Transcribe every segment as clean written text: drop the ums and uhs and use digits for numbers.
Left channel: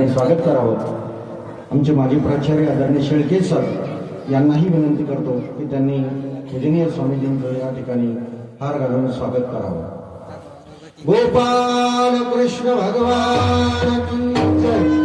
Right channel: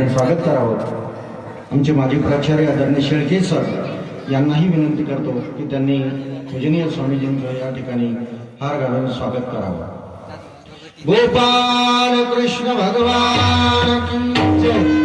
ठिकाणी स्वागत करावं. आमचे माजी प्राचार्य आदरणीय शेळके सर यांनाही विनंती करतो की त्यांनी पूजनीय स्वामीजींचं या ठिकाणी हार घालून स्वागत करावं. गोपाल कृष्ण भगवान की जय.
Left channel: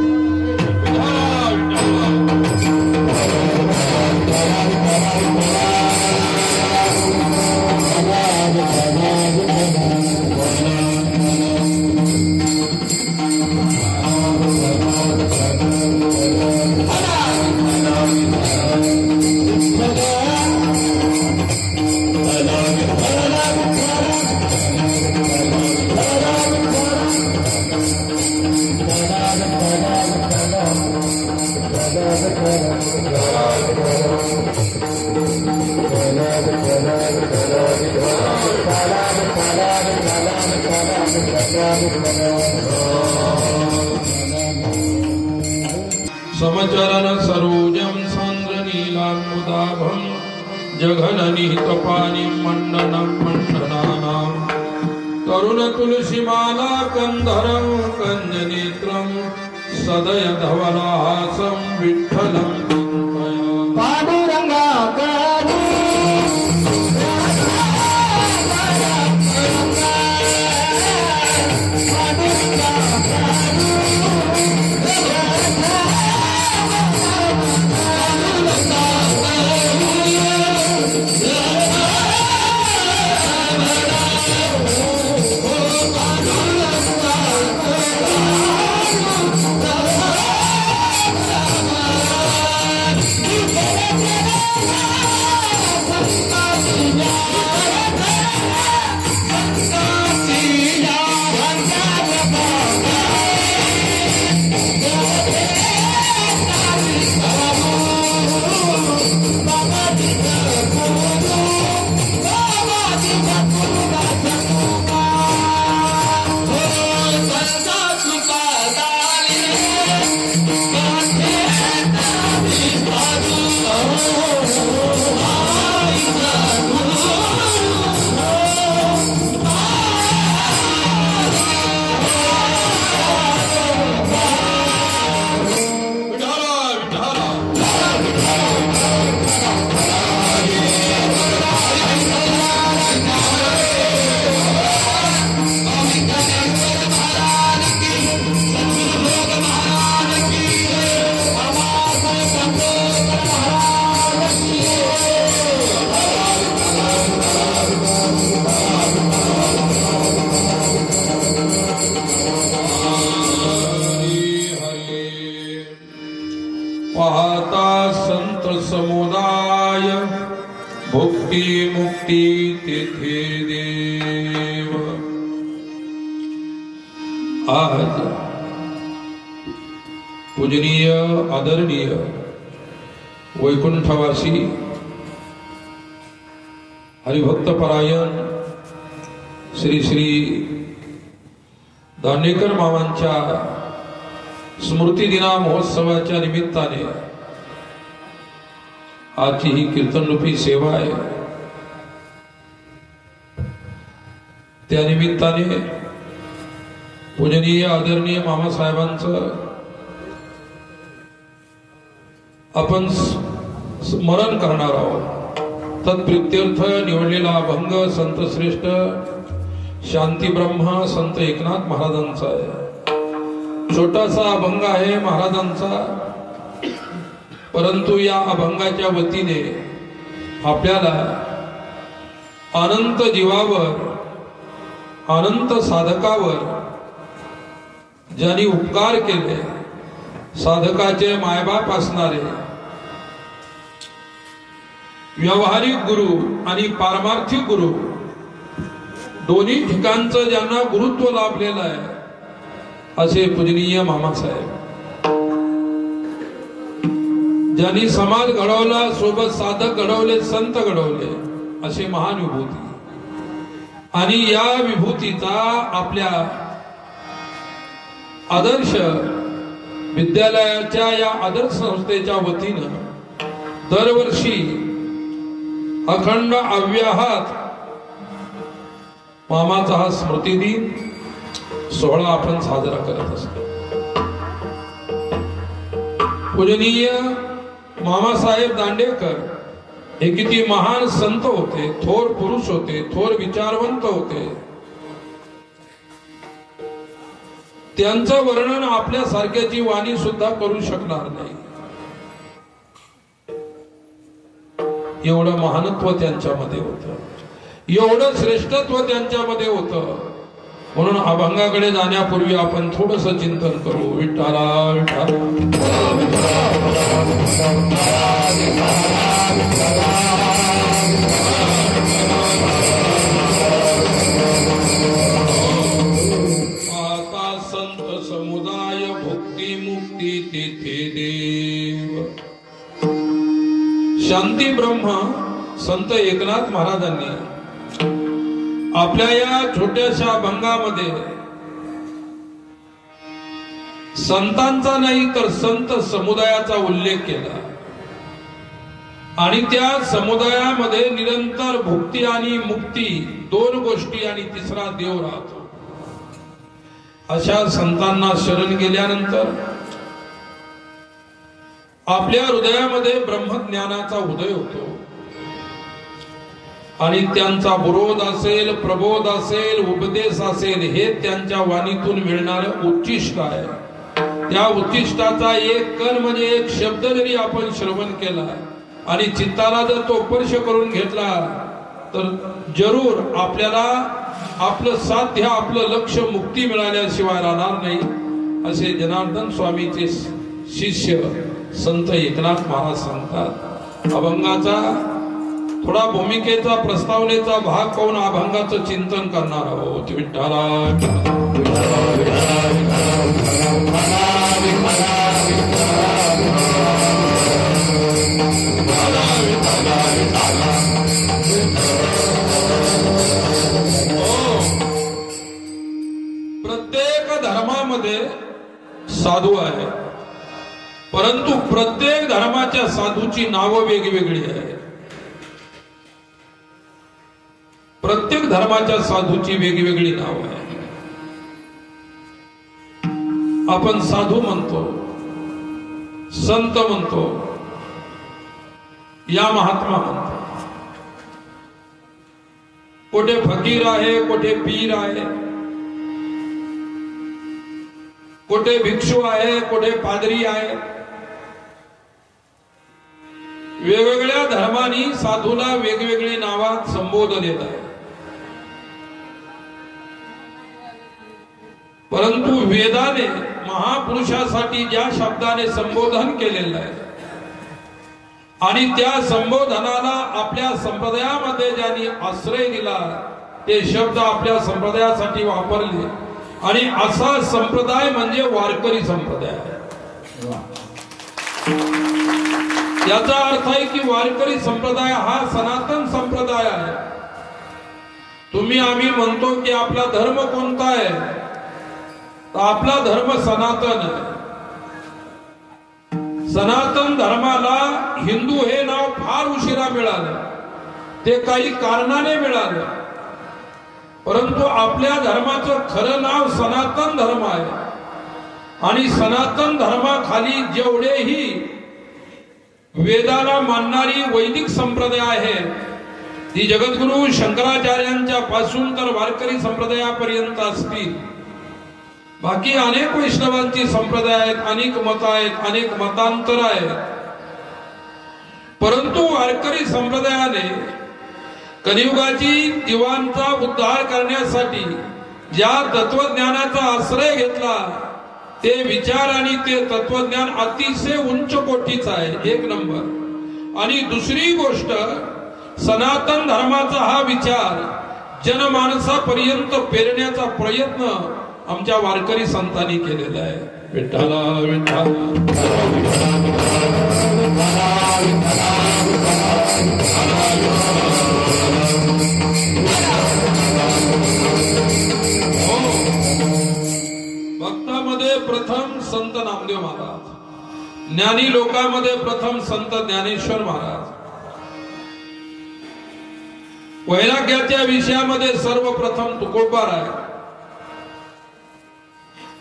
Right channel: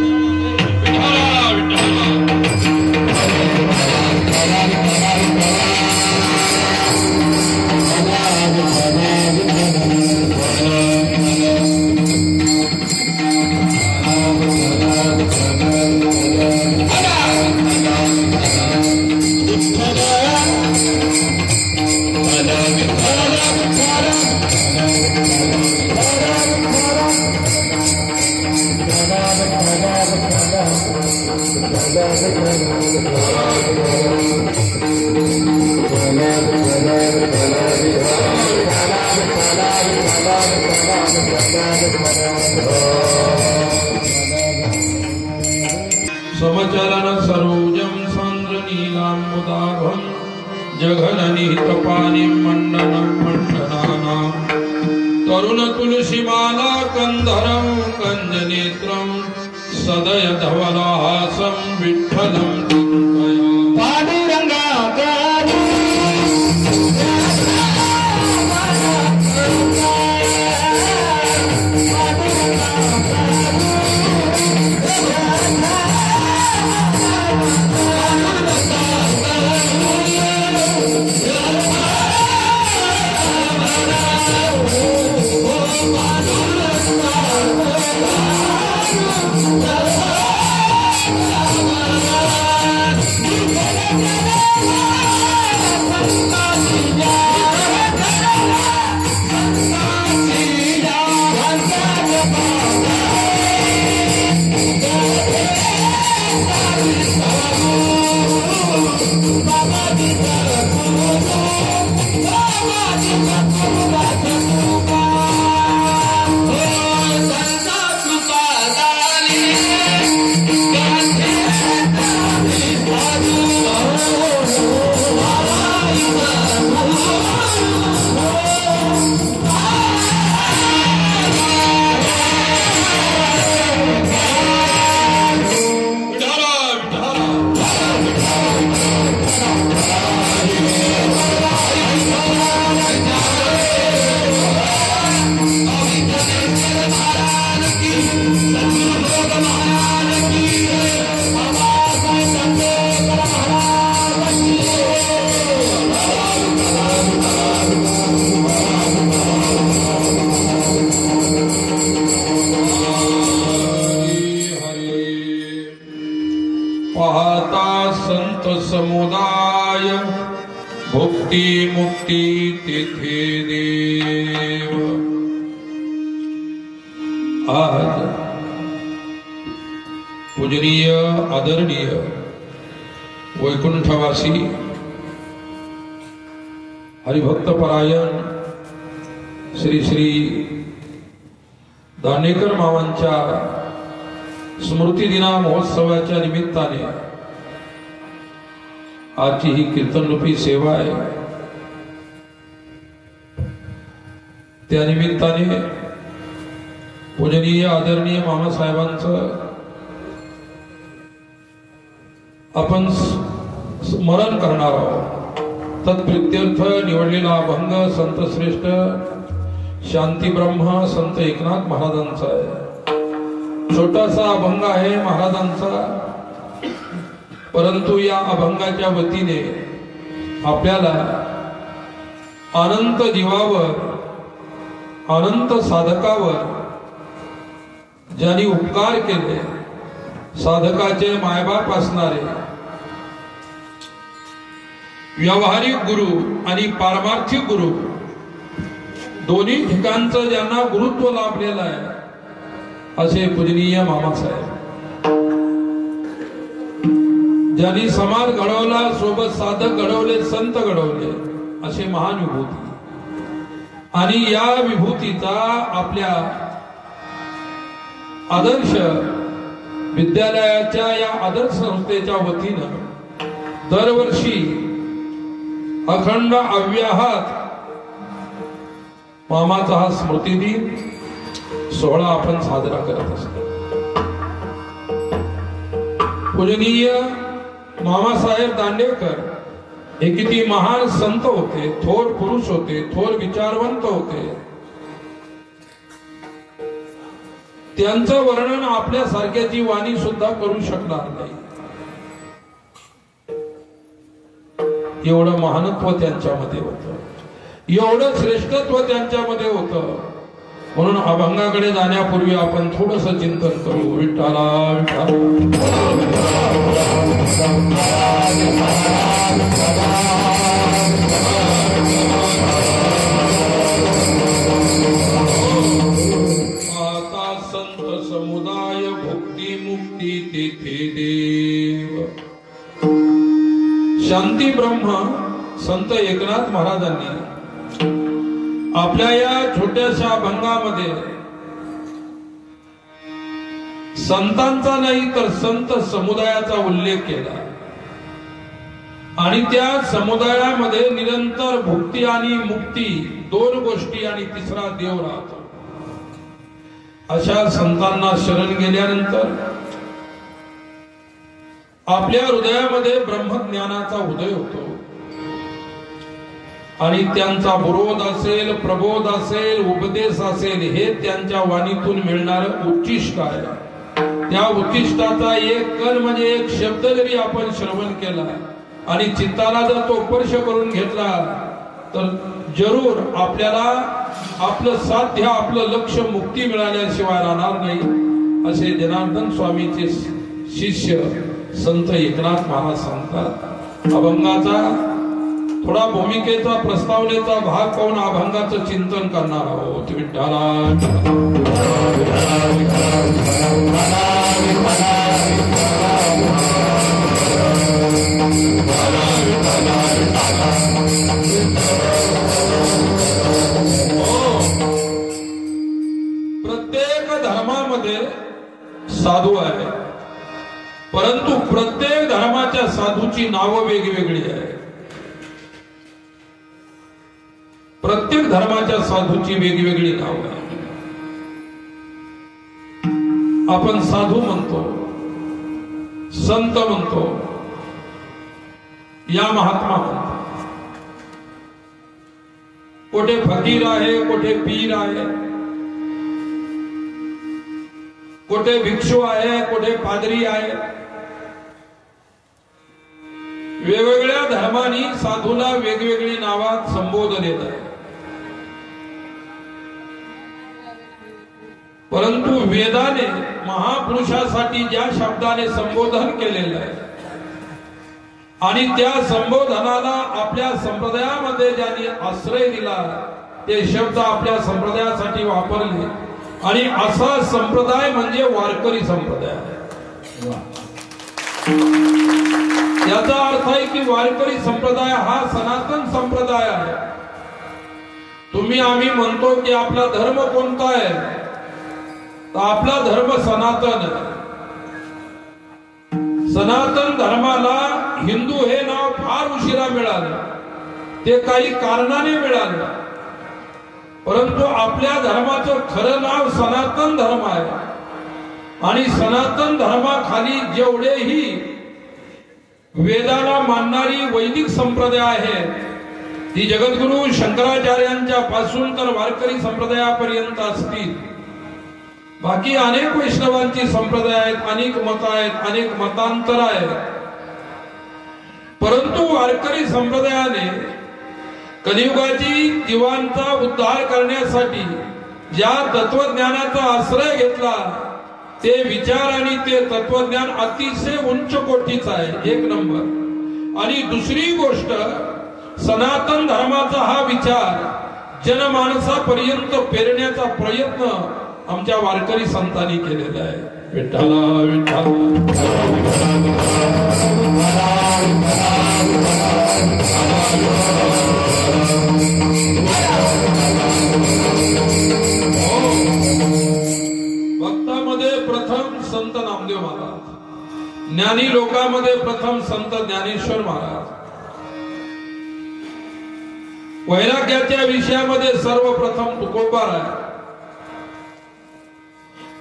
समचरण सरोजम सान्द्र नीलाम्बुदाभं जघननिहितपाणिं मण्डनं मण्डनानां तरुण तुलसीमाला कंधरं कंजनेत्रं सदय धवलहासं विठ्ठलं समुदाय भुक्ती मुक्ती तेथे देव. आज पूजनीय आदरणीय वैकुंठवासी हरिभक्तपरायण श्री श्री दानेकर मामांच्या स्मृती दिना महोत्सवाच्या निमित्ताने आजची ही कीर्तनरूपी सेवा आहे. त्या निमित्ताने पूजनीय आदरणीय मामासाहेबांचं आपण स्मरण करणार आहोत. तत्प्रित्यर्थ निवडलेला अभंग संतश्रेष्ठ शांतीब्रह्म संत एकनाथ महाराजांचा आहे. छोटासा अभंग आहे महाराजांचा, परंतु या अभंगाच्या वतीने आपल्याला अनंत जीवावर अनंत साधकावर ज्यांनी उपकार केले, साधकाचे मायबाप असणारे व्यावहारिक गुरु आणि पारमार्थिक गुरु दोन्ही ठिकाणचं ज्यांना गुरुत्व लाभलेलं आहे असे पूजनीय मामासाहेब, ज्यांनी समाज घडवला, सोबत साधक घडवले, संत घडवले असे महान विभूती. आणि या विभूतीचा आपल्या आदर्श विद्यालयाच्या या आदर्श संस्थेच्या वतीनं दरवर्षी अखंड अव्याहत मामाचा हा स्मृती दिन सोहळा आपण साजरा करत असतो. पूजनीय मामासाहेब दांडेकर हे किती महान संत होते, थोर पुरुष होते, थोर विचारवंत होते. त्यांचं वर्णन आपल्यासारख्याची वाणी सुद्धा करू शकणार नाही. एवढं महानत्व त्यांच्यामध्ये होतं, एवढं श्रेष्ठत्व त्यांच्यामध्ये होतं. म्हणून अभंगाकडे जाण्यापूर्वी आपण थोडस चिंतन करू. विठ्ठला आता संत समुदाय भक्ती मुक्ती तेथे देव. शांती ब्रह्म संत एकनाथ महाराजांनी आपल्या या छोट्याशा अभंगामध्ये संतांचा नाही तर संत समुदायाचा उल्लेख केला आणि त्या समुदायामध्ये निरंतर भुक्ती आणि मुक्ती दोन गोष्टी आणि तिसरा देव राहतो. अशा संतांना शरण गेल्यानंतर आपल्या हृदयामध्ये ब्रह्मज्ञानाचा उदय होतो आणि त्यांचा विरोध असेल, प्रबोध असेल, उपदेश असेल, हे त्यांच्या वाणीतून मिळणारं उच्चिष्ट आहे. त्या उच्चिष्टाचा एक कण म्हणजे एक शब्द जरी आपण श्रवण केला आणि चित्ताला जर तो स्पर्श करून घेतला तर जरूर आपल्याला आपलं साध्य, आपलं लक्ष मुक्ती मिळाल्याशिवाय राहणार नाही. असे जनार्दन स्वामीचे शिष्य संत एकनाथ महाराज सांगतात. अभंगाचा थोडा भूमिकेचा, प्रस्तावनेचा भाग पाहून अभंगाचं चिंतन करणार आहोत. विठ्ठला प्रत्येक धर्मामध्ये साधू आहे, परंतु प्रत्येक धर्माच्या साधूची नावं वेगवेगळी आहे. प्रत्येक धर्माच्या साधूची वेगवेगळी नाव आहे. आपण साधू म्हणतो, संत म्हणतो, या महात्मा म्हणतो. कोठे फकीर आहे, कोठे पीर आहे, कोठे भिक्षू आहे, कोठे पादरी आहे. वेगवेगळ्या धर्मांनी साधूला वेगवेगळी नावात संबोधन येत आहे. परंतु वेदाने महापुरुषासाठी ज्या शब्दाने संबोधन केलेलं आहे आणि त्या संबोधनाला आपल्या संप्रदायामध्ये ज्यांनी आश्रय दिला ते शब्द आपल्या संप्रदायासाठी वापरले आणि असा संप्रदाय म्हणजे वारकरी संप्रदाय. याचा अर्थ आहे की वारकरी संप्रदाय हा सनातन संप्रदाय आहे. तुम्ही आम्ही म्हणतो की आपला धर्म कोणता आहे, तर आपला धर्म सनातन आहे. सनातन धर्माला हिंदू हे नाव फार उशिरा मिळालं, ते काही कारणाने मिळालं. परंतु आपल्या धर्माचं खरं नाव सनातन धर्म आहे आणि सनातन धर्माखाली जेवढेही वेदाला मानणारी वैदिक संप्रदाय आहे ती जगद्गुरु शंकराचार्यांच्या पासून तर वारकरी संप्रदायापर्यंत असतील. बाकी अनेक वैष्णवांची संप्रदाय आहेत, अनेक मत आहेत, अनेक मतांतर आहेत. परंतु वारकरी संप्रदायाने कलियुगाची जीवांचा उद्धार करण्यासाठी ज्या तत्वज्ञानाचा आश्रय घेतला ते विचार आणि ते तत्वज्ञान अतिशय उंच कोटीचं आहे, एक नंबर. आणि दुसरी गोष्ट, सनातन धर्माचा हा विचार जनमानसापर्यंत पेरण्याचा प्रयत्न आमच्या वारकरी संतांनी केलेला आहे. विठ्ठला विठ्ठल भक्तामध्ये प्रथम संत नामदेव महाराज, ज्ञानी लोकांमध्ये प्रथम संत ज्ञानेश्वर महाराज, वैराग्याच्या विषयामध्ये सर्वप्रथम तुकोबार आहे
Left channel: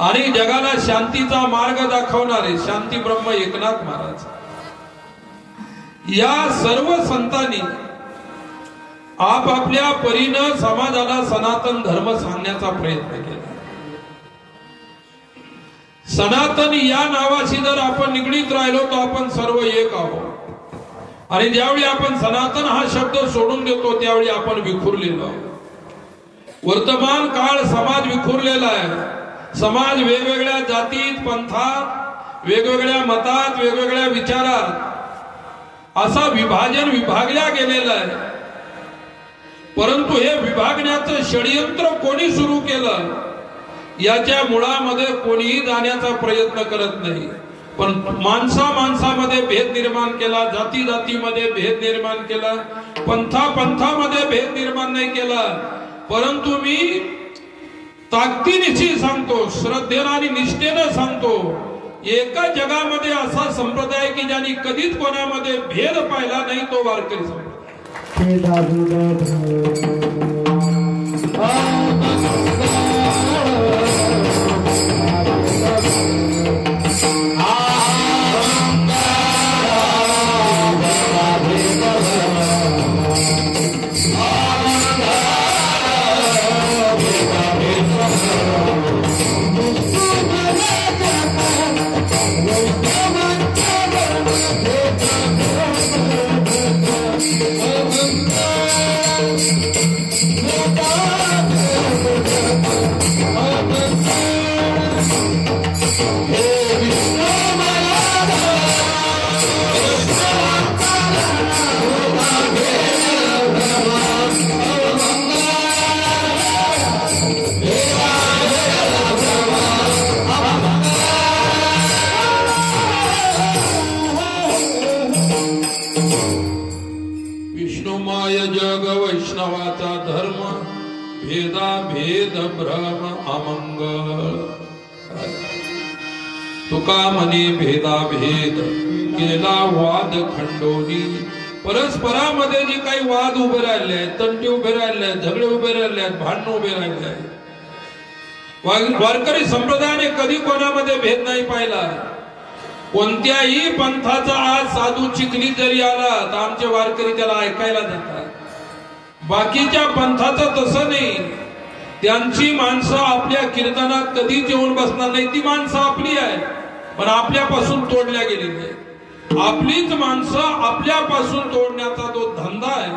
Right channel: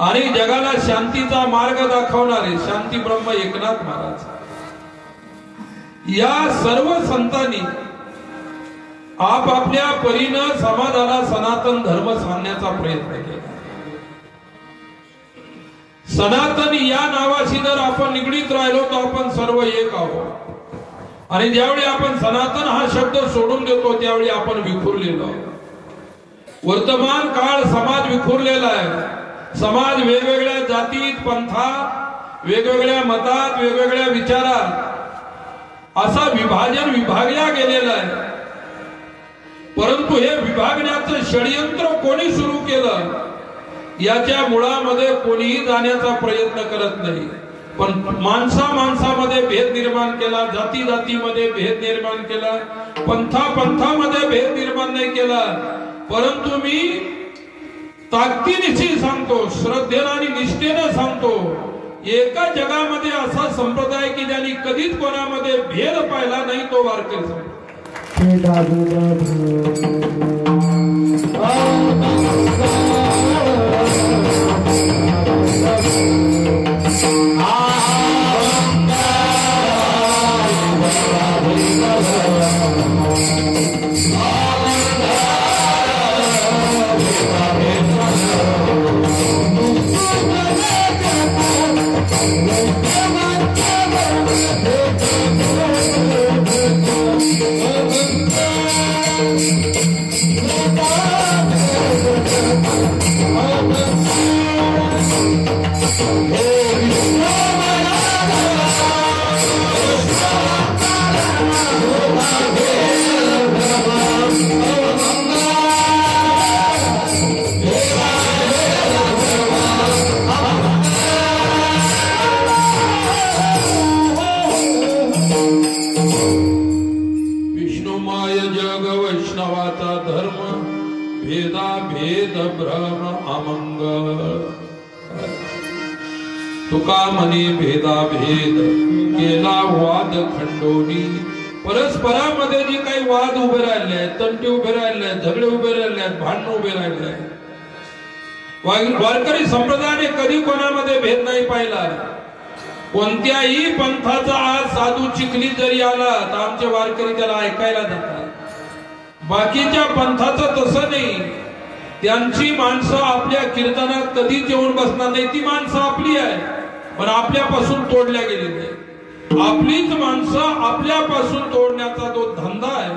आणि जगाला शांतीचा मार्ग दाखवणारे शांती ब्रह्म एकनाथ महाराज या सर्व संतांनी आपापल्या परीनं समाजाला सनातन धर्म सांगण्याचा प्रयत्न केला. सनातन या नावाशी जर आपण निगडीत राहिलो तर आपण सर्व एक आहोत. आणि ज्यावेळी आपण सनातन हा शब्द सोडून देतो त्यावेळी आपण विखुरलेलो आहोत. वर्तमान काळ समाज विखुरलेला आहे. समाज वेगवेगळ्या जातीत, पंथात, वेगवेगळ्या मतात, वेगवेगळ्या विचारात असा विभागल्या गेलेला आहे. परंतु हे विभागण्याचं षडयंत्र कोणी सुरू केलं याच्या मुळामध्ये कोणीही जाण्याचा प्रयत्न करत नाही. पण माणसामध्ये भेद निर्माण केला, जाती जातीमध्ये भेद निर्माण केला, पंथामध्ये भेद निर्माण नाही केला. परंतु मी ताकदीनिशी सांगतो, श्रद्धेनं आणि निष्ठेनं सांगतो, एका जगामध्ये असा संप्रदाय की ज्यांनी कधीच कोणामध्ये भेद पाहिला नाही तो वारकरी संप्रदाय. तुका म्हणे भेदा भेद केला वाद खंडोनी. परस्परामध्ये जे काही वाद उभे राहिले आहेत, तंटे उभे राहिले आहेत, झगडे उभे राहिले आहेत, भांडण उभे राहिले आहेत. वारकरी संप्रदायाने कधी कोणामध्ये भेद नाही पाहिला. कोणत्याही पंथाचा आज साधू चिखलीत जरी आला तर आमचे वारकरी त्याला ऐकायला जातात. बाकीच्या पंथाचं तसं नाही. त्यांची माणसं आपल्या कीर्तनात कधीच येऊन बसणार नाही. ती माणसं आपली आहे पण आपल्यापासून तोडल्या गेली नाही. आपलीच माणसं आपल्यापासून तोडण्याचा जो धंदा आहे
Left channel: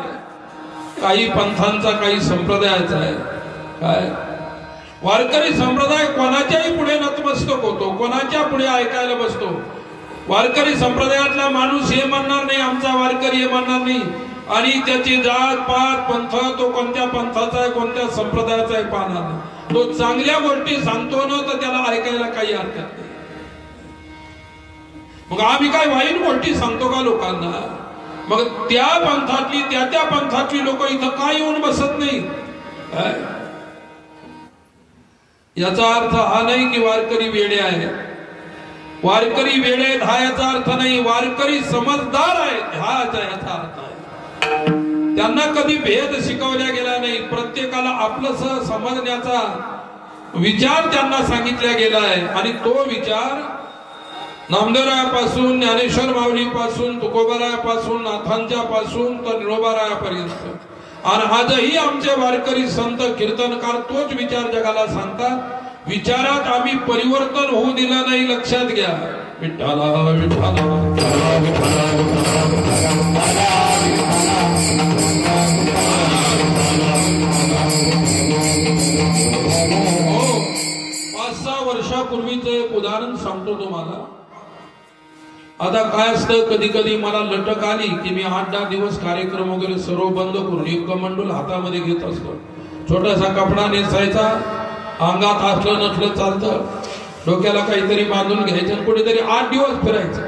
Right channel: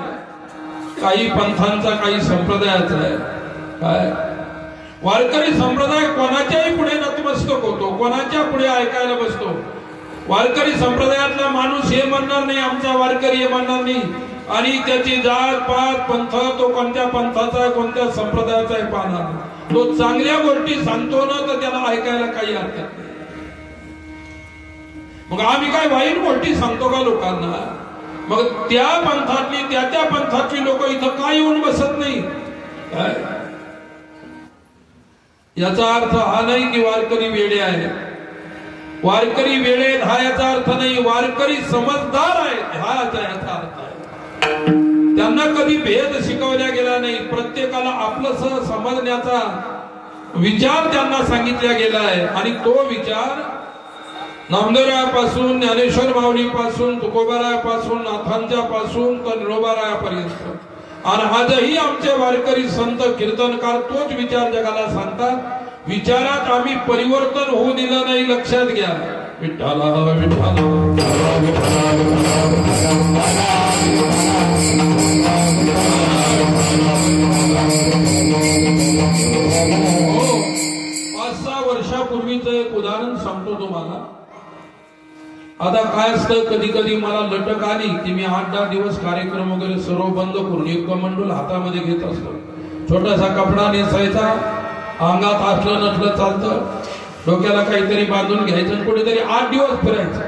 काही पंथांचा, काही संप्रदायाचा आहे. काय वारकरी संप्रदाय कोणाच्याही पुढे नतमस्तक होतो, कोणाच्या पुढे ऐकायला बसतो. वारकरी संप्रदायातला माणूस हे म्हणणार नाही आमचा वारकरी, हे म्हणणार नाही. आणि त्याची जात पात पंथ, तो कोणत्या पंथाचा आहे, कोणत्या संप्रदायाचा आहे पाहणार. तो चांगल्या गोष्टी सांगतो ना तर त्याला ऐकायला काही हरकत नाही. मग आम्ही काय वाईट गोष्टी सांगतो का लोकांना? मग त्या पंथातली त्या पंथातली लोक इथं काय येऊन बसत नाही. याचा अर्थ हा नाही की वारकरी वेडे आहे. वारकरी वेडे हा याचा अर्थ नाही. वारकरी समजदार आहेत हा याचा अर्थ आहे. त्यांना कधी भेद शिकवला गेला नाही. प्रत्येकाला आपलंसं समजण्याचा विचार त्यांना सांगितला गेला आहे. आणि तो विचार नामदेवरायापासून, ज्ञानेश्वर माऊलीपासून, तुकोबारायापासून, नाथांच्या पासून तर निरोबारायापर्यंत आणि आजही आमचे वारकरी संत कीर्तनकार तोच विचार जगाला सांगतात. विचारात आम्ही परिवर्तन होऊ दिलं नाही. लक्षात घ्या. विठ्ठला हो, 5-6 वर्षापूर्वीचं एक उदाहरण सांगतो तुम्हाला. आता काय असतं, कधी कधी मला लटक आली की मी 8-10 दिवस कार्यक्रम वगैरे सर्व बंद करून एक कमंडल हातामध्ये घेत असतो. छोटासा कपडा नेसायचा, अंगात असलं नसलं चालतं, डोक्याला काहीतरी बांधून घ्यायचं, कुठेतरी 8 दिवस फिरायचं.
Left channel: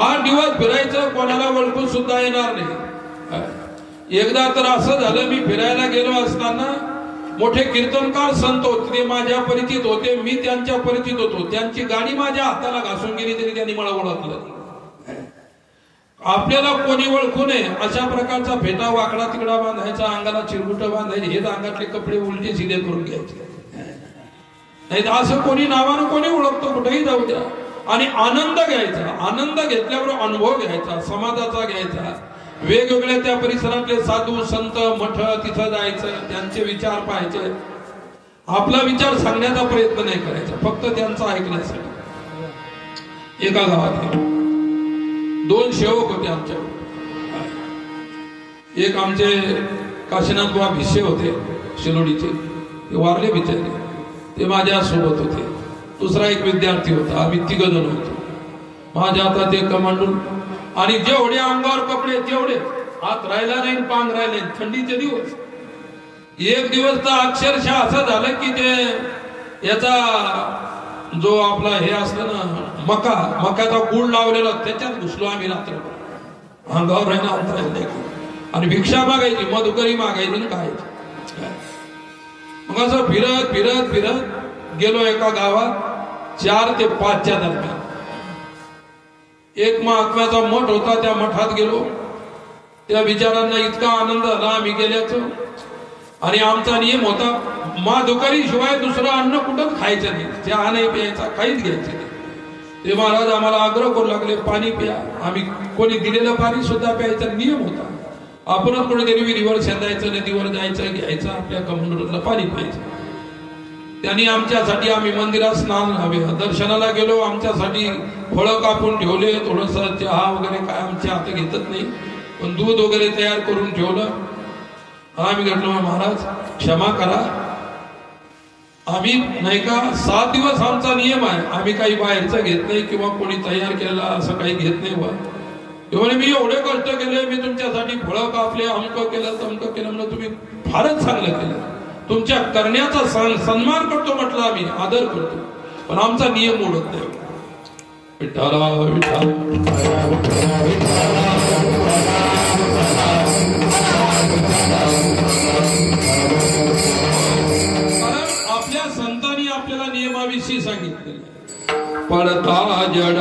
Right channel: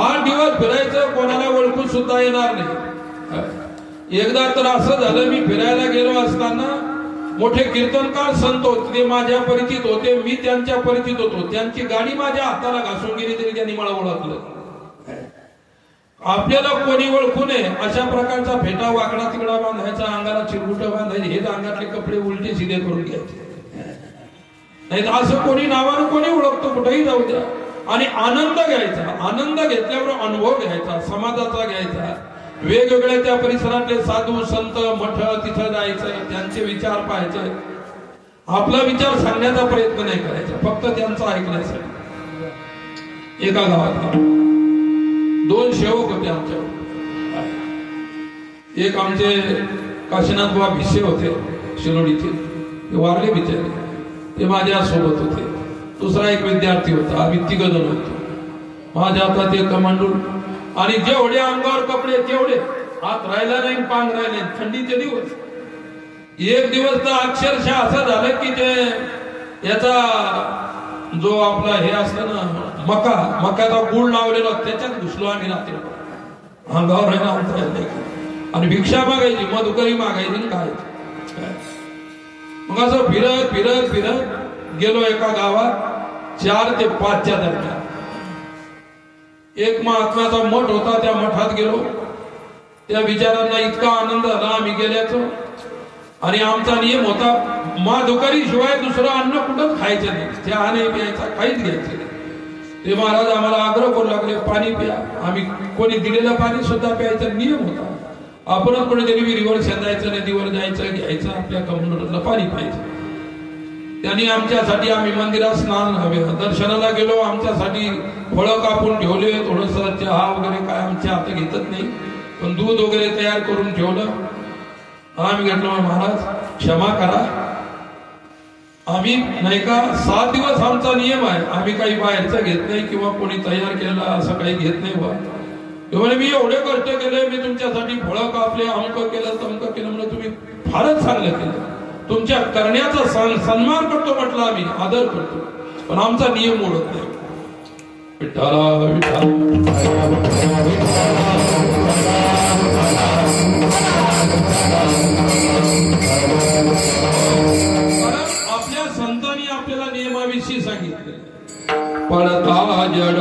8 दिवस फिरायचं, कोणाला ओळखून सुद्धा येणार नाही. एकदा तर असं झालं, मी फिरायला गेलो असताना मोठे कीर्तनकार संत होते, ते माझ्या परिचित होते, मी त्यांच्या परिचित होतो. त्यांची गाडी माझ्या हाताला घासून गेली तरी त्यांनी मला ओळखलं. आपल्याला कोणी ओळखू नये अशा प्रकारचा फेटा वाकडा तिकडा बांधायचा, अंगाला चिरगुट बांधायचे, हेच अंगातले कपडे उलटे सिधे करून घ्यायचे. नाही तर असं कोणी नावानं कोणी ओळखतो, कुठेही जाऊ द्या. आणि आनंद घ्यायचा, आनंद घेतल्यावर अनुभव घ्यायचा, समाजाचा घ्यायचा. वेगवेगळ्या त्या परिसरातले साधू संत मठ तिथं जायचं, त्यांचे विचार पाहायचे. आपला विचार सांगण्याचा प्रयत्न नाही करायचा, फक्त त्यांचा ऐकण्यासाठी. एका गावात 2 सेवक होते आमच्यावर. एक आमचे काशीनाथ बुवा भिसे होते शिलोडीचे, ते वारले बिचारे, ते माझ्या सोबत होते. दुसरा एक विद्यार्थी होता, आम्ही 3 जण होतो. माझ्या हातात एक कमंडूल आणि जेवढे अंगावर कपडे तेवढे, हात राहिला नाही, पांग राहिले. थंडीचे दिवस. एक दिवस तर अक्षरशः असं झालं की ते याचा जो आपला हे असतं ना मकाचा गुळ लावलेला, त्याच्यात घुसलो आम्ही रात्र. अंगावर राहिला अंतर आणि भिक्षा मागायची, मधुकरी मागायची ना खायची. मग असं फिरत फिरत फिरत गेलो एका गावात 4 ते 5च्या दरम्यान. एक महात्म्याचा मठ होता, त्या मठात गेलो. त्या विचारांना इतका आनंद झाला आम्ही गेल्याचं. आणि आमचा नियम होता, मधुकरी शिवाय दुसरं अन्न कुठंच खायचं नाही, चहा नाही प्यायचा, काहीच घ्यायचं नाही. ते महाराज आम्हाला आग्रह करू लागले, पाणी प्या. आम्ही कोणी दिलेलं पाणी सुद्धा प्यायचा नियम होता. आपणच कोणीतरी विहिरीवर शेंदायचं, नदीवर जायचं, घ्यायचं, आपल्या कमंडूरला पाणी प्यायचं. त्यांनी आमच्यासाठी, आम्ही मंदिरात स्नान हवं, दर्शनाला गेलो, आमच्यासाठी फळं कापून ठेवले, थोडस चहा वगैरे काय आमच्या हात घेतच नाही, पण दूध वगैरे तयार करून ठेवलं. आम्ही घेतलो, महाराज क्षमा करा, आम्ही नाही का 7 दिवस आमचा नियम आहे, आम्ही काही बाहेरचं घेत नाही किंवा कोणी तयार केलेला असं काही घेत नाही. बुवा तेव्हा मी एवढे कष्ट केले, मी तुमच्यासाठी फळं कापले, अमकं केलं तमकं केलं, म्हणून तुम्ही फारच चांगलं केलं, तुमच्या करण्याचा सन्मान करतो म्हटलं, आम्ही आदर करतो, पण आमचा नियम मोडत नाही. विठ्ठला आपल्या संतांनी आपल्याला नियमाविषयी सांगितले. पडता जड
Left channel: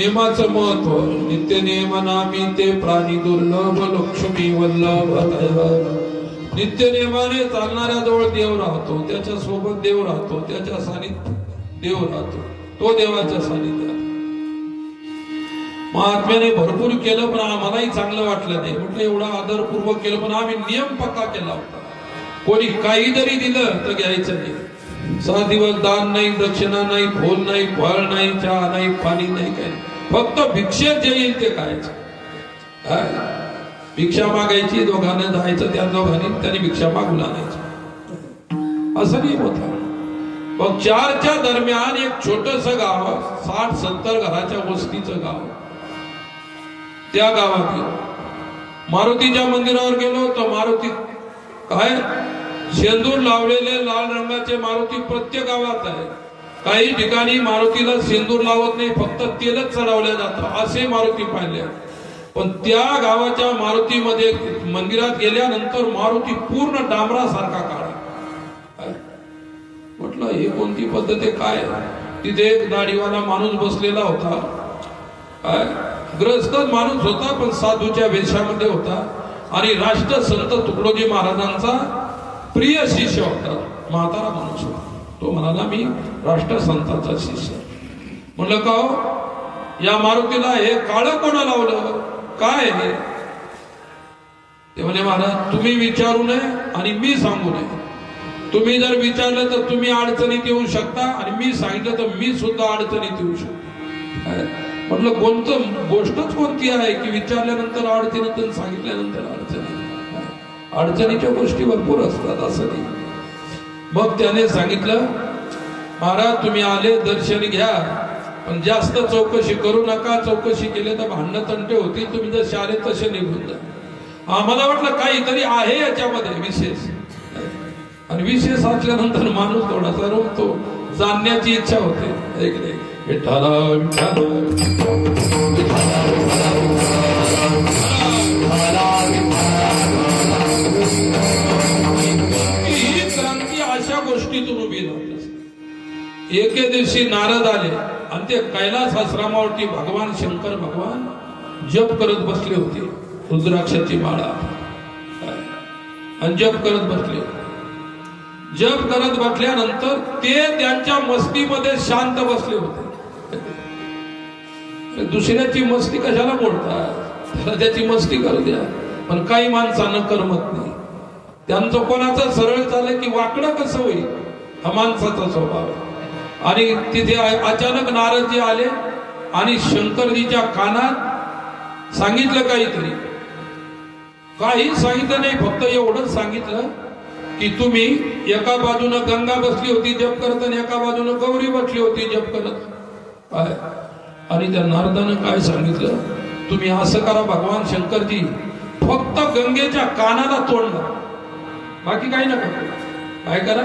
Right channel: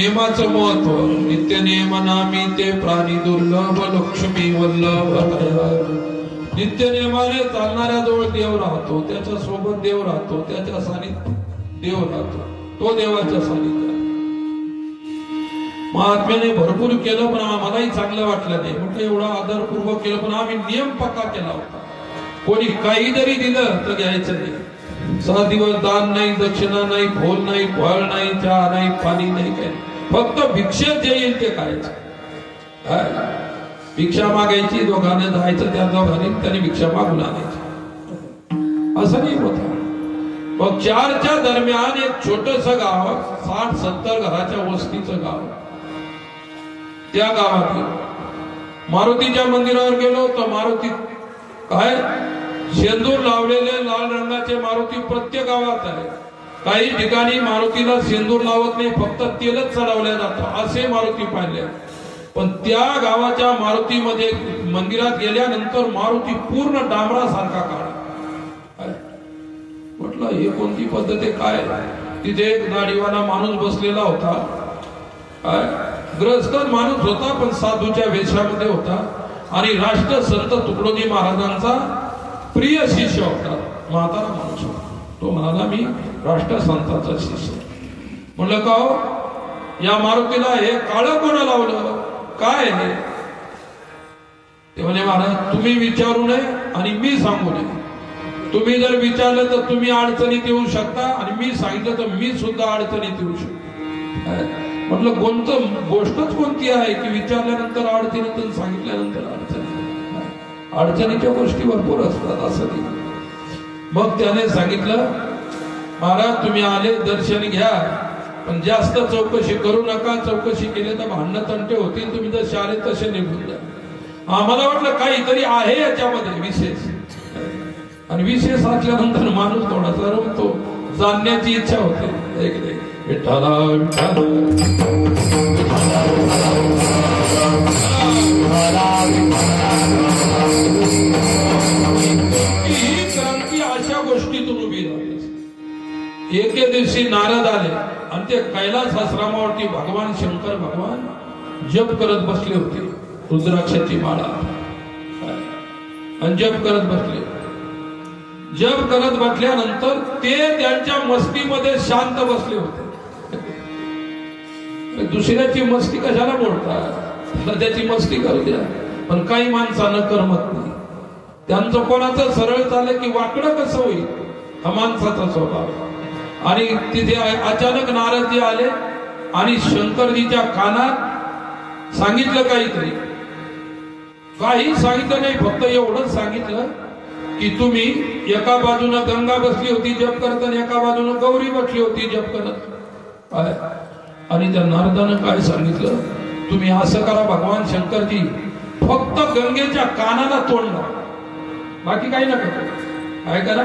नेमाचं महत्व. नित्य नेम नामी ते प्राणी दुर्लभ लक्ष्मी वल्लभ. नित्य नेमाने चालणाऱ्या जवळ देव राहतो, त्याच्या सोबत देव राहतो, त्याच्या सानिध्यात देव राहतो, तो देवाच्या सानिध्यात. महात्म्याने भरपूर केलं पण आम्हालाही चांगलं वाटलं नाही. म्हटलं एवढा आदरपूर्वक केलं पण आम्ही नियम पक्का केला होता. कोणी काही जरी दिलं तर घ्यायचं नाही. 6 दिवस दान नाही, दक्षिणा नाही, फूल नाही, फळ नाही, चहा नाही, पाणी नाही, काही फक्त भिक्षेत जे येईल ते खायचं. भिक्षा मागायची, दोघांना जायचं, त्या दोघांनी त्यांनी भिक्षा मागून आणायचं, असं नाही होत. मग 4च्या दरम्यान एक छोटस गाव, 60-70 घराच्या वस्तीचं गाव. त्या गावात मारुतीच्या मंदिरावर गेलो तर मारुती काय शेंदूर लावलेले लाल रंगाचे मारुती प्रत्येक गावात आहे. काही ठिकाणी मारुतीला शेंदूर लावत नाही, फक्त तेलच चढवल्या जातं, असे मारुती पाहिले. पण त्या गावाच्या मारुतीमध्ये मंदिरात गेल्यानंतर मारुती पूर्ण डांबरासारखा काढा. म्हटलं हे कोणती पद्धत आहे काय? तिथे एक दाढीवाला माणूस बसलेला होता. ग्रस्त माणूस होता पण साधूच्या वेशामध्ये होता आणि राष्ट्रसंत तुकडोजी महाराजांचा प्रिय शिष्य होता. म्हातारा माणूस होता. तो म्हणाला मी राष्ट्रसंताचा शिष्य. म्हणलं का हो, या मारुतीला हे काळं कोणा लावलं, काय हे? ते म्हणे महाराज तुम्ही विचारू नये आणि मी सांगू नये. तुम्ही जर विचारलं तर तुम्ही अडचणीत येऊ शकता आणि मी सांगितलं तर मी सुद्धा अडचणीत येऊ शकतो. म्हटलं कोणतं गोष्टच कोणती आहे की विचारल्यानंतर अडचणीत आणि सांगितल्यानंतर अडचणी? अडचणीच्या गोष्टी भरपूर असतात असं नाही. मग त्याने सांगितलं महाराज तुम्ही आले दर्शन घ्या पण जास्त चौकशी करू नका. चौकशी केली तर भांडणं तंटे होतील. तुम्ही जसे आले तसे निघून जा. आम्हाला वाटलं काहीतरी आहे याच्यामध्ये विशेष. आणि विशेष असल्यानंतर माणूस थोडासा रुकतो. जाणण्याची इच्छा होते. एक नाही विठ्ठला विठ्ठला ही क्रांती अशा गोष्टीतून उभी राहते. एके दिवशी नारद आले आणि ते कैलास आश्रमावरती भगवान शंकर भगवान जप करत बसले होते. रुद्राक्षाची माळा आणि जप करत बसले. जप करत बसल्यानंतर ते त्यांच्या मस्तीमध्ये शांत बसले होते. दुसऱ्याची मस्ती कशाला मोडतात? त्याची मस्ती करू द्या. पण काही माणसानं करमत नाही. त्यांचं कोणाचं सरळ चालेल की वाकडं कसं होईल, हा माणसाचा स्वभाव. आणि तिथे अचानक नारदजी आले आणि शंकरजीच्या कानात सांगितलं काहीतरी. काही सांगितलं नाही, फक्त एवढंच सांगितलं की तुम्ही एका बाजूला गंगा बसली होती जप करत आणि एका बाजूला गौरी बसली होती जप करत. आणि त्या नारदानं काय सांगितलं, तुम्ही असं करा भगवान शंकरजी, फक्त गंगेच्या कानाला तोंड लावा, बाकी काही नका करू. काय करा,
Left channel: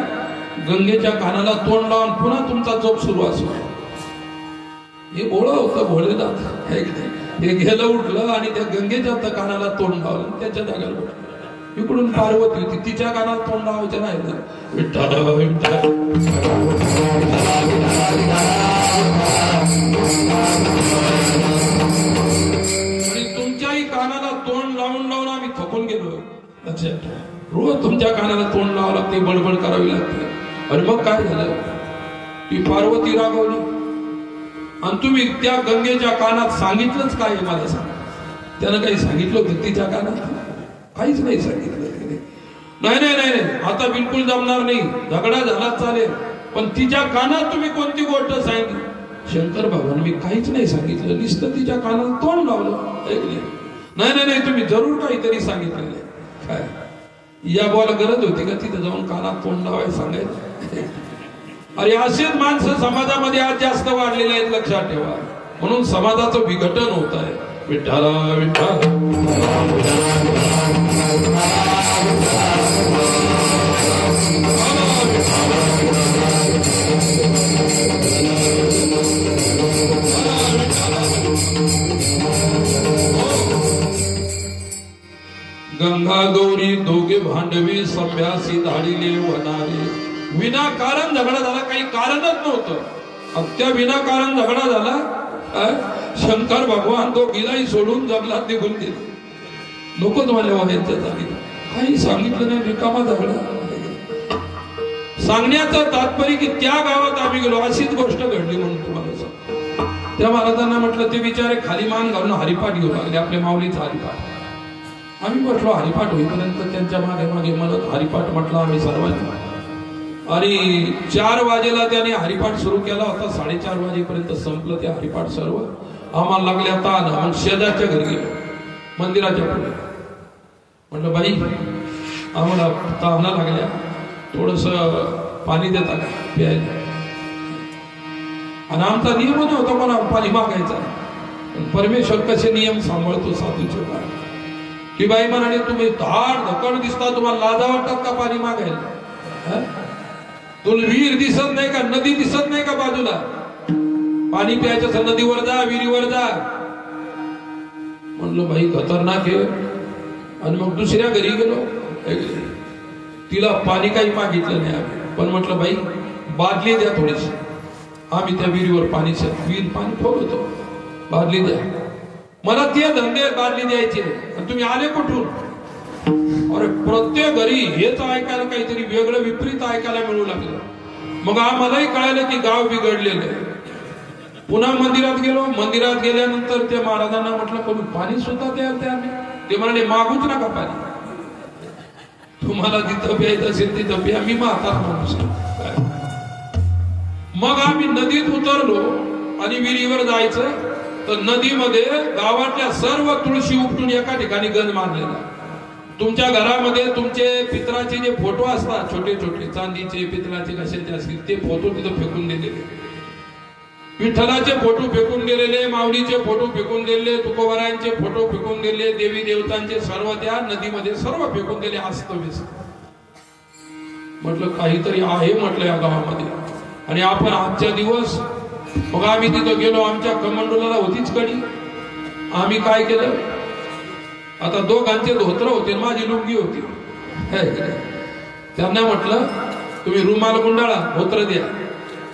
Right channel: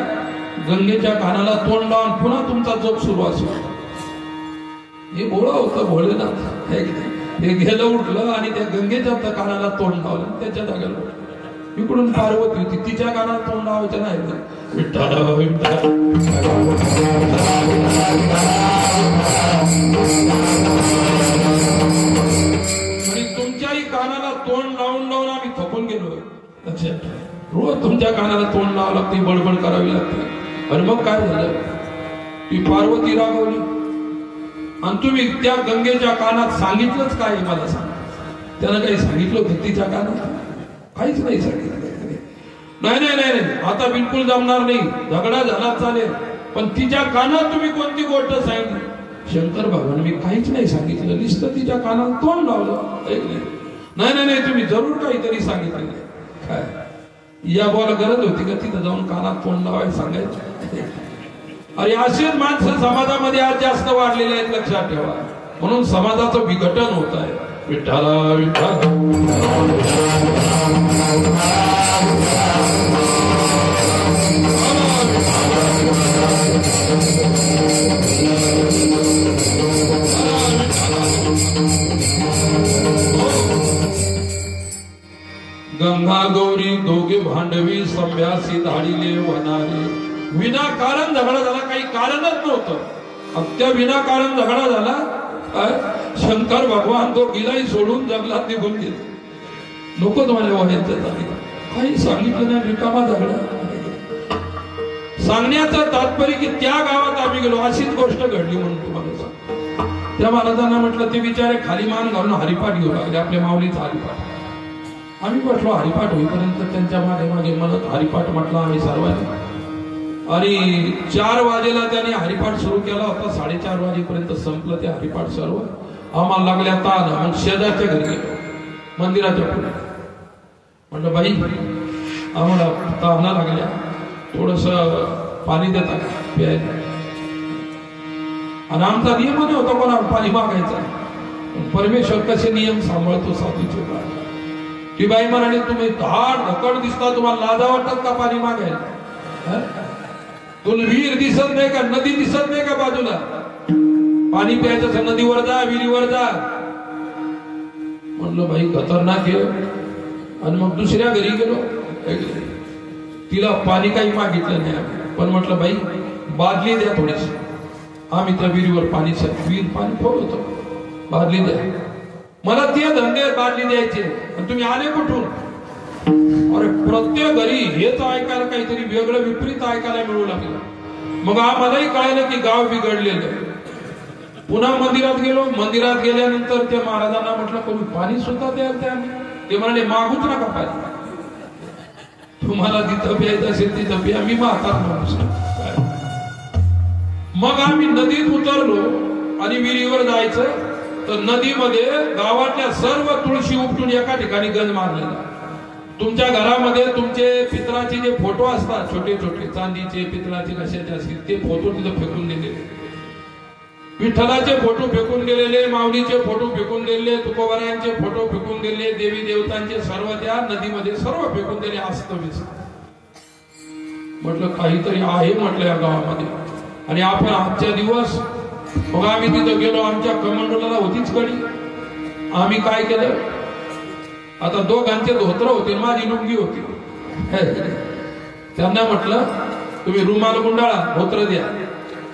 गंगेच्या कानाला तोंड लावून पुन्हा तुमचा जप सुरू असो. हे भोळं होतं भोळेनाथ. हे गेलं उठलं आणि त्या गंगेच्या कानाला तोंड लावलं. त्याच्या जागेला उठलं. इकडून पार्वती होती, तिच्या कानाला तोंड लावायचं नाही. विठ्ठल विठ्ठल आणि तुमच्याही कानाला तोंड लावून लावून आम्ही थकून गेलो. लक्षात रोज तुमच्या कानाला तोंड लावावं लागते, बडबड करावी लागते. आणि मग काय झालं, ती पार्वती रागवली आणि तुम्ही त्या गंगेच्या कानात सांगितलंच काय मला सांग. त्यानं काही सांगितलं होतं तिच्या कानात? काहीच नाही सांगितलं. नाही नाही नाही आता बिलकुल जमणार नाही, झगडा झाला चालेल, पण तिच्या कानात तुम्ही कोणती गोष्ट सांगितली? शंकर भगवान मी काहीच नाही सांगितलं, नुसतं तिच्या कानात तोंड लावलं. नाही नाही नाही तुम्ही जरूर काहीतरी सांगितलेलं आहे. काय या बोला गरज होती का तिथं जाऊन कानात तोंड लावायला सांगायचं? अरे असेच माणसं समाजामध्ये आज जास्त वाढलेले आहेत, लक्षात ठेवा. म्हणून समाजाचं विघटन होत आहे. विठ्ठला विठ्ठल गंगा गौरी दोघे भांडवी सभ्यासी धाडीले वनारे. विनाकारण झगडा झाला, काही कारणच नव्हतं, फक्त विनाकारण झगडा झाला. शंकर भगवान तो गिलाई सोडून जंगलात निघून गेले. नकोच माझ्या व्हायचं झाली, काही सांगितलं नाही, रिकामा झगडा. सांगण्याचं तात्पर्य की त्या गावात आम्ही गेलो, अशीच गोष्ट घडली म्हणून तुम्हाला सांगतो. त्या महाराजांना म्हटलं ते बिचारे खाली मान घालून हरिपाठ घेऊ लागले, आपल्या माऊलीचा हरिपाठ. आम्ही म्हटलो हरिपाठ होईपर्यंत त्यांच्या मागे मागे म्हणत हरिपाठ म्हटलं आम्ही सर्वांनी. आणि 4 वाजेला त्याने हरिपाठ सुरू केला होता, 4:30 वाजेपर्यंत संपलं ते हरिपाठ सर्व. आम्हाला लागल्या ताण. आम्ही शेजारच्या घरी गेलो, मंदिराच्या पुढे. म्हटलं बाई आम्हाला ताना लागल्या, थोडस पाणी देता प्यायला. आणि आमचा नियमच होता कोणा पाणी मागायचा. परमेश्वर कसे नियम सांभाळतो साधूचे. ती बाई म्हणाली तुम्ही धाड धकड दिसता, तुम्हाला लाजा वाटतात का पाणी मागायला? तुला विहीर दिसत नाही का, नदी दिसत नाही का बाजूला? पाणी प्यायचं नदीवर जा, विहिरीवर जा. म्हणलं बाई खतरनाक आहे. आणि मग दुसऱ्या घरी गेलो, तिला पाणी काही मागितलं नाही आम्ही, पण म्हटलं बाई बादली द्या थोडीशी. आम्ही त्या विहिरीवर पाणी, विहीर पाणी फोडतो, बादली द्या. मला ते धंदे बादली द्यायचे, तुम्ही आले कुठून? अरे प्रत्येक घरी हेच ऐकायला, काहीतरी वेगळं विपरीत ऐकायला मिळू लागलं. मग आम्हालाही कळालं की गाव बिघडलेलं. पुन्हा मंदिरात गेलो. मंदिरात गेल्यानंतर त्या महाराजांना म्हटलं कोणी पाणी सुद्धा द्याल त्या. ते म्हणाले मागूच नका पाणी, तुम्हाला जिथं प्यायचं असेल तिथं प्या, मी म्हातारा माणूस. मग आम्ही नदीत उतरलो आणि विहिरीवर जायचं तर नदीमध्ये गावातल्या सर्व तुळशी उपटून एका ठिकाणी गंज मारलेला. तुमच्या घरामध्ये तुमचे पितराचे जे फोटो असतात छोटे छोटे चांदीचे पितराचे कशाचे असतील ते फोटो तिथं फेकून दिलेले. विठ्ठलाचे फोटो फेकून दिलेले, माऊलीचे फोटो फेकून दिलेले, तुकोबारायांचे फोटो फेकून दिले, देवी देवतांचे सर्व त्या नदीमध्ये सर्व फेकून दिले अस्तव्यस्त. म्हटलं काहीतरी आहे म्हटलं या गावामध्ये. आणि आपण आजच्या दिवस मग आम्ही तिथं गेलो. आमच्या कमांडोला होतीच कडी. आम्ही काय केलं, आता दोघांचे धोत्र होते, माझी लुंगी होती. त्यांना म्हटलं तुम्ही रुमाल गुंडाळा, धोत्र द्या.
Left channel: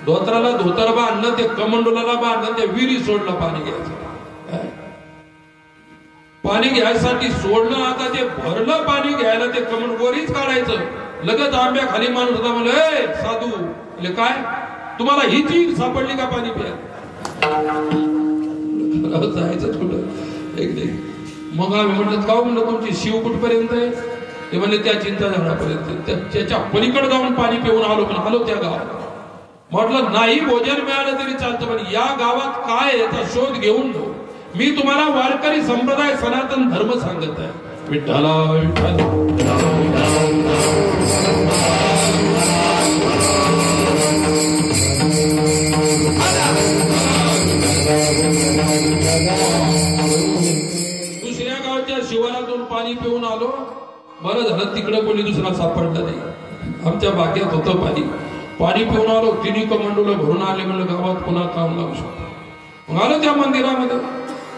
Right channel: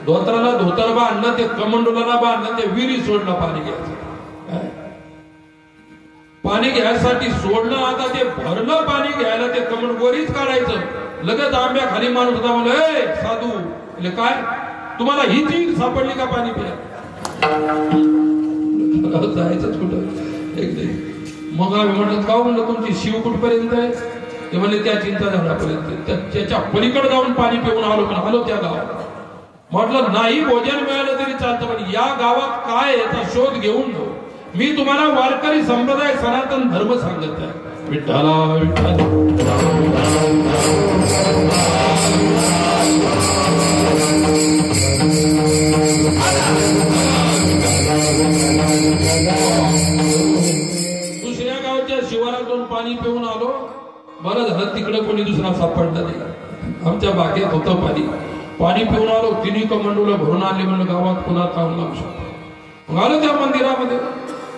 धोत्राला धोतर बांधलं, ते कमंडोला बांधलं, ते विहिरी सोडलं पाणी घ्यायचं. पाणी घ्यायसाठी सोडलं. आता ते भरलं पाणी घ्यायला, ते कमंड वरीच काढायचं. लगेच आंब्या खाली माणूस होता. म्हणलं ए साधू, म्हणजे काय तुम्हाला ही चीज सापडली का पाणी प्या? जायचंच कुठं एक नाही. मग आम्ही म्हणत का म्हणलं तुमची शिव कुठपर्यंत आहे? ते म्हणजे त्या चिंता झाडापर्यंत. त्याच्या पलीकडे जाऊन पाणी पिऊन आलो. पण आलो त्या गावात. म्हटलं नाही भोजन मिळालं तरी चालतं, पण या गावात काय याचा शोध घेऊन मी तुम्हाला वारकरी संप्रदाय सनातन धर्म सांगत आहे. विठ्ठला विठ्ठल दुसऱ्या गावच्या शिवारातून पाणी पिऊन आलो. बरं झालं तिकडे कोणी दुसरा सापडला नाही. आमच्या बागेत होतं पाणी. पाणी पिऊन आलो. तिन्ही कमांडोला भरून आले. म्हणलं गावात पुन्हा काम लावू शकतो. मग आलो त्या मंदिरामध्ये.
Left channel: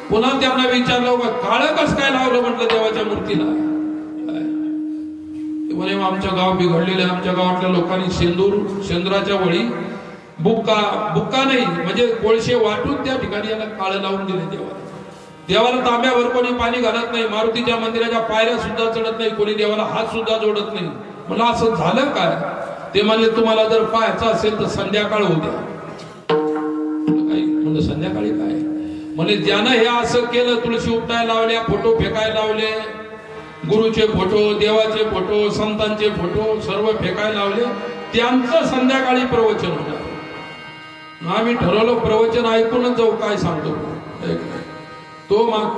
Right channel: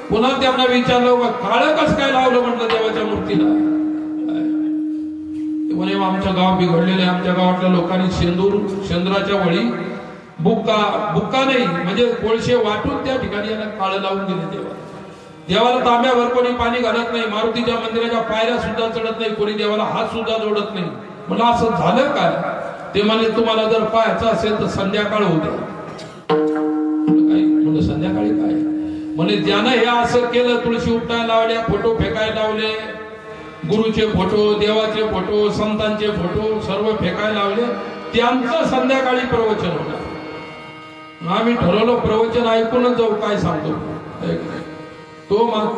पुन्हा त्यांना विचारलं काळं कसं काय लावलं म्हटलं देवाच्या मूर्तीला. म्हणे आमच्या गाव बिघडलेले, आमच्या गावातल्या लोकांनी शेंदुराच्या वळी बुक्का नाही म्हणजे कोळशे वाटून त्या ठिकाणी याला काळं लावून दिले देवाला. देवाला तांब्यावर कोणी पाणी घालत नाही. मारुतीच्या मंदिराच्या पायऱ्या सुद्धा चढत नाही. कोणी देवाला हात सुद्धा जोडत नाही. मला असं झालं काय? ते म्हणले तुम्हाला जर पाहायचं असेल तर संध्याकाळ होऊ द्या. म्हणजे संध्याकाळी काय? म्हणजे ज्यानं हे असं केलं, तुळशी उपटायला लावल्या, फोटो फेकायला लावले, गुरुचे फोटो, देवाचे फोटो, संतांचे फोटो सर्व फेकायला लावले, त्यांचं संध्याकाळी प्रवचन होतं. आम्ही ठरवलं प्रवचन ऐकूनच जाऊ, काय सांगतो.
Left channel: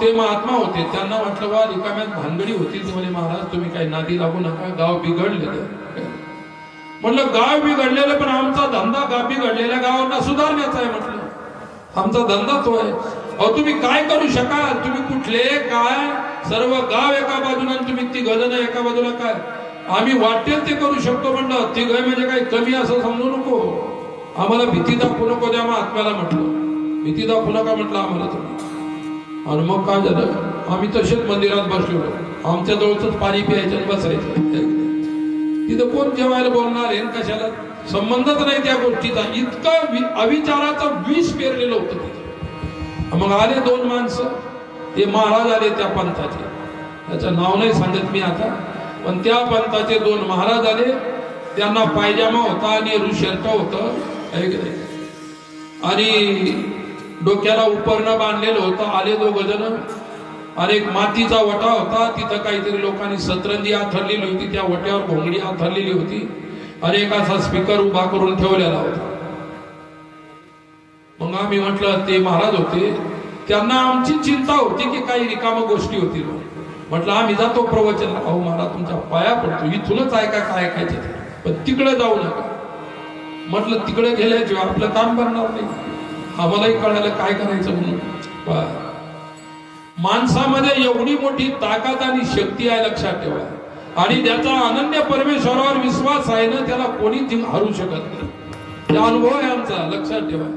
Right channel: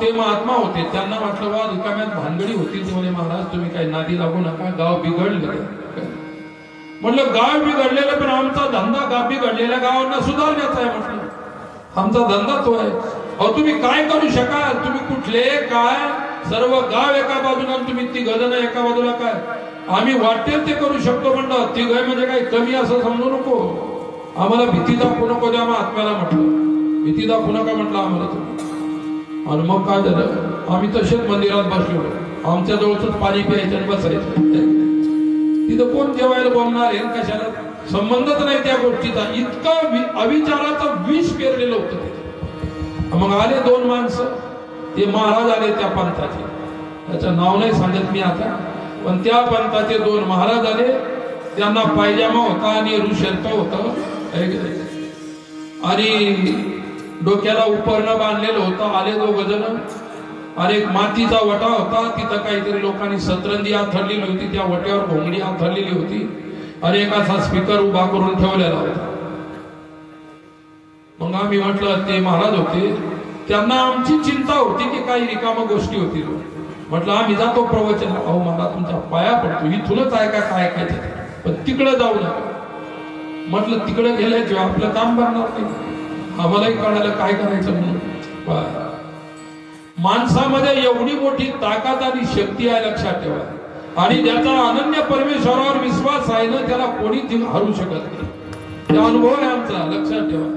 ते महात्मा होते. त्यांना म्हटलं वा रिकाम्यात भानगडी होती. म्हणे महाराज तुम्ही काही नादी लागू नका, गाव बिघडले. म्हटलं गाव बिघडलेले, पण आमचा धंदा गाव बिघडलेल्या गावांना सुधारण्याचा आहे. म्हटलं आमचा धंदा तो आहे. अहो तुम्ही काय करू शकाल? तुम्ही कुठले काय सर्व गाव एका बाजूला, तुम्ही ती गजन एका बाजूला. काय आम्ही वाटेल ते करू शकतो. म्हणलं ती गय म्हणजे काही कमी असं समजू नको. आम्हाला भीती दाखवू नको. त्या आत्म्याला म्हटलं भीती दाखवू नका म्हटलं आम्हाला तुम्ही. आणि मग काय झालं, आम्ही तसेच मंदिरात बसलो. आमच्या जवळच पाणी प्यायचं आणि बसायचं. तिथं कोण जेवायला बोलणार आहे कशाला? संबंधच नाही त्या गोष्टीचा. इतका अविचाराचं विष पेरलेलं होतं तिथे. मग आले दोन माणसं. ते महाराज आले त्या पंथाचे. त्याचं नाव नाही सांगत मी आता, पण त्या पंथाचे दोन महाराज आले. त्यांना पायजामा होता आणि ऋषर्क होतं आणि डोक्याला उपरणं बांधलेलं होतं. आले दोघ जण. आणि एक मातीचा वटा होता. तिथं काहीतरी लोकांनी सतरंजी आथरलेली होती. त्या वट्यावर घोंगडी आथरलेली होती आणि एक असा स्पीकर उभा करून ठेवलेला होता. मग आम्ही म्हटलं ते महाराज होते. त्यांना आमची चिंता होती की काही रिकाम गोष्टी होती. म्हटलं आम्ही जातो प्रवचन. अहो मला तुमच्या पाया पडतो, इथूनच ऐका काय ऐकायचं, पण तिकडे जाऊ नका. म्हटलं तिकडे गेल्याशिवाय आपलं काम बनणार नाही. आम्हालाही कळालं काय करायचं म्हणून. माणसामध्ये एवढी मोठी ताकद आणि शक्ती आहे लक्षात ठेवा. आणि ज्याचा अनन्य परमेश्वरावर विश्वास आहे ना, त्याला कोणीच हरू शकत नाही. त्या अनुभव आहे आमचा, लक्षात ठेवा.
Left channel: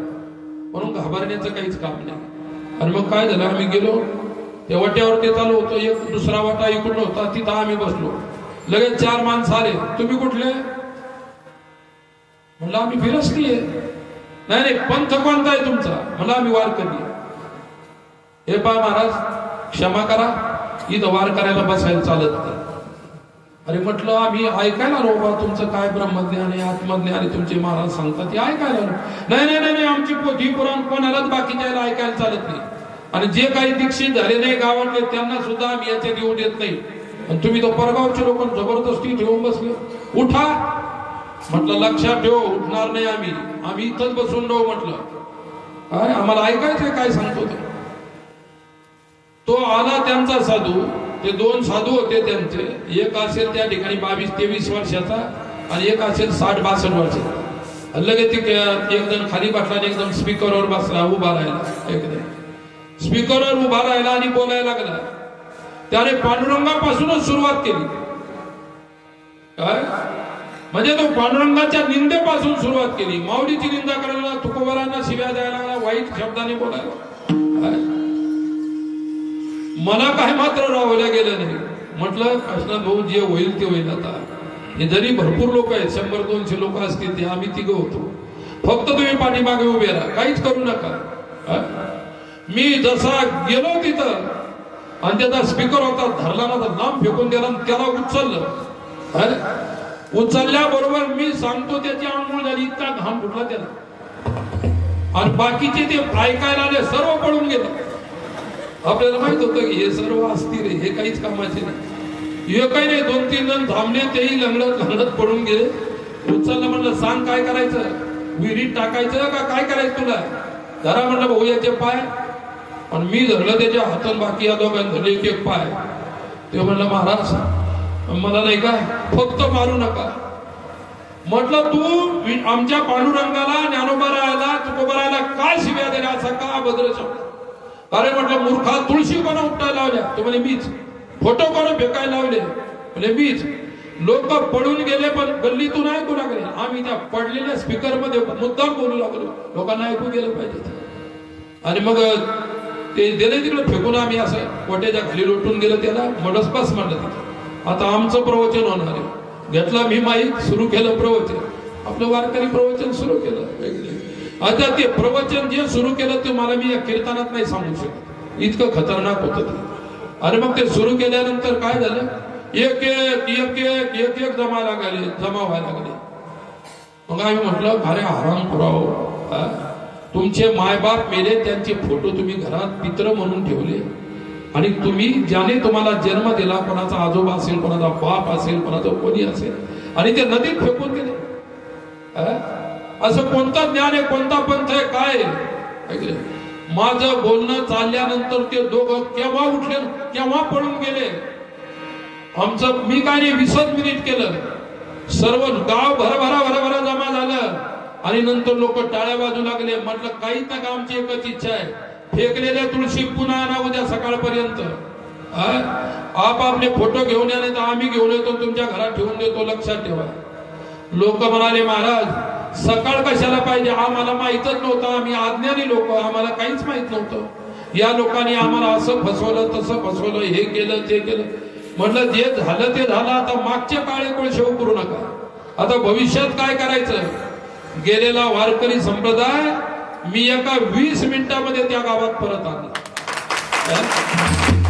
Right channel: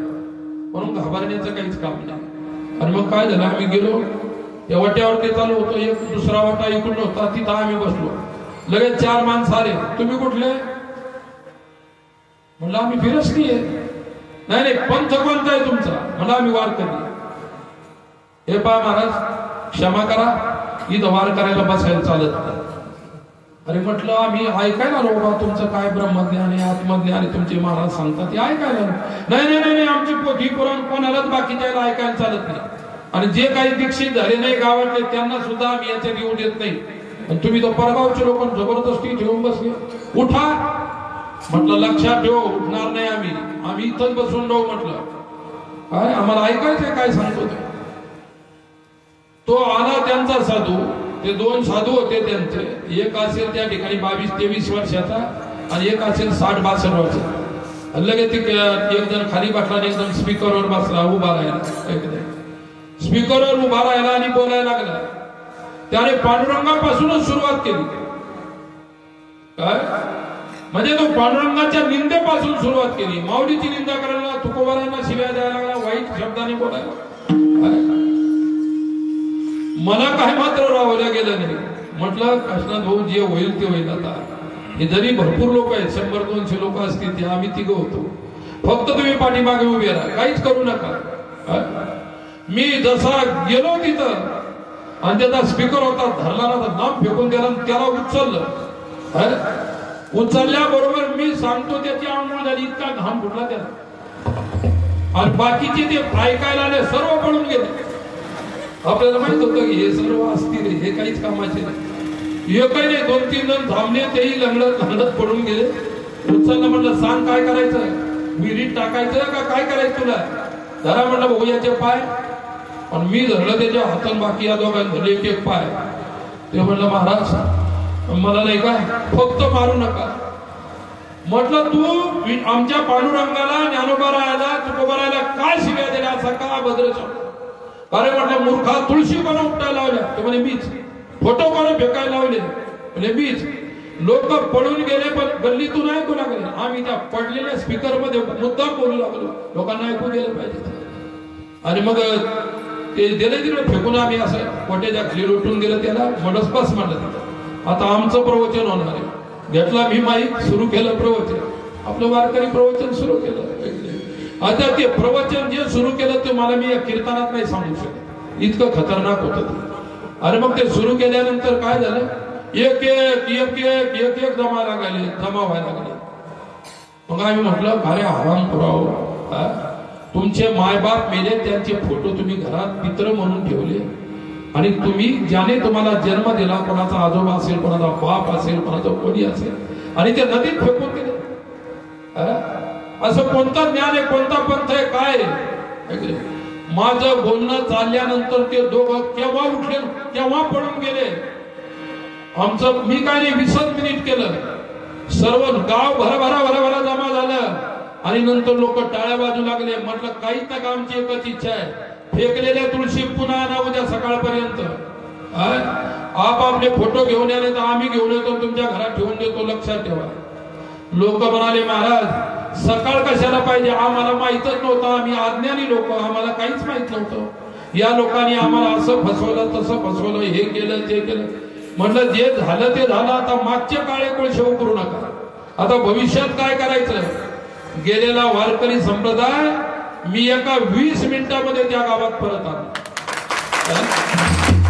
म्हणून घाबरण्याचं काहीच काम नाही. आणि मग काय झालं, आम्ही गेलो त्या वाट्यावर. ते चालू होतो. एक दुसरा वाटा इकडून होता. तिथं आम्ही बसलो. लगेच चार माणसं आले. तुम्ही कुठले? म्हणलं आम्ही फिरस्ती आहे. नाही पंथ कोणता आहे तुमचा? म्हणलं आम्ही वारकरी. हे पहा महाराज क्षमा करा, इथं वार करायला बसायला चालत नाही. अरे म्हटलं आम्ही ऐकायला रो बा, तुमचं काय ब्रह्मज्ञान आहे, आत्मज्ञान आहे, तुमचे महाराज सांगतात ते ऐकायला. नाही, आमची पोथी पुराण कोणालाच बाकीच्या ऐकायला चालत नाही. आणि जे काही दीक्षित झाले नाही गावातले त्यांना सुद्धा आम्ही याच्यात येऊ देत नाही. आणि तुम्ही तो परगावचे लोक जबरदस्ती ठेवून बसले. उठा म्हटलं, लक्षात ठेव, उठणार नाही आम्ही इथंच बसून राहू. म्हटलं काय आम्हाला ऐकायचंय काय सांगतो ते. तो आला त्यांचा साधू, ते 2 साधू होते त्यांचे. एक असेल त्या ठिकाणी 22-23 वर्षाचा आणि एक असेल 60-62 वर्षाचा. लगेच एकदम खाली बसला आणि एकदम स्पीकरवर बसला, उभा राहिला. एकदम स्पीकरवर उभा राहिला आणि बोलायला लागला. त्याने पांडुरंगापासूनच सुरुवात केली. काय म्हणजे तो पांडुरंगाच्या निंदेपासून सुरुवात केली. माऊलीची निंदा करायला, तुकोबारांना शिव्या द्यायला लागला, वाईट शब्दाने बोलायला. मला काय मात्र राहवल्या गेलं नाही. म्हटलं कृष्णा भाऊ, जे होईल ते होईल. आता हे जरी भरपूर लोक आहेत, 100-200 लोक असतील, ते आम्ही 3 होतो. फक्त तुम्ही पाठीमागे उभे राहा, काहीच करू नका. मी जसा गेलो तिथं आणि त्याचा स्पीकर होता, धरला ना तर नाम फेकून दिला, त्याला उचललं. उचलल्याबरोबर मी सांगतो त्याची आंघोळ झाली, इतका घाम फुटला त्याला. आणि बाकीचे ते ऐकायला आले, सर्व पळून गेले. आपल्याला माहित होतं की हे सर्व असतील, हे काहीच कामाचे नाही. हे काही नाही, 2-3 जण थांबले, तेही लंगडत पडून गेले. उचललं, म्हटलं सांग काय करायचं, विहिरीत टाकायचं का काय करायचं तुला. धरा म्हटलं भाऊ याचे पाय. पण मी धरलं त्याच्या हातान, बाकी या दोघांनी धरले 1-1 पाय. ते म्हणलं महाराज मला नाही का, फक्त मारू नका. म्हटलं तू आमच्या पांडुरंगाला, ज्ञानोबाराला, तुकोबाराला काय शिव्या दिल्या, असा का अभद्र शब्द. अरे म्हटलं मूर्खा, तुळशी कोणा उपटायला लावल्या, तो म्हणे मीच. फोटो कोणा फेकायला लावले, म्हणजे मीच. लोक पळून गेले, पण गल्लीतून ऐकू लागले. आम्ही त्या पडलेल्या स्पीकर मध्ये मुद्दाम बोलू लागलो, लोकांना ऐकू गेलं पाहिजे. आणि मग ते दिले तिकडे फेकून, आम्ही असं कोट्याच्या खाली लोटून गेलं, त्याला मडसपास म्हणलं. आता आमचं प्रवचन होणार आहे. घेतला मी माईक, सुरू केलं प्रवचन. आपलं वारकरी प्रवचन सुरू केलं. आता ते प्रवचन जे सुरू केलं ते मला मी या कीर्तनात नाही सांगू शकत, इतकं खतरनाक होतं ते. अरे मग ते सुरू केल्यानंतर काय झालं, एक जमा व्हायला लागले. मग आम्ही म्हटलं अरे आराम पुराव, तुमचे मायबाप मेले, त्यांचे फोटो तुम्ही घरात पित्र म्हणून ठेवले. आणि तुम्ही ज्याने तुम्हाला जन्म दिला, कोणाचा आजोबा असेल, कोणाचा बाप असेल, कोणाचा कोणी असेल, आणि ते नदीत फेकून दिले. असं कोणतं ज्ञान आहे, कोणता पंथ आहे, काय आहे. माझं बोलणं चालल्यानंतर ते दोघं केव्हा उठले, केव्हा पळून गेले. आमचं मी काय नाही 20 मिनिट केलं. सर्व गाव भराभरा जमा झालं. आणि नंतर लोक टाळ्या वाजू लागले. म्हटलं काहीच नका, आमची एकच इच्छा आहे, फेकलेल्या तुळशी पुन्हा आणा उद्या सकाळपर्यंत. आपले फोटो घेऊन या, नाही तर आम्ही घेऊन येतो, तुमच्या घरात ठेवून देतो, लक्षात ठेवा. लोक म्हणाले महाराज सकाळ कशाला पाहिजे, आम्हाला माहितच नव्हतं, आम्ही अज्ञानी लोक, आम्हाला काहीच माहित नव्हतं. या लोकांनी आम्हाला असं फसवलं, तसं फसवलं, हे केलं ते केलं. म्हटलं जे झालं ते झालं, आता मागचे काळे कोळशे उकरू नका. आता भविष्यात काय करायचं. गेलेला वारकरी संप्रदाय मी एका 20 मिनिटांमध्ये त्या गावात परत आलो.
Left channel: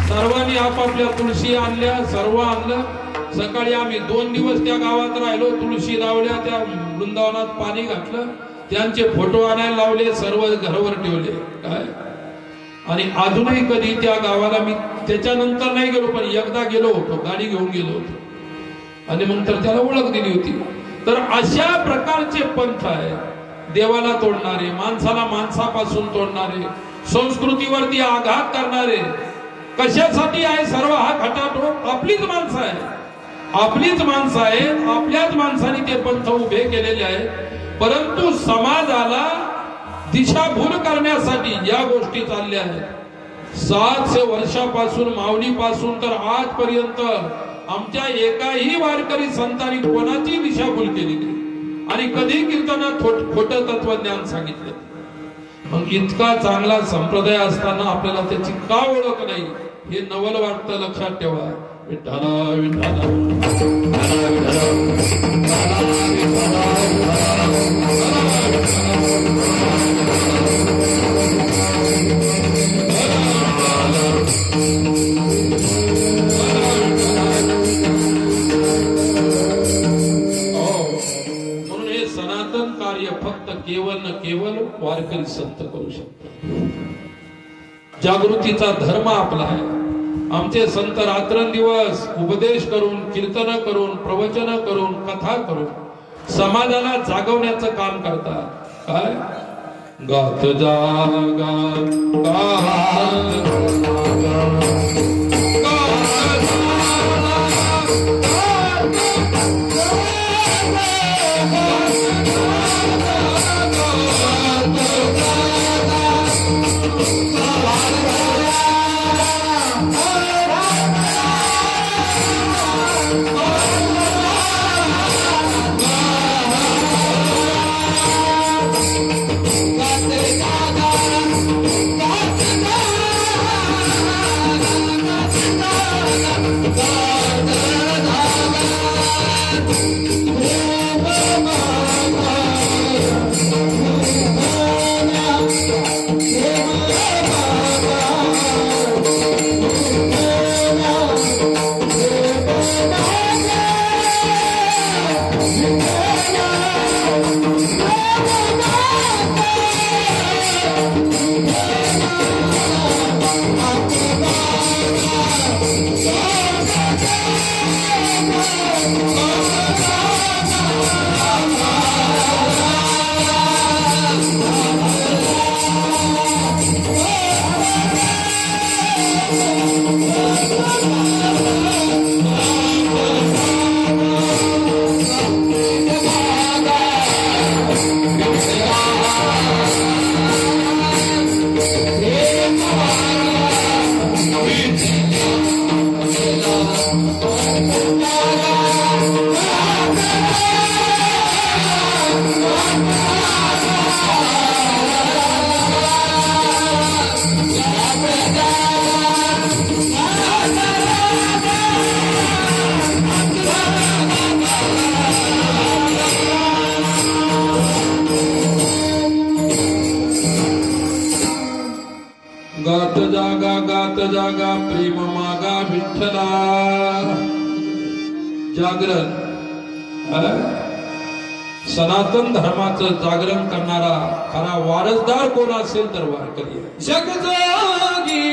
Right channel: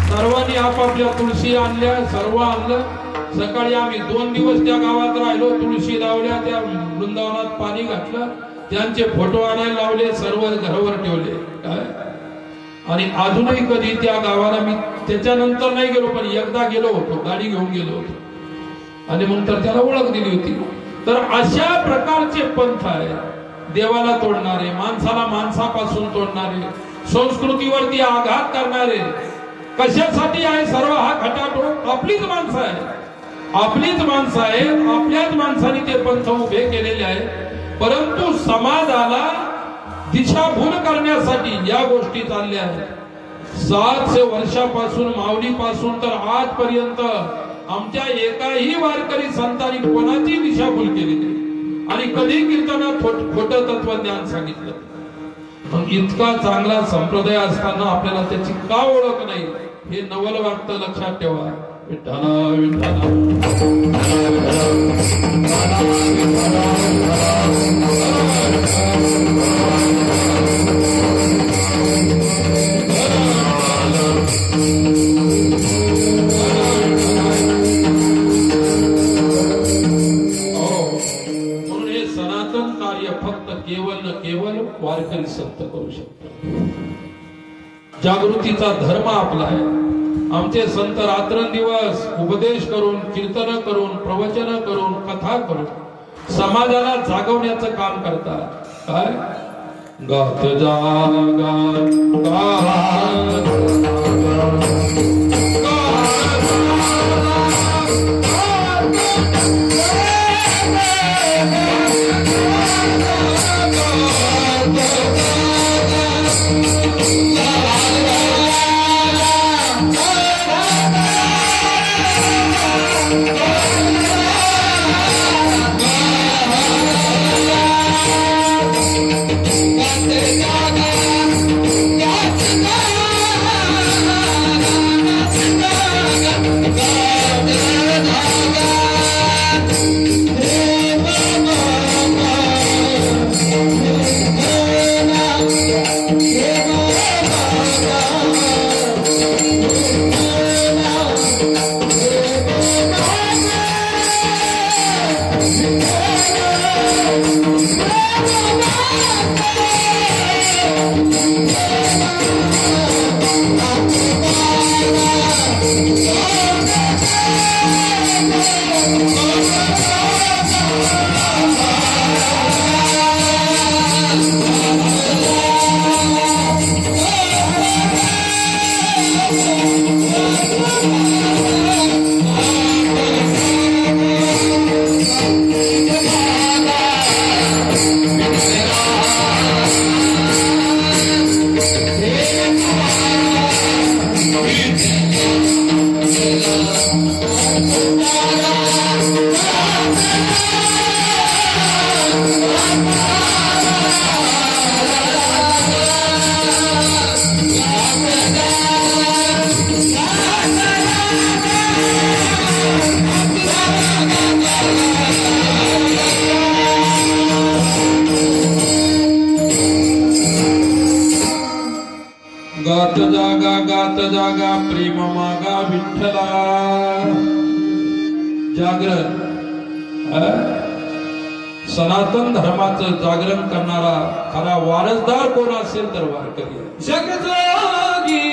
सर्वांनी आपापल्या तुळशी आणल्या, सर्व आणलं. सकाळी आम्ही 2 दिवस त्या गावात राहिलो, तुळशी लावल्या, त्या वृंदावनात पाणी घातलं, त्यांचे फोटो आणायला लावले, सर्व घरावर ठेवले. काय आणि अजूनही कधी त्या गावाला मी त्याच्यानंतर नाही गेलो, पण एकदा गेलो होतो, गाडी घेऊन गेलो होतो, आणि नंतर त्याला ओळख दिली होती. तर अशा प्रकारचे पंथ आहे, देवाला तोडणारे, माणसाला माणसापासून तोडणारे, संस्कृतीवरती आघात करणारे. कशासाठी आहे सर्व हा खटाटोप? आपलीच माणसं आहे, आपलीच माणसं आहे, आपल्याच माणसांनी ते पंथ उभे केलेले आहे. परंतु समाजाला दिशाभूल करण्यासाठी या गोष्टी चालल्या आहेत. 700 वर्षापासून, माऊलीपासून तर आजपर्यंत आमच्या एकाही वारकरी संतांनी कोणाची दिशाभूल केली नाही, आणि कधी कीर्तनात खोटं तत्वज्ञान सांगितलं. मग इतका चांगला संप्रदाय असताना आपल्याला त्याची का ओळख नाही, हे नवल वाटतं. लक्षात ठेवा. विठ्ठला विठ्ठला वारकरी संत करू शकतो. जागृतीचा धर्म आपला आहे. आमचे संत रात्रंदिवस उपदेश करून, कीर्तन करून, प्रवचन करून, कथा करून समाजाला जागवण्याचं काम करतात. काय गात जागा गात जागा प्रेम मागा विठ्ठला. जागरण सनातन धर्माचं जागरण करणारा खरा वारसदार कोण असेल तर वारकरी. जगजागी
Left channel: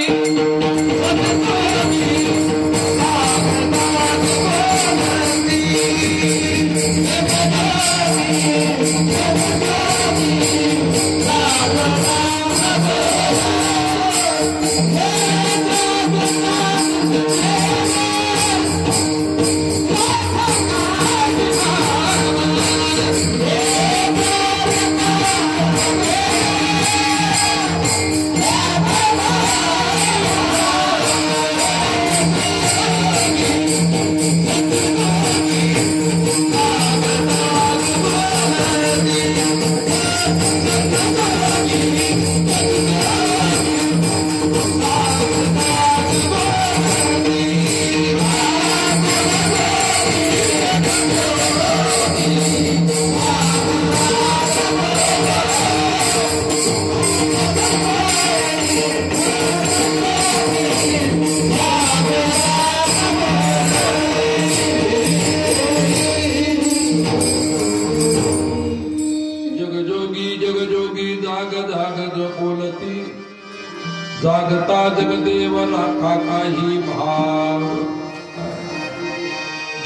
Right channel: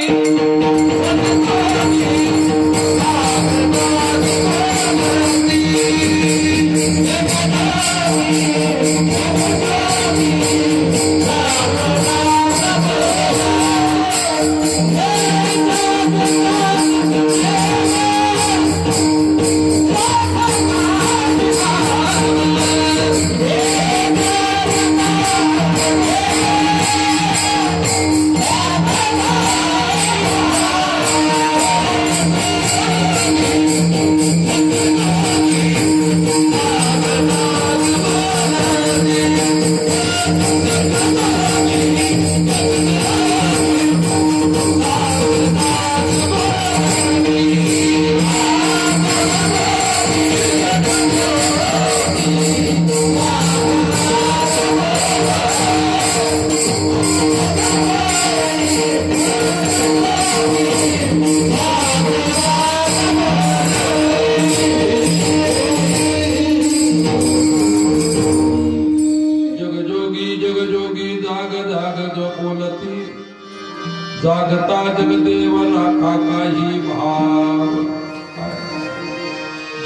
जागता जगदेव लाखा काही भाव.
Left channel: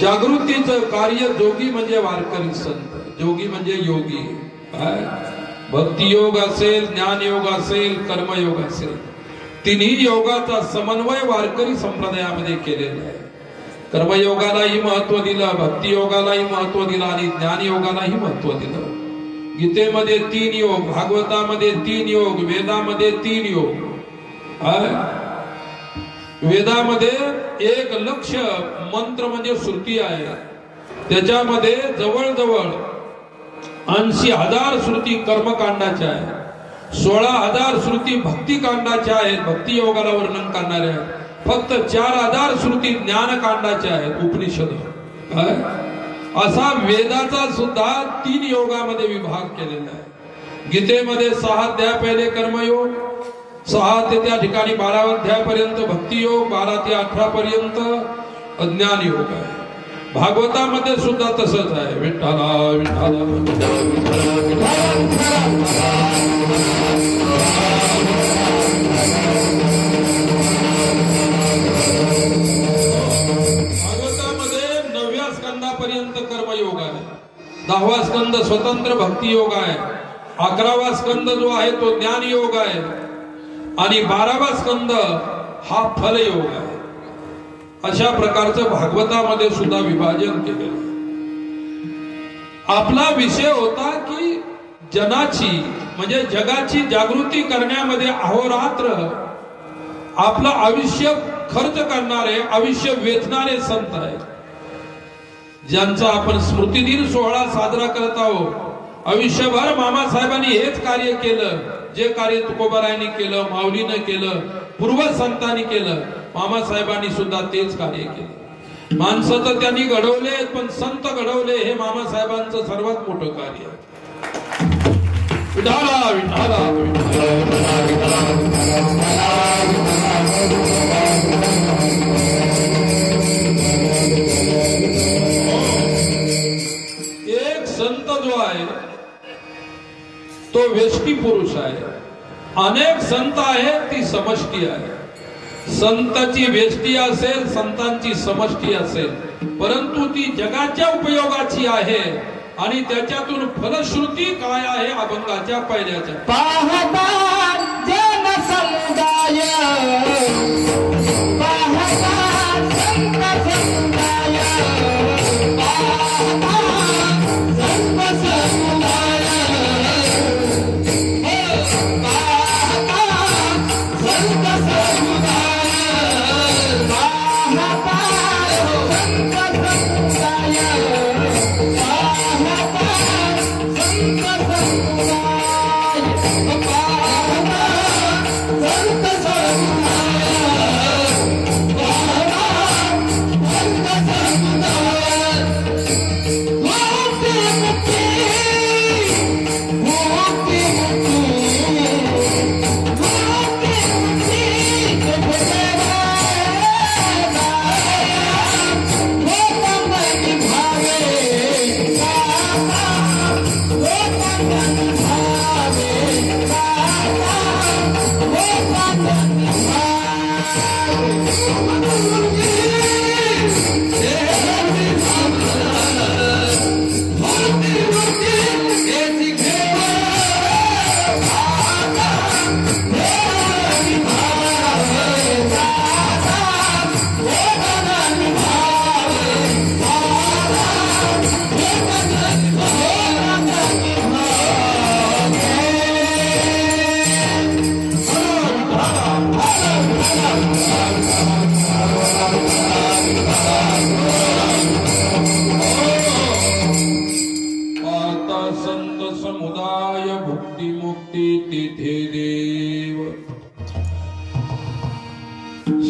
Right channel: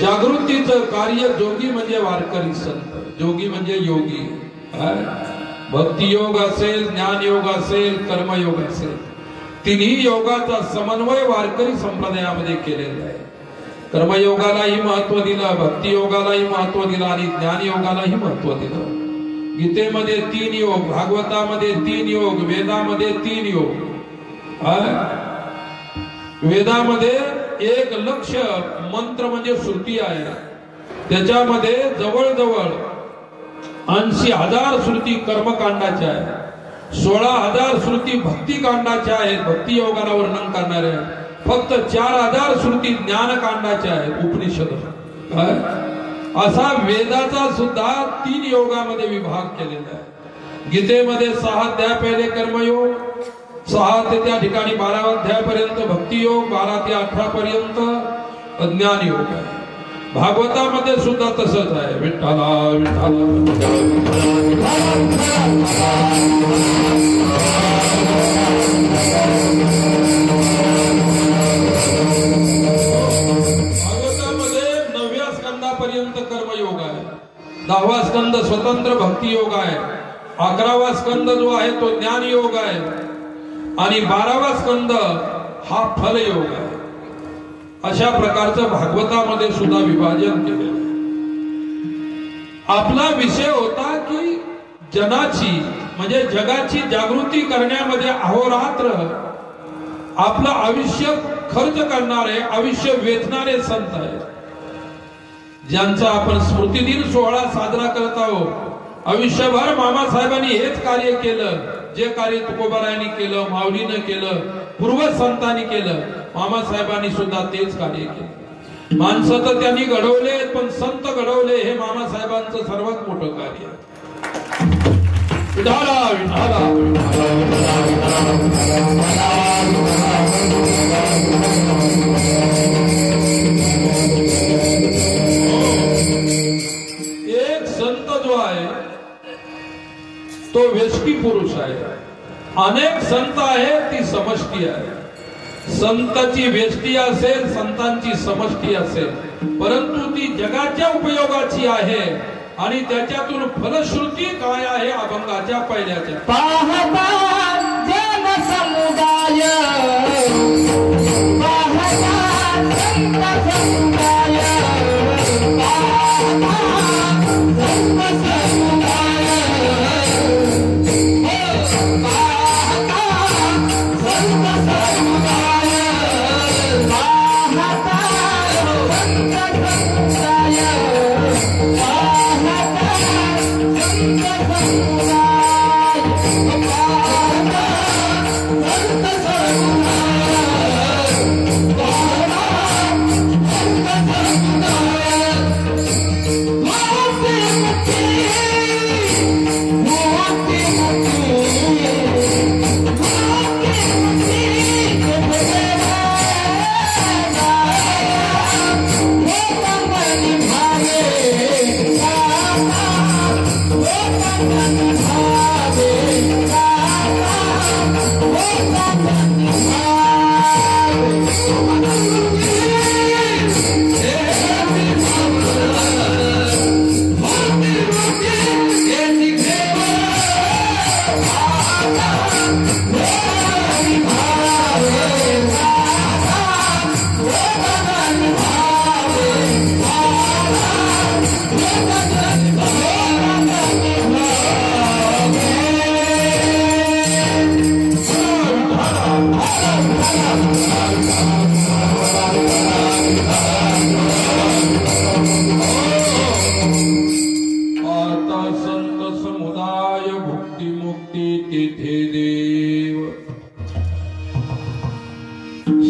जागृतीचं कार्य जोगी म्हणजे वारकरी संत, जोगी म्हणजे योगी. भक्ती योग असेल, ज्ञान योग असेल, कर्मयोग असेल, तिन्ही योगाचा समन्वय वारकरी संप्रदायामध्ये केलेला आहे. कर्मयोगालाही महत्व दिलं, भक्ती योगालाही महत्व दिलं आणि ज्ञान योगालाही महत्व दिलं. गीतेमध्ये 3 योग, भागवतामध्ये 3 योग, वेदामध्ये 3 योग. वेदामध्ये 1 लक्ष मंत्र म्हणजे श्रुती आहे. त्याच्यामध्ये जवळजवळ 80,000 श्रुती कर्मकांडाच्या आहेत, 16,000 श्रुती भक्ती कांडाच्या आहेत, भक्ती योगाला वर्णन करणाऱ्या. फक्त 4,000 श्रुती ज्ञानकांडाच्या आहेत, उपनिषद. असा वेदाचा सुद्धा 3 योगामध्ये विभाग केलेला आहे. गीतेमध्ये 6 अध्याय पहिले कर्मयोग, 6 ते त्या ठिकाणी 12 अध्यायापर्यंत भक्ती योग, 12 ते 18 पर्यंत ज्ञान योग आहे. भागवतामध्ये सुद्धा तसंच आहे. विठ्ठला विठ्ठला दहावा स्कंद स्वतंत्र भक्ती योग आहे. 11वा स्कंद जो आहे तो ज्ञान योग आहे आणि 12वा स्कंद हा फल योग आहे. अशा प्रकारचं भागवतामध्ये सुद्धा विभाजन केलेलं. आपला विषय होता की जनाची म्हणजे जगाची जागृती करण्यामध्ये अहोरात्र आपलं आयुष्य खर्च करणारे, आयुष्य वेचणारे संत आहेत, ज्यांचा आपण स्मृतिदिन सोहळा साजरा करत आहोत. आयुष्यभर मामासाहेबांनी हेच कार्य केलं, जे कार्य तुकोबारायांनी केलं, माऊलीनं केलं, पूर्व संतांनी केलं, मामासाहेबांनी सुद्धा तेच कार्य केलं. माणसं तर त्यांनी घडवले, पण संत घडवले हे मामासाहेबांचं सर्वात मोठं कार्य आहे. विठाला विठाला एक संत जो आहे तो व्यष्टी पुरुष आहे. अनेक संत आहेत ती समष्टी आहे. संतांची व्यष्टी असेल, संतांची समष्टी असेल, परंतु ती जगाच्या उपयोगाची आहे आणि त्याच्यातून फलश्रुती काय आहे अभंगाच्या पहिल्याच्या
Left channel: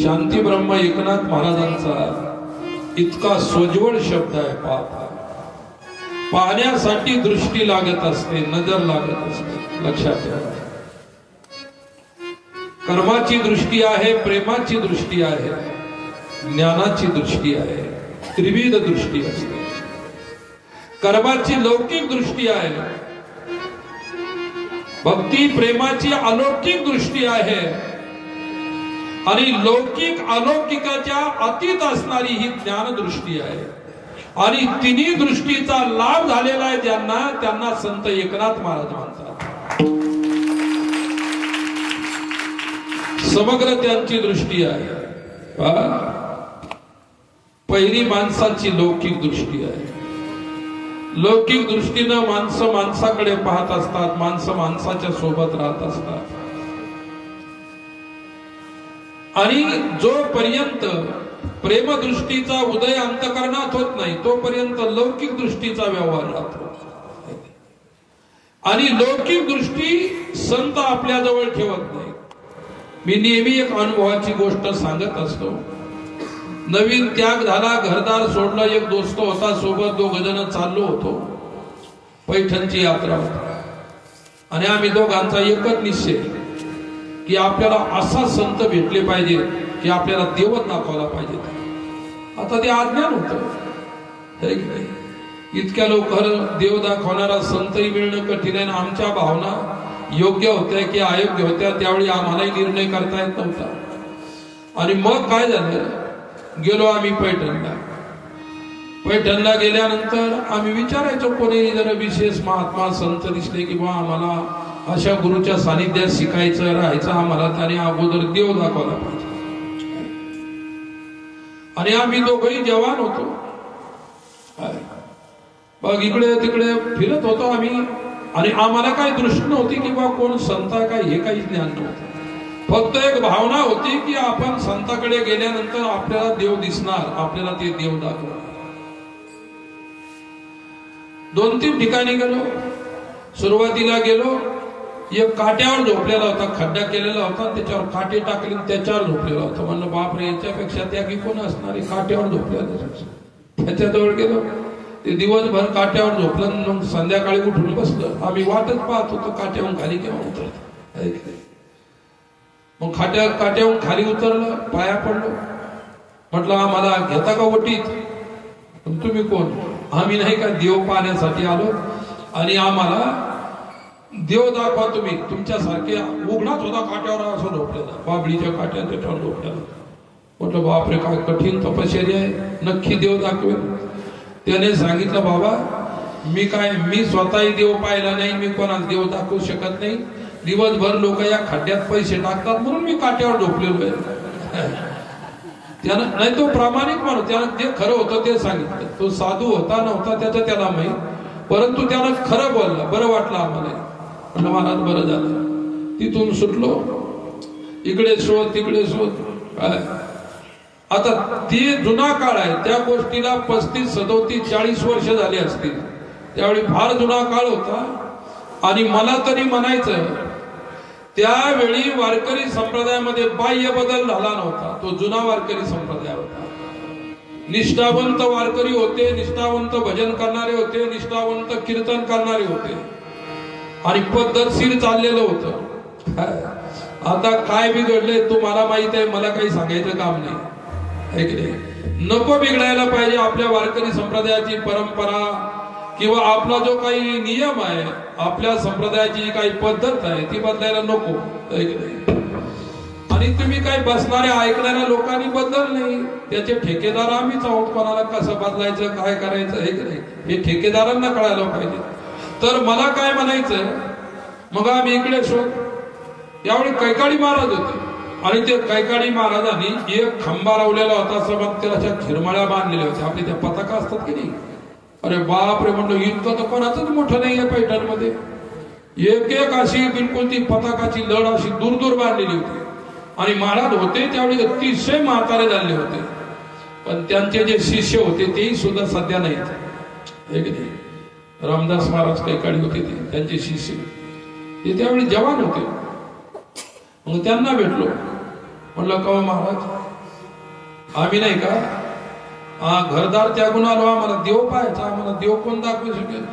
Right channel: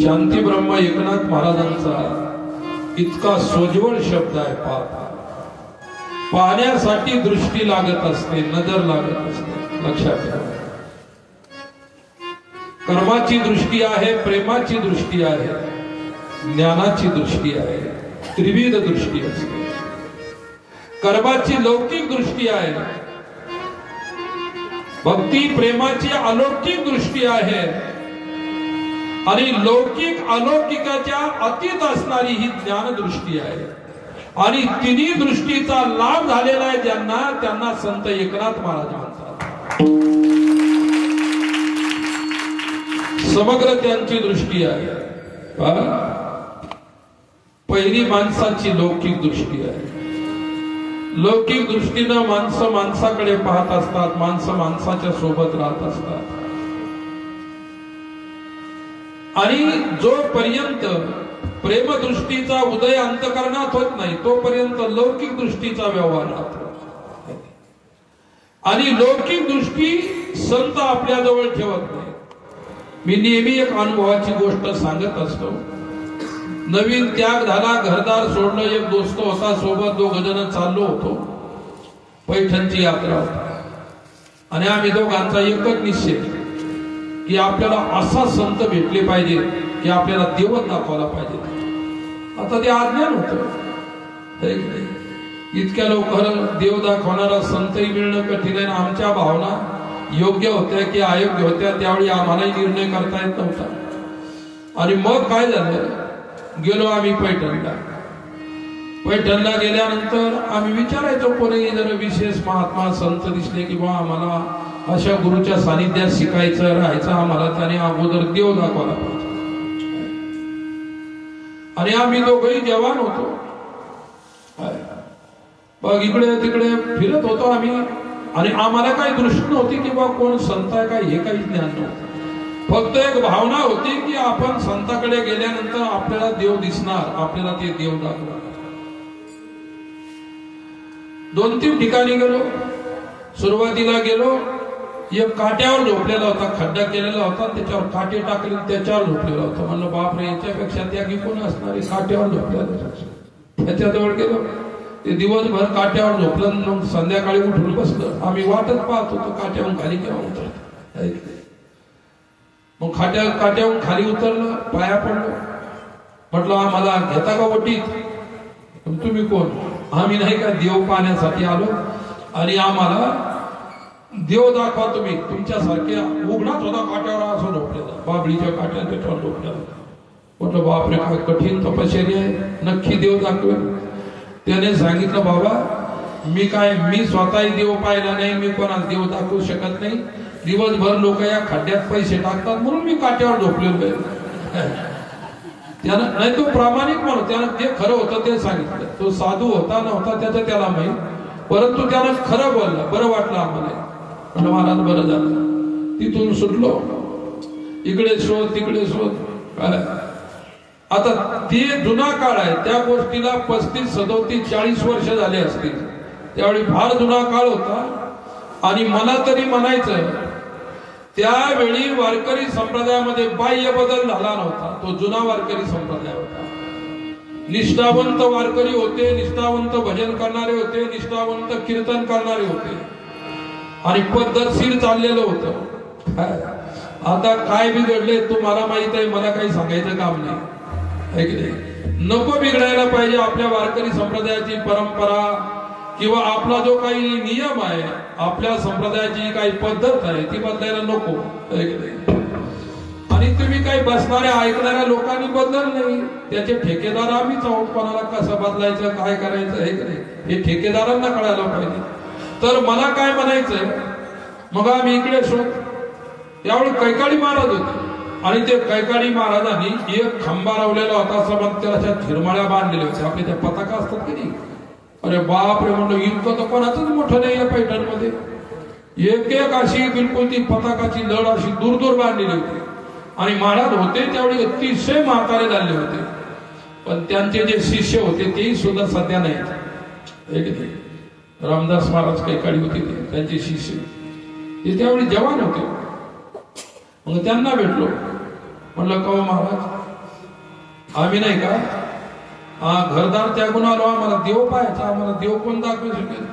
शांती ब्रह्म एकनाथ महाराजांचा इतका सोज्वळ शब्द आहे. पाहण्यासाठी दृष्टी लागत असते, नजर लागत असते. लक्षात ठेवा, कर्माची दृष्टी आहे, प्रेमाची दृष्टी आहे, ज्ञानाची दृष्टी आहे, त्रिविध दृष्टी असते. कर्माची लौकिक दृष्टी आहे, भक्ती प्रेमाची अलौकिक दृष्टी आहे आणि लौकिक अलौकिकाच्या अतीत असणारी ही ज्ञान दृष्टी आहे. आणि तिन्ही दृष्टीचा लाभ झालेला आहे ज्यांना, त्यांना संत एकनाथ महाराज म्हणतात. समग्र त्यांची दृष्टी आहे. पहिली माणसाची लौकिक दृष्टी आहे. लौकिक दृष्टीनं माणसं माणसाकडे पाहत असतात, माणसं माणसाच्या सोबत राहत असतात. आणि जोपर्यंत प्रेमदृष्टीचा उदय अंतकरणात होत नाही तोपर्यंत लौकिक दृष्टीचा व्यवहार राहतो. आणि लौकिक दृष्टी संत आपल्याजवळ ठेवत नाही. मी नेहमी एक अनुभवाची गोष्ट सांगत असतो. नवीन त्याग झाला, घरदार सोडलं, एक दोस्त होता सोबत, 2 जण चाललो होतो. पैठणची यात्रा होती आणि आम्ही दोघांचा एकच निश्चय की आपल्याला असा संत भेटले पाहिजे की आपल्याला देवच दाखवायला पाहिजे. आता ते अज्ञान होतं. है की नाही? इतक्या लवकर देव दाखवणारा संतही मिळणं कठीण आहे. आमच्या भावना योग्य होत्या की अयोग्य होत्या त्यावेळी आम्हालाही निर्णय करता येत नव्हता. आणि मग काय झालं, गेलो आम्ही पैठणला. पैठणला गेल्यानंतर आम्ही विचारायचो कोणी जर विशेष महात्मा संत दिसले किंवा आम्हाला अशा गुरुच्या सानिध्यात शिकायचं राहायचं, आम्हाला त्याने अगोदर देव दाखवला पाहिजे. आणि आम्ही दोघंही जवान होतो. मग इकडे तिकडे फिरत होतो आम्ही. आणि आम्हाला काही दृष्टी नव्हती की बा कोण संत आहे काय, हे काही ज्ञान नव्हतं. फक्त एक भावना होती की आपण संताकडे गेल्यानंतर आपल्याला देव दिसणार, आपल्याला ते देव दाखवणार. 2-3 ठिकाणी गेलो. सुरुवातीला गेलो, एक काट्यावर झोपलेला होता, खड्डा केलेला होता, त्याच्यावर काटे टाकले त्याच्यावर झोपलेला होता. म्हणलं बापरे, याच्यापेक्षा त्यागी कोण असणार आहे, काट्यावर झोपलेला. त्याच्याजवळ गेलो, ते दिवसभर काट्यावर झोपलं. मग संध्याकाळी उठून बसलं. आम्ही वाटच पाहत होतो काट्यावरून खाली केव्हा उतरत. मग काट्यावरून खाली उतरलं, पाया पडलो. म्हटलं आम्हाला घेता का वटीत? तुम्ही कोण? आम्ही नाही का देव पाहण्यासाठी आलो आणि आम्हाला देव दाखवा तुम्ही. तुमच्यासारखे उघडाच होता काट्यावर असं झोपलेला, बाबळीच्या काट्यावर त्याच्यावर झोपलेला. म्हटलं बापरे, काय कठीण तपश्चर्या आहे, नक्की देव दाखवेल. त्याने सांगितलं बाबा मी स्वतःही देव पाहिला नाही, मी कोणाला देव दाखवू शकत नाही. दिवसभर लोक या खड्ड्यात पैसे टाकतात म्हणून मी काट्यावर झोपलेलो आहे. त्यानं नाही, तो प्रामाणिक माणूस, त्यानं जे खरं होतं ते सांगितलं. तो साधू होता नव्हता त्याचं त्याला माहित, परंतु त्यानं खरं बोललं. बरं वाटलं आम्हाला. म्हणलं महाराज बरं झालं. तिथून सुटलो. इकडे शोध तिकडे शोध. काय आता ते जुना काळ आहे, त्या गोष्टीला 35, 37, 40 वर्ष झाले असतील. त्यावेळी फार जुना काळ होता. आणि मला तरी म्हणायचं त्यावेळी वारकरी संप्रदायामध्ये बाह्य बदल झाला नव्हता. तो जुना वारकरी संप्रदाय होता. निष्ठावंत वारकरी होते, निष्ठावंत भजन करणारे होते, निष्ठावंत कीर्तन करणारे होते आणि पद्धतशीर चाललेलं होतं. आता काय बिघडले तुम्हाला माहित आहे, मला काही सांगायचं काम नाही. नको बिघडायला पाहिजे आपल्या वारकरी संप्रदायाची परंपरा किंवा आपला जो काही नियम आहे, आपल्या संप्रदायाची काही पद्धत आहे ती बदलायला नको. आणि तुम्ही काही बसणाऱ्या ऐकणाऱ्या लोकांनी बदल नाही. त्याचे ठेकेदार आम्हीच आहोत. कोणाला कसं बदलायचं काय करायचं हे ठेकेदारांना कळायला पाहिजे. तर मला काय म्हणायचं, मग आम्ही इकडे शोध. यावेळी कैकाडी महाराज होते आणि ते कैकाडी महाराजांनी एक खांबा लावलेला होता. समज त्याच्या झिरमाळ्या बांधलेल्या होत्या, आपल्या त्या पताका असतात की नाही. अरे बाप रे, म्हणलं इतकं तर कोणाचंच मोठं नाही आहे पैठणमध्ये. एक अशी बिलकुल ती पताकाची लढ अशी दूर दूर बांधलेली होती. आणि महाराज होते त्यावेळी अतिशय म्हातारे झाले होते. पण त्यांचे जे शिष्य होते तेही सुद्धा सध्या नाहीत. रामदास महाराज कैकाडी होते, त्यांचे शिष्य ते त्यावेळी जवान होते. मग त्यांना भेटलो. म्हणलं का महाराज, आम्ही नाही का घरदार त्यागून आलो, आम्हाला देव पाहायचा, आम्हाला देव कोण दाखवू शकेल?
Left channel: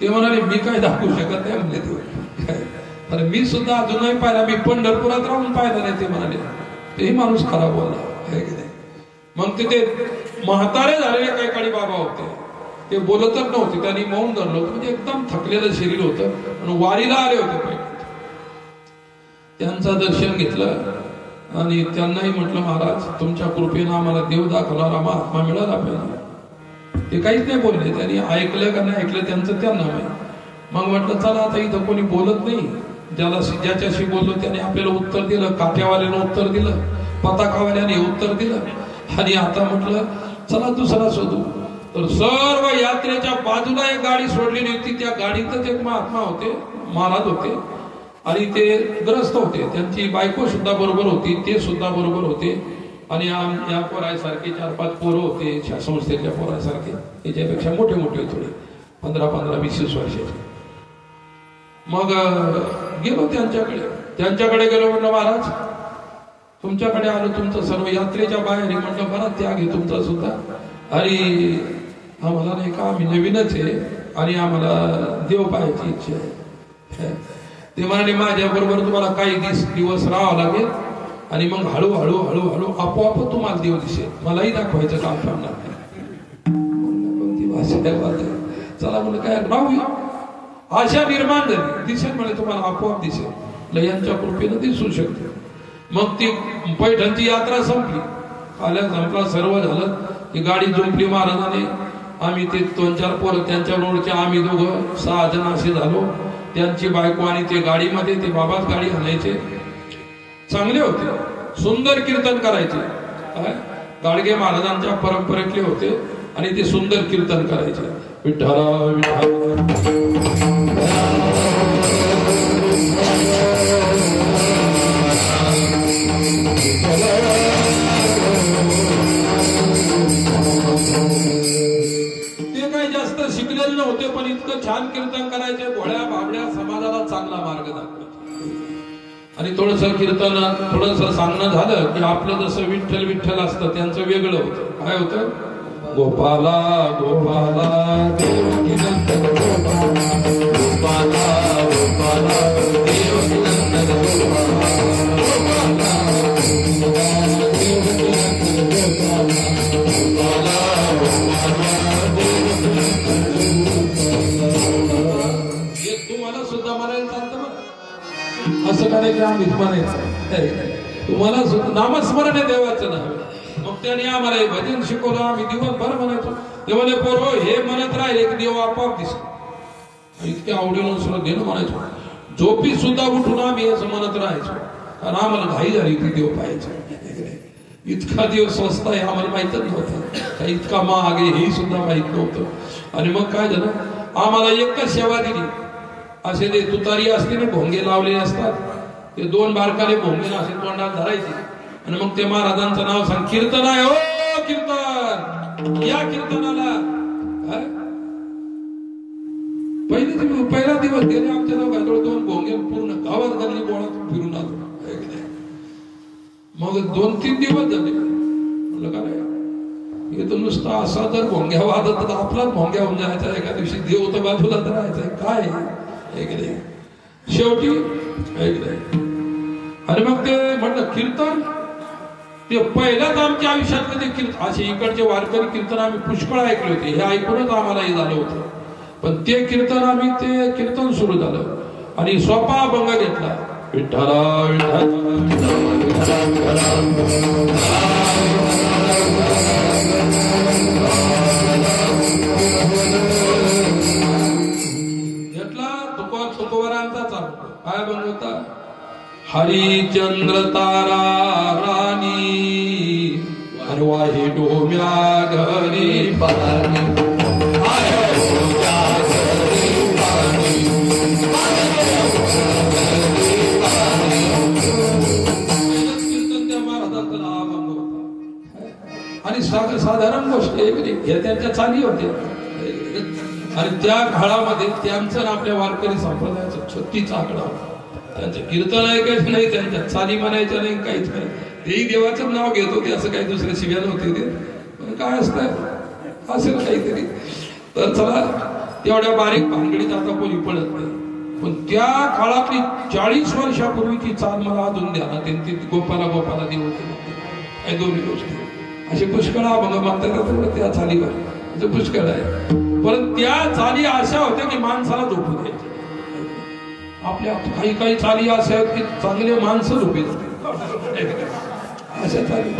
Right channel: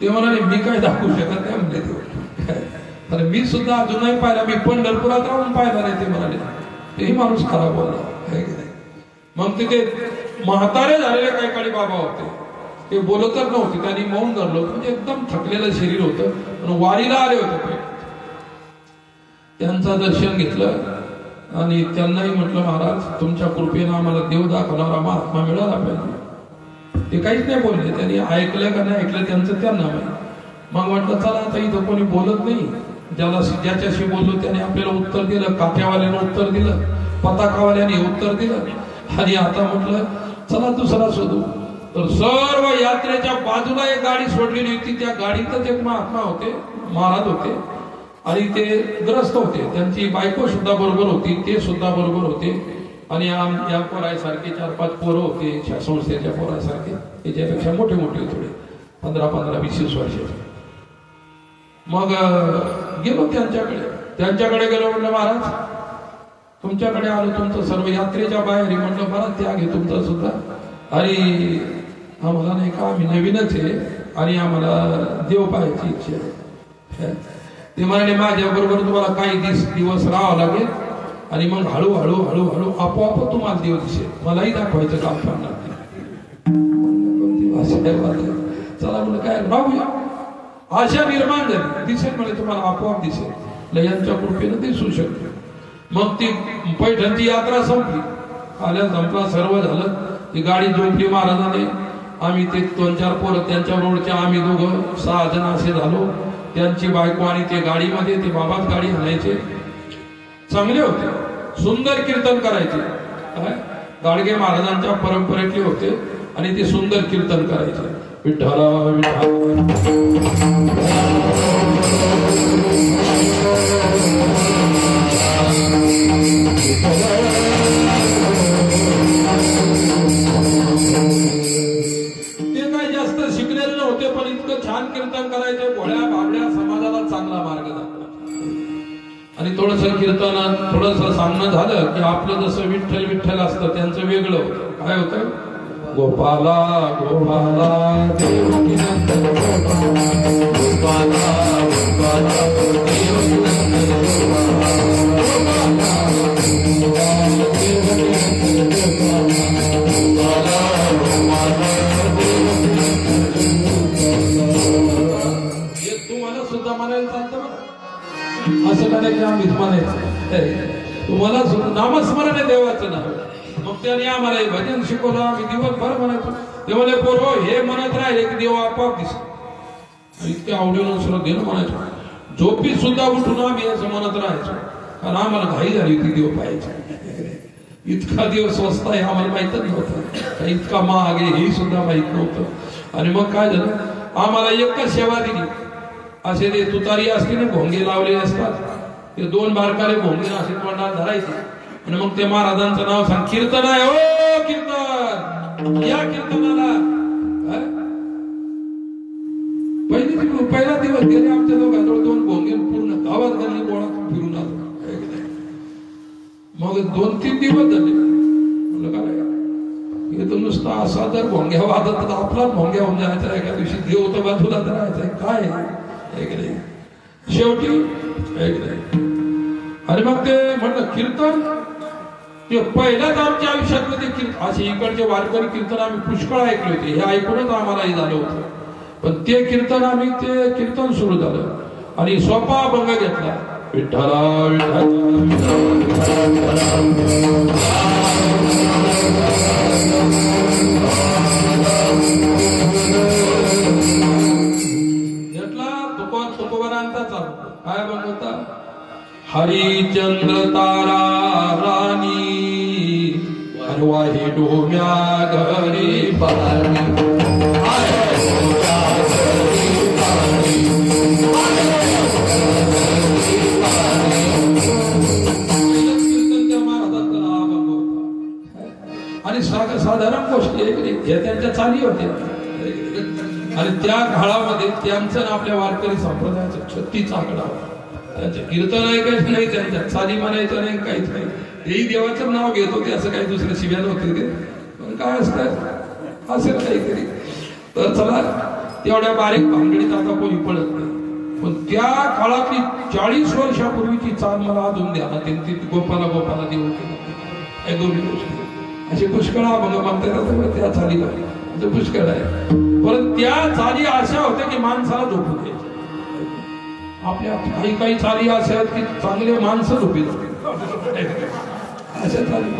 ते म्हणाले मी काय दाखवू शकत नाही म्हणजे देव. तर मी सुद्धा अजून नाही पाहिला, मी पंढरपुरात राहून पाहिला नाही. ते म्हणाले, तेही माणूस खराब बोलला. मग ते म्हातारे झालेले काही काळी बाबा होते, ते बोलतच नव्हते. त्यांनी मौन धरलं, म्हणजे एकदम थकलेलं शरीर होतं. वारीला आले होते. त्यांचं दर्शन घेतलं आणि त्यांनाही म्हटलं महाराज तुमच्या कृपेनं आम्हाला देव दाखवणारा महात्मा मिळाला पाहिजे. ते काहीच नाही बोलले. त्यांनी ऐकलं का नाही ऐकलं त्यांचं त्यांना माहिती. मग म्हटलं चला आता इथं कोणी बोलत नाही, ज्याच्याशी बोललो त्याने आपल्याला उत्तर दिलं. काठ्यावाल्यानं उत्तर दिलं, पताकावाल्याने उत्तर दिलं. आणि आता म्हटलं चला दुसरा शोधू. तर सर्व यात्रेच्या बाजूला एक गाडी सोडलेली होती. त्या गाडीतच एक महात्मा होते, महाराज होते आणि ते ग्रस्त होते. त्यांची बायको सुद्धा बरोबर होती, ते सुद्धा बरोबर होते. आणि या पोरासारखे 4-5 पोरं होते, संस्थेच्या पोरासारखे, त्याच्यापेक्षा मोठे मोठे थोडे 15-20 वर्षाचे. मग गेलो त्यांच्याकडे गेलो. म्हणलं महाराज तुमच्याकडे आलो, तुमचं सर्व यात्रेच्या बाहेर. म्हटलं बरं त्याग आहे तुमचा सुद्धा. आणि आम्हाला नाही का आम्ही नवीनच आहे आणि आम्हाला देव पाहायची इच्छा आहे. ते म्हणाले माझ्या बरोबर तुम्हाला काही दिवस राहावं लागेल आणि मग हळूहळू आपोआप तुम्हाला देव दिसेल. मलाही दाखवायचं काम पडणार. कोणती भाषा आहे बाबा? चला म्हणलं काय राहूया. आशा निर्माण झाली. दिसेल म्हणजे तुम्हाला आपोआप दिसेल, यांच्या कृपेनं दिसू शकतो. मग ती पैठणची यात्रा संपली. आल्या संपला सर्व झालं. ती गाडी झोपली महाराजाने. आम्ही ते 2-4 पोरं त्यांच्या रोडच्या, आम्ही दोघं 6 जण असे झालो. त्यांची बायको आणि ते गाडीमध्ये, ते बाबाच गाडी आणायचे. चांगले होते, सुंदर कीर्तन करायचे. काय गाडगे महाराजांच्या परंपरेतले होते आणि ते सुंदर कीर्तन करायचे. विठ्ठला कीर्तनात थोडस सांगणं झालं की आपलं जसं विठ्ठल विठ्ठल असतं, त्यांचं वेगळं होतं. काय होतं? गोपाला गोपाला देवकी नंदन गोपाला गोपाला गोपाला देवकी नंदन हे तुम्हाला सुद्धा म्हणायला चालतं. असं म्हणायचं आम्हीच म्हणायचं. तुम्हाला नामस्मरण आहे देवाचं नाव. मग त्याने आम्हाला हे भजन शिकवलं. आम्ही दिवसभर म्हणायचो. ते म्हणे पोरं हे म्हणत राहिले की देव आपोआप दिसतो. इतक्या आवडीनं श्रद्धेनं म्हणायचो. झोपी सुद्धा उठून आम्ही असं म्हणत राहायचो, कारण आम्हाला घाई झाली ती देव पाहायची. इतका देव स्वस्त आहे आम्हाला माहितच नव्हतं. इतका महाग आहे हे सुद्धा माहित नव्हतं. आणि मग काय झालं, आम्हाला एकच सेवा दिली. असे ते तुतारी असते ना, भोंगे लावले असतात, ते 2 बारकाले भोंगे असे तोंडात धरायचे आणि मग ते महाराजांचं नाव सांग, कीर्तन आहे हो कीर्तन, या कीर्तनाला. पहिला दिवस गेले आमच्या दोघांजवळ 2 भोंगे पूर्ण गावात गल्ली गोळा फिरून आलो. मग 2-3 दिवस झाले. म्हणलं काय हे तर नुसतं असा जर भोंग्या वाजत तर आपलाच भोंग्या होऊन जायचा. एका दिवशी देव तर बाजूला राहायचा काय. शेवटी आणि मग ते म्हणलं कीर्तन, ते पहिलंच आमच्या आयुष्यात कधी कीर्तन. असे इकडचे वारकरी कीर्तन आम्ही पुष्कळ ऐकले होते, हे ऐकूनच आम्हाला हे झालं होतं. पण ते कीर्तन आम्ही, ते कीर्तन सुरू झालं आणि सोपा अभंग घेतला. विठ्ठला काय बनवता. हरिचंद्र तारा राणी वाही डोम्या घरी पाणी. आणि साधारण गोष्ट हे त्यांच्या चाली होत्या. आणि त्या काळामध्ये त्यांचं आपल्या वारकरी संप्रदायाचा 36 आकडा होता. त्यांचं कीर्तन ऐकायचं नाही, त्यांच्या चाली म्हणायचं नाही, काहीच नाही. तेही देवाचं नाव घेत होते, असं काही दुसरे शिव्या नव्हते ते. पण काय असतं असेल काहीतरी. तर चला, तेवढ्या बारीक भानगडीत आता कोणी पडत नाही. पण त्या काळातली 40 वर्षापूर्वीची चाल मला अजून ध्यानात येते. गोपाला गोपाला देव हे दोन्ही गोष्टी असे पुष्कळ अभंग म्हणतात. त्या चालीला पुष्कळ आहे. पण त्या चाली अशा होत्या की माणसाला झोपू द्यायच्या. आपल्या काही चाली अशा आहेत की चांगले माणसं झोपी जाते. अशा चाली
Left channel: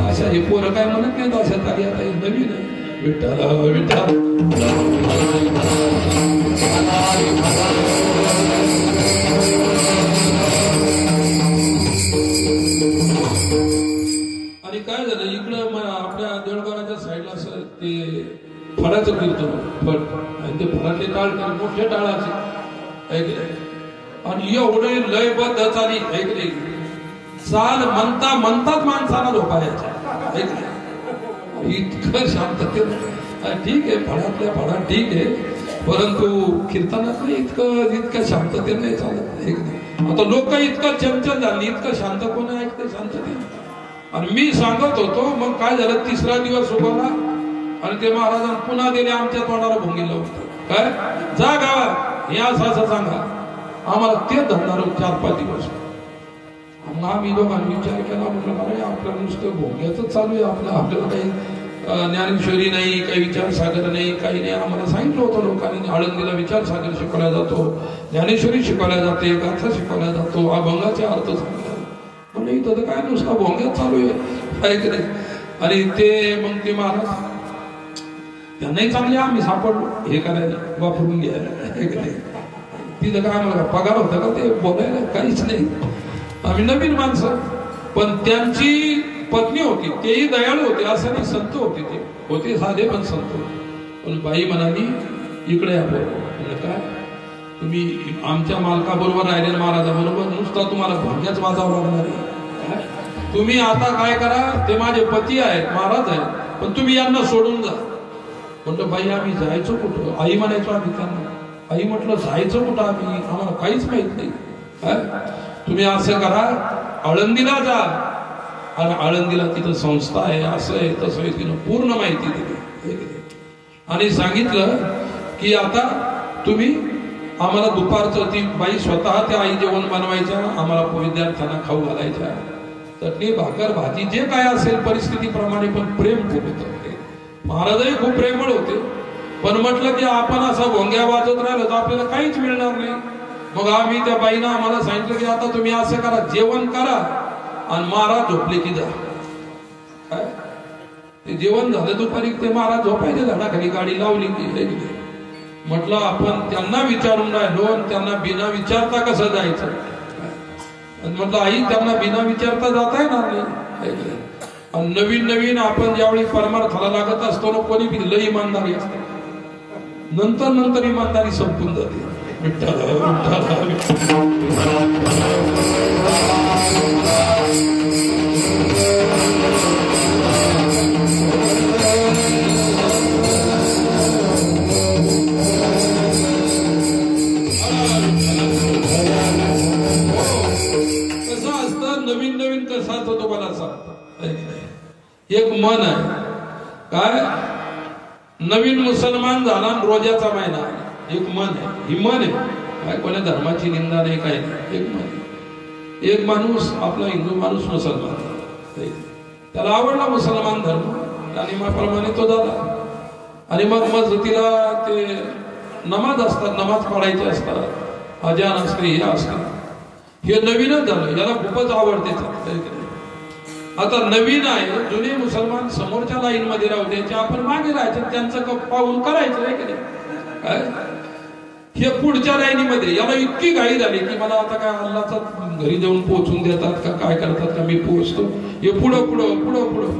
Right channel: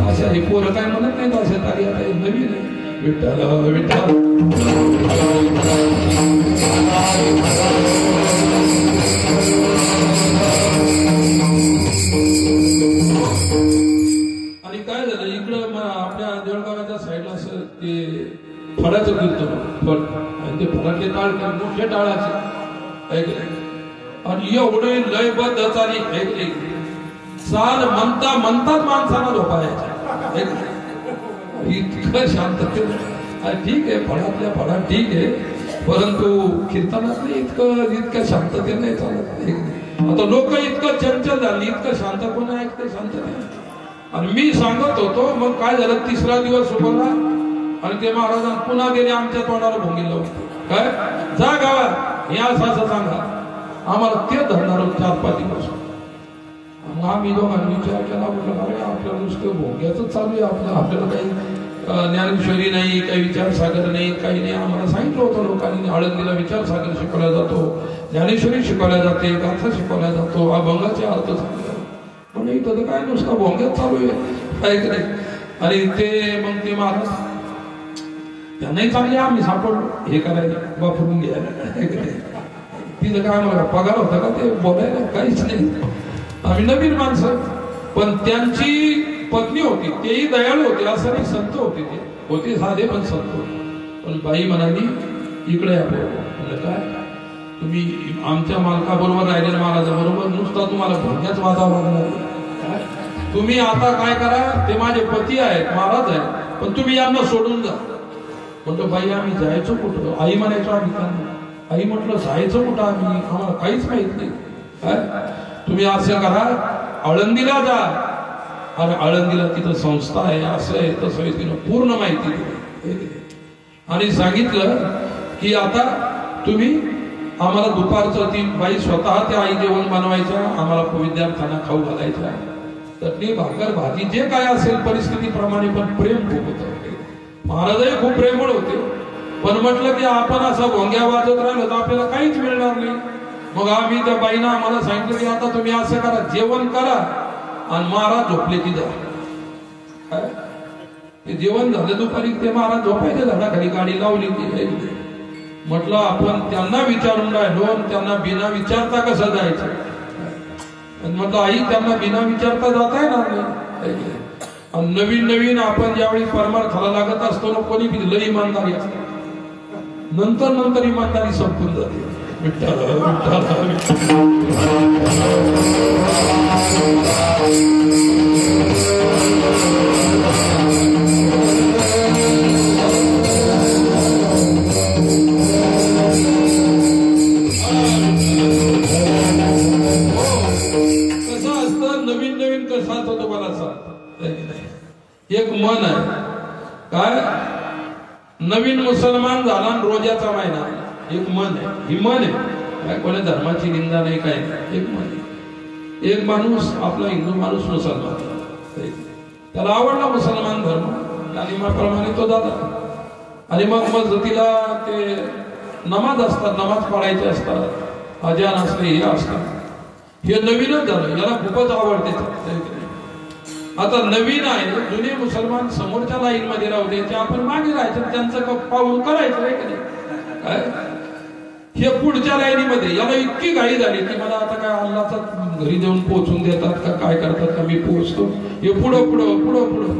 अशा हे पोरं काय म्हणत नाहीत. अशा चाली आता नवीन आहे. विठ्ठला विठ्ठल आणि काय झालं इकडं आपल्या देवळगावाच्या साईडला असं ते फळाचं कीर्तन फळ आणि ते फळातले टाळ मोठे टाळाचे आणि एवढे लयबद्ध चाली चाल म्हणता म्हणताच माणसाला झोपायच्या. इतकं शांतते. ठीक आहे, फळातल्या फळात ठीक आहे, परंतु कीर्तनात इतकं शांतते नाही चालत. आता लोक इतकं चंचल झाली, इतकं शांत कोण ऐकते शांतते. आणि मी सांगत होतो. मग काय झालं, 3रा दिवस उभवला आणि ते महाराजांना पुन्हा दिले आमच्या तोंडाला भोंगिलं. काय जा गावात हे असं असं सांगा. आम्हाला ते धरणार 4-5 दिवस. मग आम्ही दोघांनी विचार केला. म्हणलं अरे आपल्याला नुसतं भोंग्याच चालू आहे, आपल्याला काही ज्ञानेश्वरी नाही, काही विचारसागर नाही, काही नाही. आम्हाला सांगितलं होतं लोकांनी आळंदीला विचारसागर शिकवला जातो, ज्ञानेश्वरी शिकवल्या जाते, गाथा शिकवला जातो, अभंगाचे अर्थ सांगतात. म्हणजे इथं तर काय नुसतं भोंग्यात चालू आहे की नाही. आणि ते मग ते महाराज त्यांनाही चांगले आम्ही सापडलो हे करायला, वापरून घ्यायला. तिथं काय आम्हाला पगार होता का ते बोलायला? काहीच नाही. आम्ही नवीन माणसं. पण त्यांची पत्नी होती, तेही दयाळू होते, असं नाही, संत होते, ते होते साधे पण संत होते. पण बाई म्हणाली इकडे या बरोबर. काय तुम्ही आमच्या मालकाबरोबर राहिलेल्या महाराजाबरोबर नुसता तुम्हाला भाग्याच वाजावं लागणार आहे. तुम्ही आता काय करा, ते माझे पती आहेत, महाराज आहेत, पण तुम्ही यांना सोडून जा. म्हटलं बाई आम्ही जायचो कुठं? आई म्हणायचो आम्ही त्यांना. आई म्हटलं जायचं कुठं आम्ही, आम्हाला काहीच माहित नाही. तुम्ही असं करा, आळंदीला जा, आणि आळंदीला तिथं संस्था आहे, असं आहे, तसं आहे, तिनं पूर्ण माहिती दिली. आणि सांगितलं की आता तुम्ही आम्हाला दुपारचं, ती बाई स्वतः त्या आई जेवण बनवायच्या, आम्हाला विद्यार्थ्यांना खाऊ घालायच्या, चटणी भाकर भाजी जे काय असेल परिस्थितीप्रमाणे, पण प्रेम खूप होतं. महाराजही खूप प्रेमळ होते. पण म्हटलं की आपण असा भोंग्या वाजत राहिलं तर आपल्याला काहीच मिळणार नाही. मग आम्ही त्या बाईनं आम्हाला सांगितलं की आता तुम्ही असं करा, जेवण करा आणि महाराज झोपले की जा. ते जेवण झालं दुपारी, ते महाराज झोपायचे झाडाखाली, गाडी लावली. म्हटलं आपण त्यांना विचारून राहिलो, त्यांना बिना विचारता कसं जायचं. म्हटलं आई त्यांना बिना विचारता जाता येणार नाही. नवीन नवीन आपण ज्यावेळी परमार्थाला लागत असतो ना, कोणी बी लई इमानदारी असते, नंतर नंतर इमानदारी संपून जाते. कसं असतं नवीन नवीन, कसं असतं तुम्हाला सांगतो. एक मन आहे काय, नवीन मुसलमान झाला रोजाचा महिना, एक मन आहे. ही मन आहे काय, कोणी धर्माची निंदा नाही, काय नाही, एक मन आहे. एक माणूस आपला हिंदू माणूस मुसलमान, त्याला आवडला मुसलमान धर्म, तालिमाप्रमाणे तो झाला. आणि मग मस्जिदीला ते नमाज असतात, नमाज पडायचे असतात, अजान असते, हे असतात. हे नवीनच झालं, याला खूपच आवडते. आता नवीन आहे, जुने मुसलमान समोरच्या लाईन मध्ये राहू द्यायचे, आपण मागे राहायचं, त्यांचं पाहून करायचं नाही का नाही. काय हे पुढच्या लाईनीमध्ये, याला इतकी घाई झाली की मला आता काय अल्लाचा घरी जाऊन पोहोचून देतात का, काय करतात का, मी पोहोचतो. हे पुढं पुढं पुढं पुढं,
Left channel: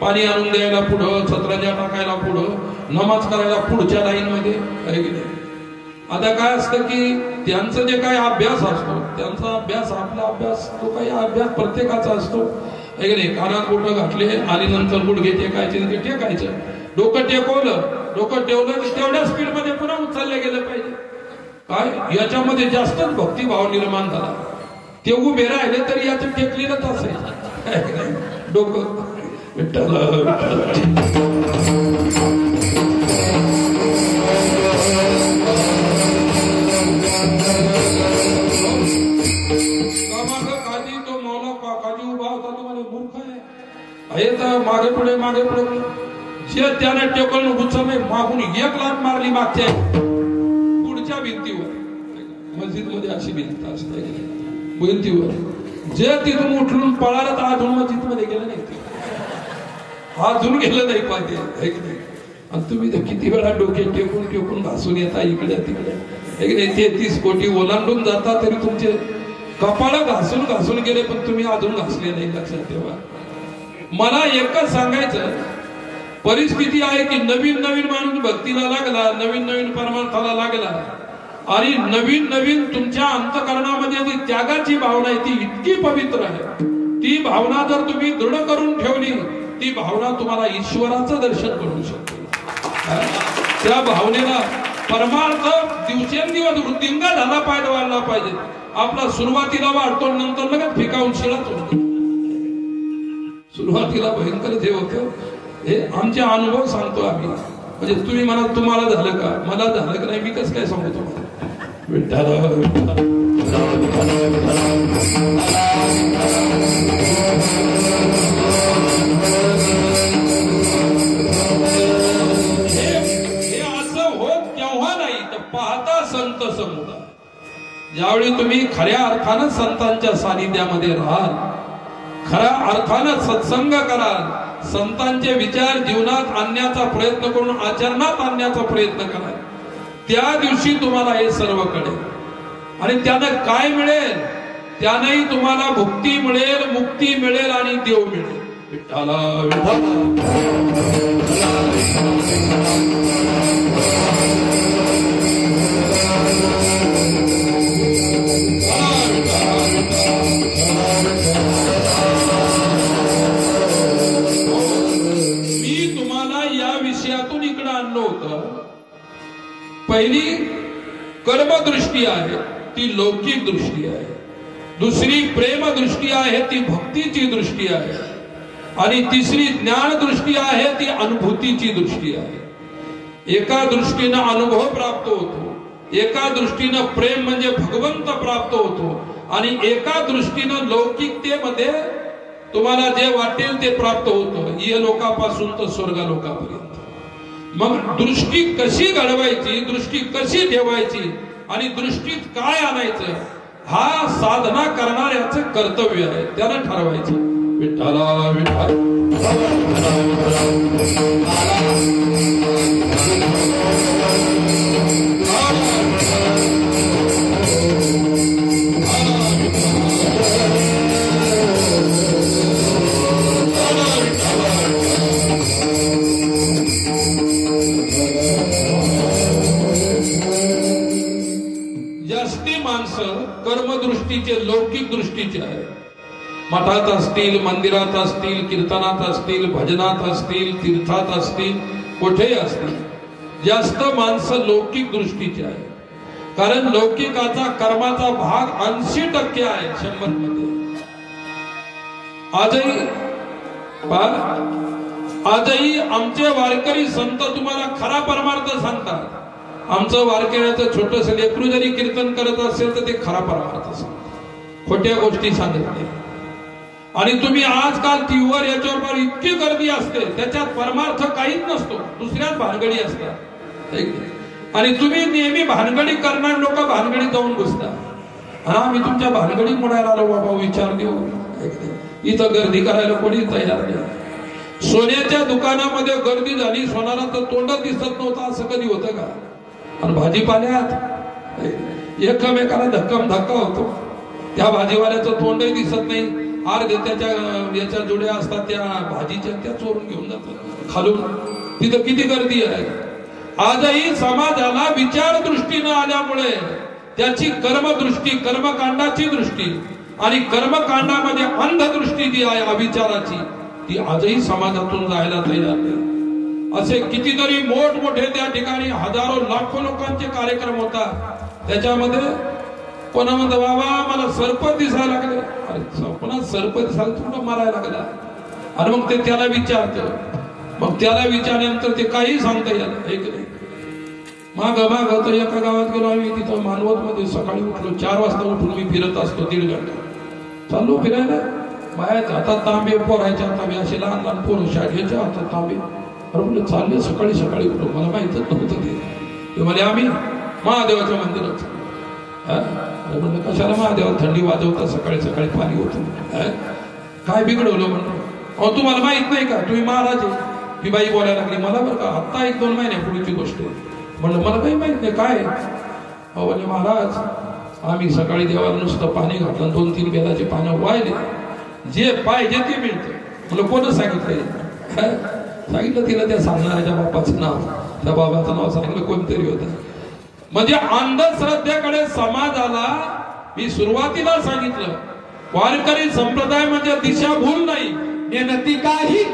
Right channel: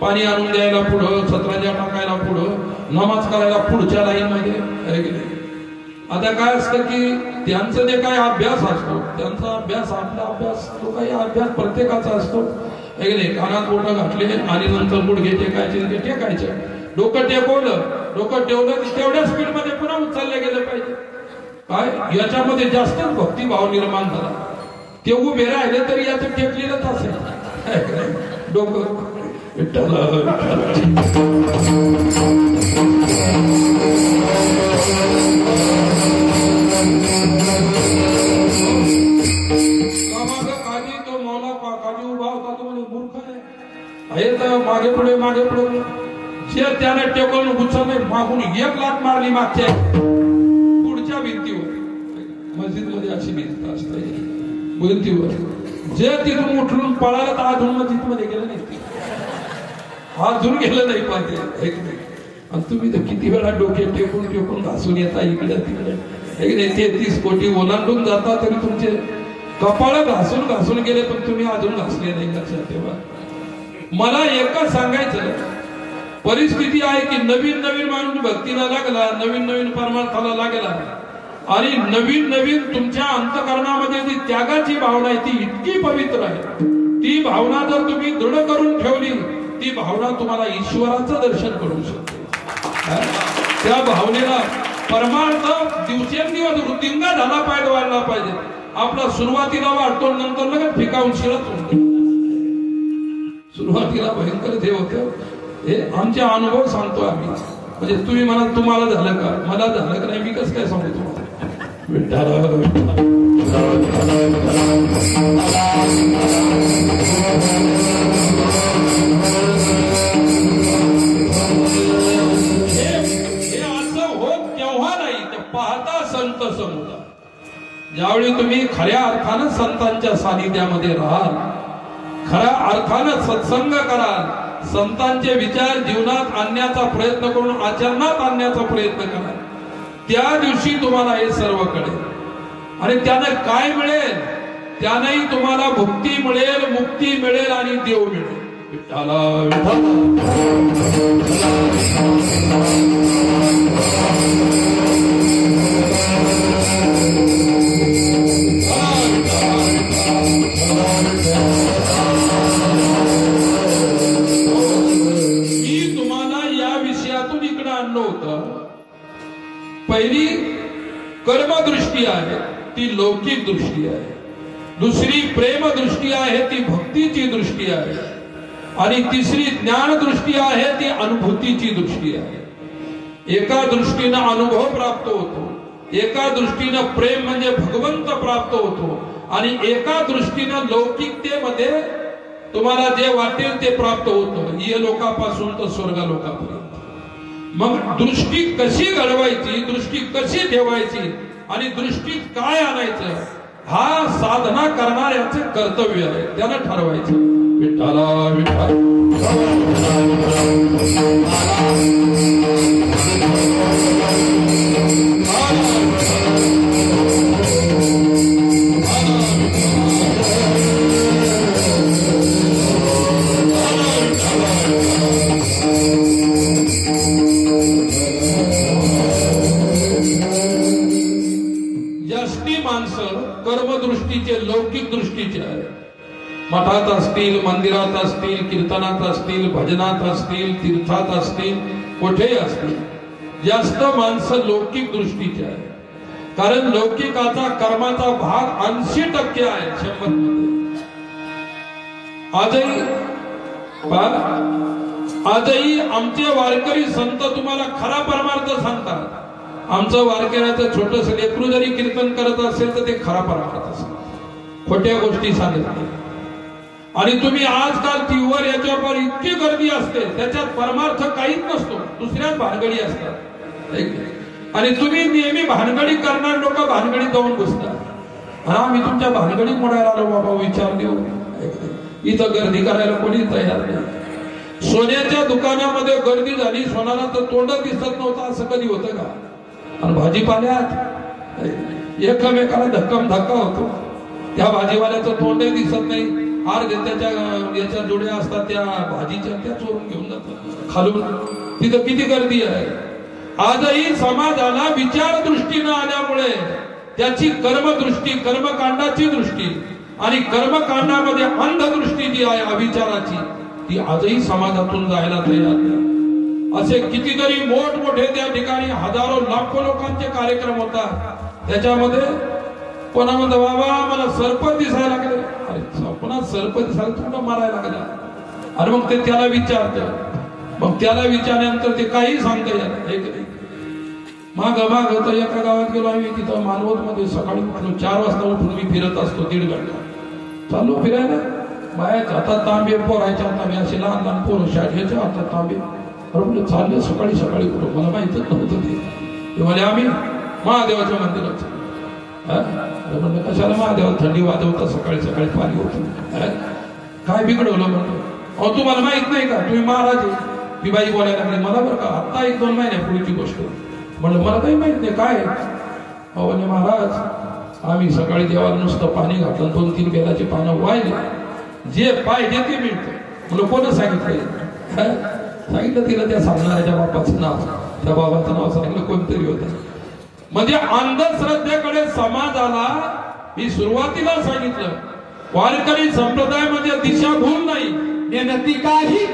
पाणी आणून द्यायला पुढं, छत्राच्या टाकायला पुढं, नमाज करायला पुढच्या लाईन मध्ये. आता काय असतं की त्यांचं जे काय अभ्यास असतो, त्यांचा अभ्यास, आपला अभ्यास, तो काही अभ्यास प्रत्येकाचा असतो. कानात बोटं घातले आणि नंतर गुडघे टेकायचे, ते टेकायचं. डोकं टेकवलं, डोकं ठेवलं की तेवढ्या स्पीड मध्ये पुन्हा उचललं गेलं पाहिजे. काय याच्यामध्ये जास्तच भक्तिभाव निर्माण झाला. ते उभे राहिले तरी याचं टेकलेलंच असेल डोकं. मागे पुढे मागे पुढे, जे त्याने टेबल उचलले, मागून एक लात मारली मागच्या पुढच्या भिंतीवर. मस्जिद मध्ये अशी भिंत असते, भिंतीवर जे तिथून उठलून पळाला तर अजून मस्जिद मध्ये गेलं नाही, अजून गेलं नाही पाहते. आणि तुम्ही तर किती वेळा डोके टेकून टेकून घासून येता इकडे तिकडे. 33 कोटी ओलांडून जाता तरी तुमचे कपाळ घासून घासून गेले, पण तुम्ही अजून घासले नाही. लक्षात ठेवा. मला एकच सांगायचं, परिस्थिती आहे की नवीन नवीन माणूस भक्तीला लागला, नवीन नवीन परमार्थाला लागला, आणि नवीन नवीन तुमच्या अंतकरणामध्ये जी त्यागाची भावना आहे ती इतकी पवित्र आहे. ती भावना जर तुम्ही दृढ करून ठेवली, ती भावना तुम्हाला ईश्वराचं दर्शन करू शकते. त्या भावनेला परमार्थ दिवसेंदिवस वृद्धिंगा झाला पाहिजे, वाढला पाहिजे. आपला सुरुवातीला वाढतो, नंतर लगेच फिकावून शिळत होतो. सुरुवातीला भयंकर जे होतं, हे आमचे अनुभव सांगतो आम्ही. म्हणजे तुम्ही म्हणा तुम्हाला झालं का, मला झालं का नाही, मी कसं काय सांगू तुम्हाला. विठ्ठल तुम्ही खऱ्या अर्थानं संतांच्या सानिध्यामध्ये राहाल, खऱ्या अर्थानं सत्संग कराल, संतांचे विचार जीवनात आणण्याचा प्रयत्न करून आचरणात आणण्याचा प्रयत्न कराल, त्या दिवशी तुम्हाला हे सर्व कळेल. आणि त्यानं काय मिळेल? त्यानंही तुम्हाला भुक्ती मिळेल, मुक्ती मिळेल आणि देव मिळेल. विठ्ठला मी तुम्हाला या विषयातून इकडे आणलं होतं. पहिली कर्मदृष्टी आहे ती लौकिक दृष्टी आहे, दुसरी प्रेम दृष्टी आहे ती भक्तीची दृष्टी आहे, आणि तिसरी ज्ञान दृष्टी आहे ती अनुभूतीची दृष्टी आहे. एका दृष्टीनं अनुभव प्राप्त होतो, एका दृष्टीनं प्रेम म्हणजे भगवंत प्राप्त होतो, आणि एका दृष्टीनं लौकिकतेमध्ये तुम्हाला जे वाटेल ते प्राप्त होतं, ये लोकापासून तर स्वर्गलोकापर्यंत. मग दृष्टी कशी घडवायची, दृष्टी कशी ठेवायची आणि दृष्टीत काय आणायचं, हा साधना करणाऱ्याचं कर्तव्य आहे, त्यानं ठरवायचं. विठ्ठला विठ्ठल कर्मदृष्टीचे लौकिक दृष्टीचे आहे. मठात असतील, मंदिरात असतील, कीर्तनात असतील, भजनात असतील, तीर्थात असतील, कुठेही असतील, जास्त माणसं लौकिक दृष्टीचे आहे. कारण लौकिकाचा कर्माचा भाग 80% आहे 100 मध्ये. आजही आमचे वारकरी संत तुम्हाला खरा परमार्थ सांगतात. आमचं वारकऱ्याचं छोटस लेकरू जरी कीर्तन करत असेल तर ते खरा परमार्थ सांगतात, खोट्या गोष्टी सांगत नाही. आणि तुम्ही आजकाल टीव्हीवर याच्यावर इतकी गर्दी असते, त्याच्यात परमार्थ काहीच नसतो, दुसऱ्याच भानगडी असतात. आणि तुम्ही नेहमी भानगडी करणार लोक भानगडी जाऊन बसतात. हा मी तुमच्या भानगडी मोडायला आलो बाबा, विचार देऊ. इथं गर्दी करायला कोणी तयार नाही. सोन्याच्या दुकानामध्ये गर्दी झाली, सोनाला तर तोंड दिसत नव्हतं, असं कधी होतं का? आणि भाजीपाल्यात एकमेकाला धक्कम धक्का होतो, त्या भाजीवाल्याचं तोंडही दिसत नाही, अर्धे त्याच्या याच्या जोड्या असतात त्या भाजीच्या, त्या चोरून घेऊन जातात खालून. तिथं किती गर्दी आहे. आजही समाजाला विचार दृष्टी न आल्यामुळे त्याची कर्मदृष्टी, कर्मकांडाची दृष्टी आणि कर्मकांडामध्ये अंधदृष्टी जी आहे अविचाराची, ती आजही समाजातून जायला तयार नाही. असे कितीतरी मोठमोठे त्या ठिकाणी हजारो लाखो लोकांचे कार्यक्रम होतात. त्याच्यामध्ये कोणा म्हणतो बाबा मला सर्प दिसायला लागले, अरे कोणा सर्प दिसायला तुला मारायला लागला. आणि मग ते त्याला विचारतं, मग त्याला विचारल्यानंतर ते काही सांगता येत नाही. माग तर एका गावात गेलो आम्ही, तिथं मानवत मध्ये सकाळी उठलो 4 वाजता उठून मी फिरत असतो 1.5 घंटा. चालू फिरायला, बायाच्या हातात तांबे, पोरायच्या तांबे, असे लहान लहान पोरं शाळेच्या हातात तांबे. अरे म्हणलं चालले सकाळी सकाळी उठलो, मला माहितच नव्हतं ते म्हणे आम्ही महादेवाच्या मंदिरात. म्हणलं कशाला महादेवात थंडी वाजवता सकाळी सकाळी पाणी होतं, काय बिघडवलं म्हणतो. अहो तुम्हाला माहित नाही का, तुम्ही महाराज आहे. ती बाई बोलायला लागली मला, बरं का आता 1-2 महिन्यापूर्वीची गोष्ट आहे. म्हणलं मला काही माहित नाही काय. अहो महाराज आम्ही सकाळी देवाला नुसतं पाणी घातलं, 2-3 बेलाची पानं वाहिले, जे पाहिजे ते मिळतं. म्हणलं कोण सांगितलं? सांगितलं तिला त्या सांगणाऱ्याच्या बापाचं नाव, त्या बाबाचं नाव सांगितलं कोणतरी होतं. म्हणजे अंधश्रद्धेकडे समाजाला मी सुरुवातीला सांगितलं, वारकरी संप्रदाय म्हणजे दिशाभूल नाही. नेनती काही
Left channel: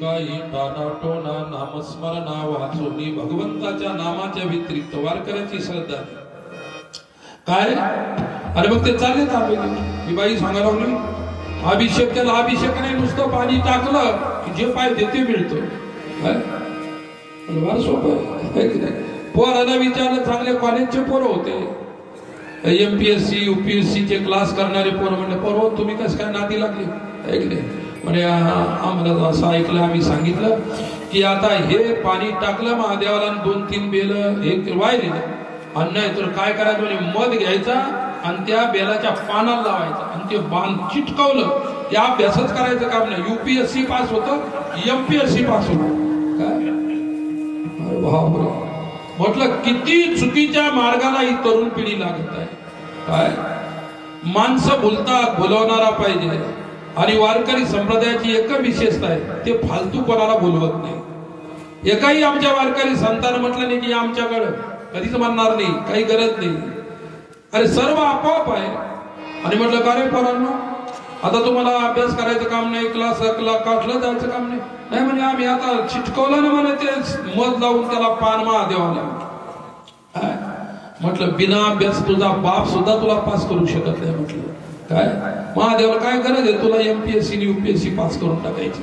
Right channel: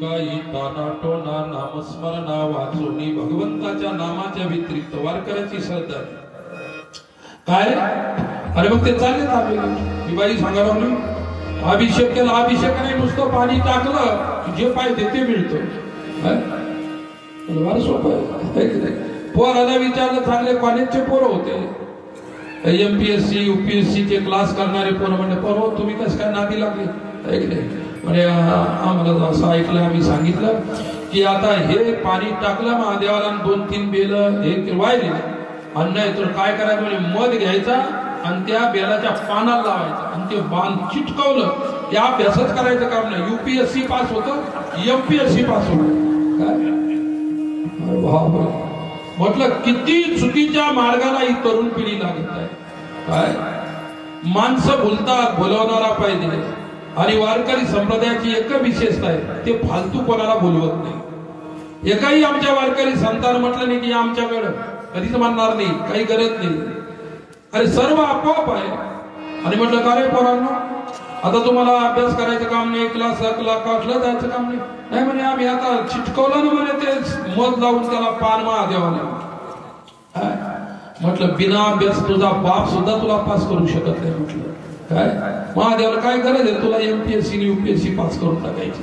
काही टानाटोना नामस्मरणा वाचोनी भगवंताच्या नामाच्या व्यतिरिक्त वारकऱ्याची श्रद्धा काय. अरे मग ते चालेल आपल्याला ही बाई सांगा लागली अभिषेक केला. अभिषेक नाही नुसतं पाणी टाकलं की जे पाहिजे ते मिळतं. फार सोपं. पोराला विचारलं चांगले कॉलेजचे पोरं होते एमपीएससी यूपीएससी चे क्लास करणारे पोरं म्हणजे पोरं तुम्ही कसं काय नादी लागले म्हणजे आम्हाला असं ऐकलं आम्ही सांगितलं की आता हे पाणी टाकलं महादेवाला 2-3 बेल हे वाहिले आणि नाही तर काय करायचं म्हणजे मध घ्यायचा आणि त्या बेलाच्या पानाला लावायचा आणि ते बाण चिटकवलं त्या अभ्यासच करायचं काम नाही. युपीएससी पास होतं एमपीएससी पास होतं काय. म्हटलं किती चुकीच्या मार्गाला ही तरुण पिढी लागत आहे काय. माणसं बोलतात बोलवणारा पाहिजे आणि वारकरी संप्रदायाची एक विशेषता आहे ते फालतू कोणाला बोलवत नाही. एकाही आमच्या वारकरी संतान म्हटलं नाही की आमच्याकडं कधीच म्हणणार नाही काही गरज नाही. अरे सर्व आपोआप आहे. आणि म्हटलं का रे पोरांनो आता तुम्हाला अभ्यास करायचं काम नाही क्लास क्लासला जायचं काम नाही. नाही म्हणे आम्ही आता चिटकवलं ना म्हणे ते मध लावून त्याला पान महादेवाला. म्हटलं बिना अभ्यास तुझा बाप सुद्धा तुला पास करू शकत नाही. म्हटलं काय महादेवाला काय गरज आहे तुला एमपीएससी यूपीएससी पास करून टाकायची.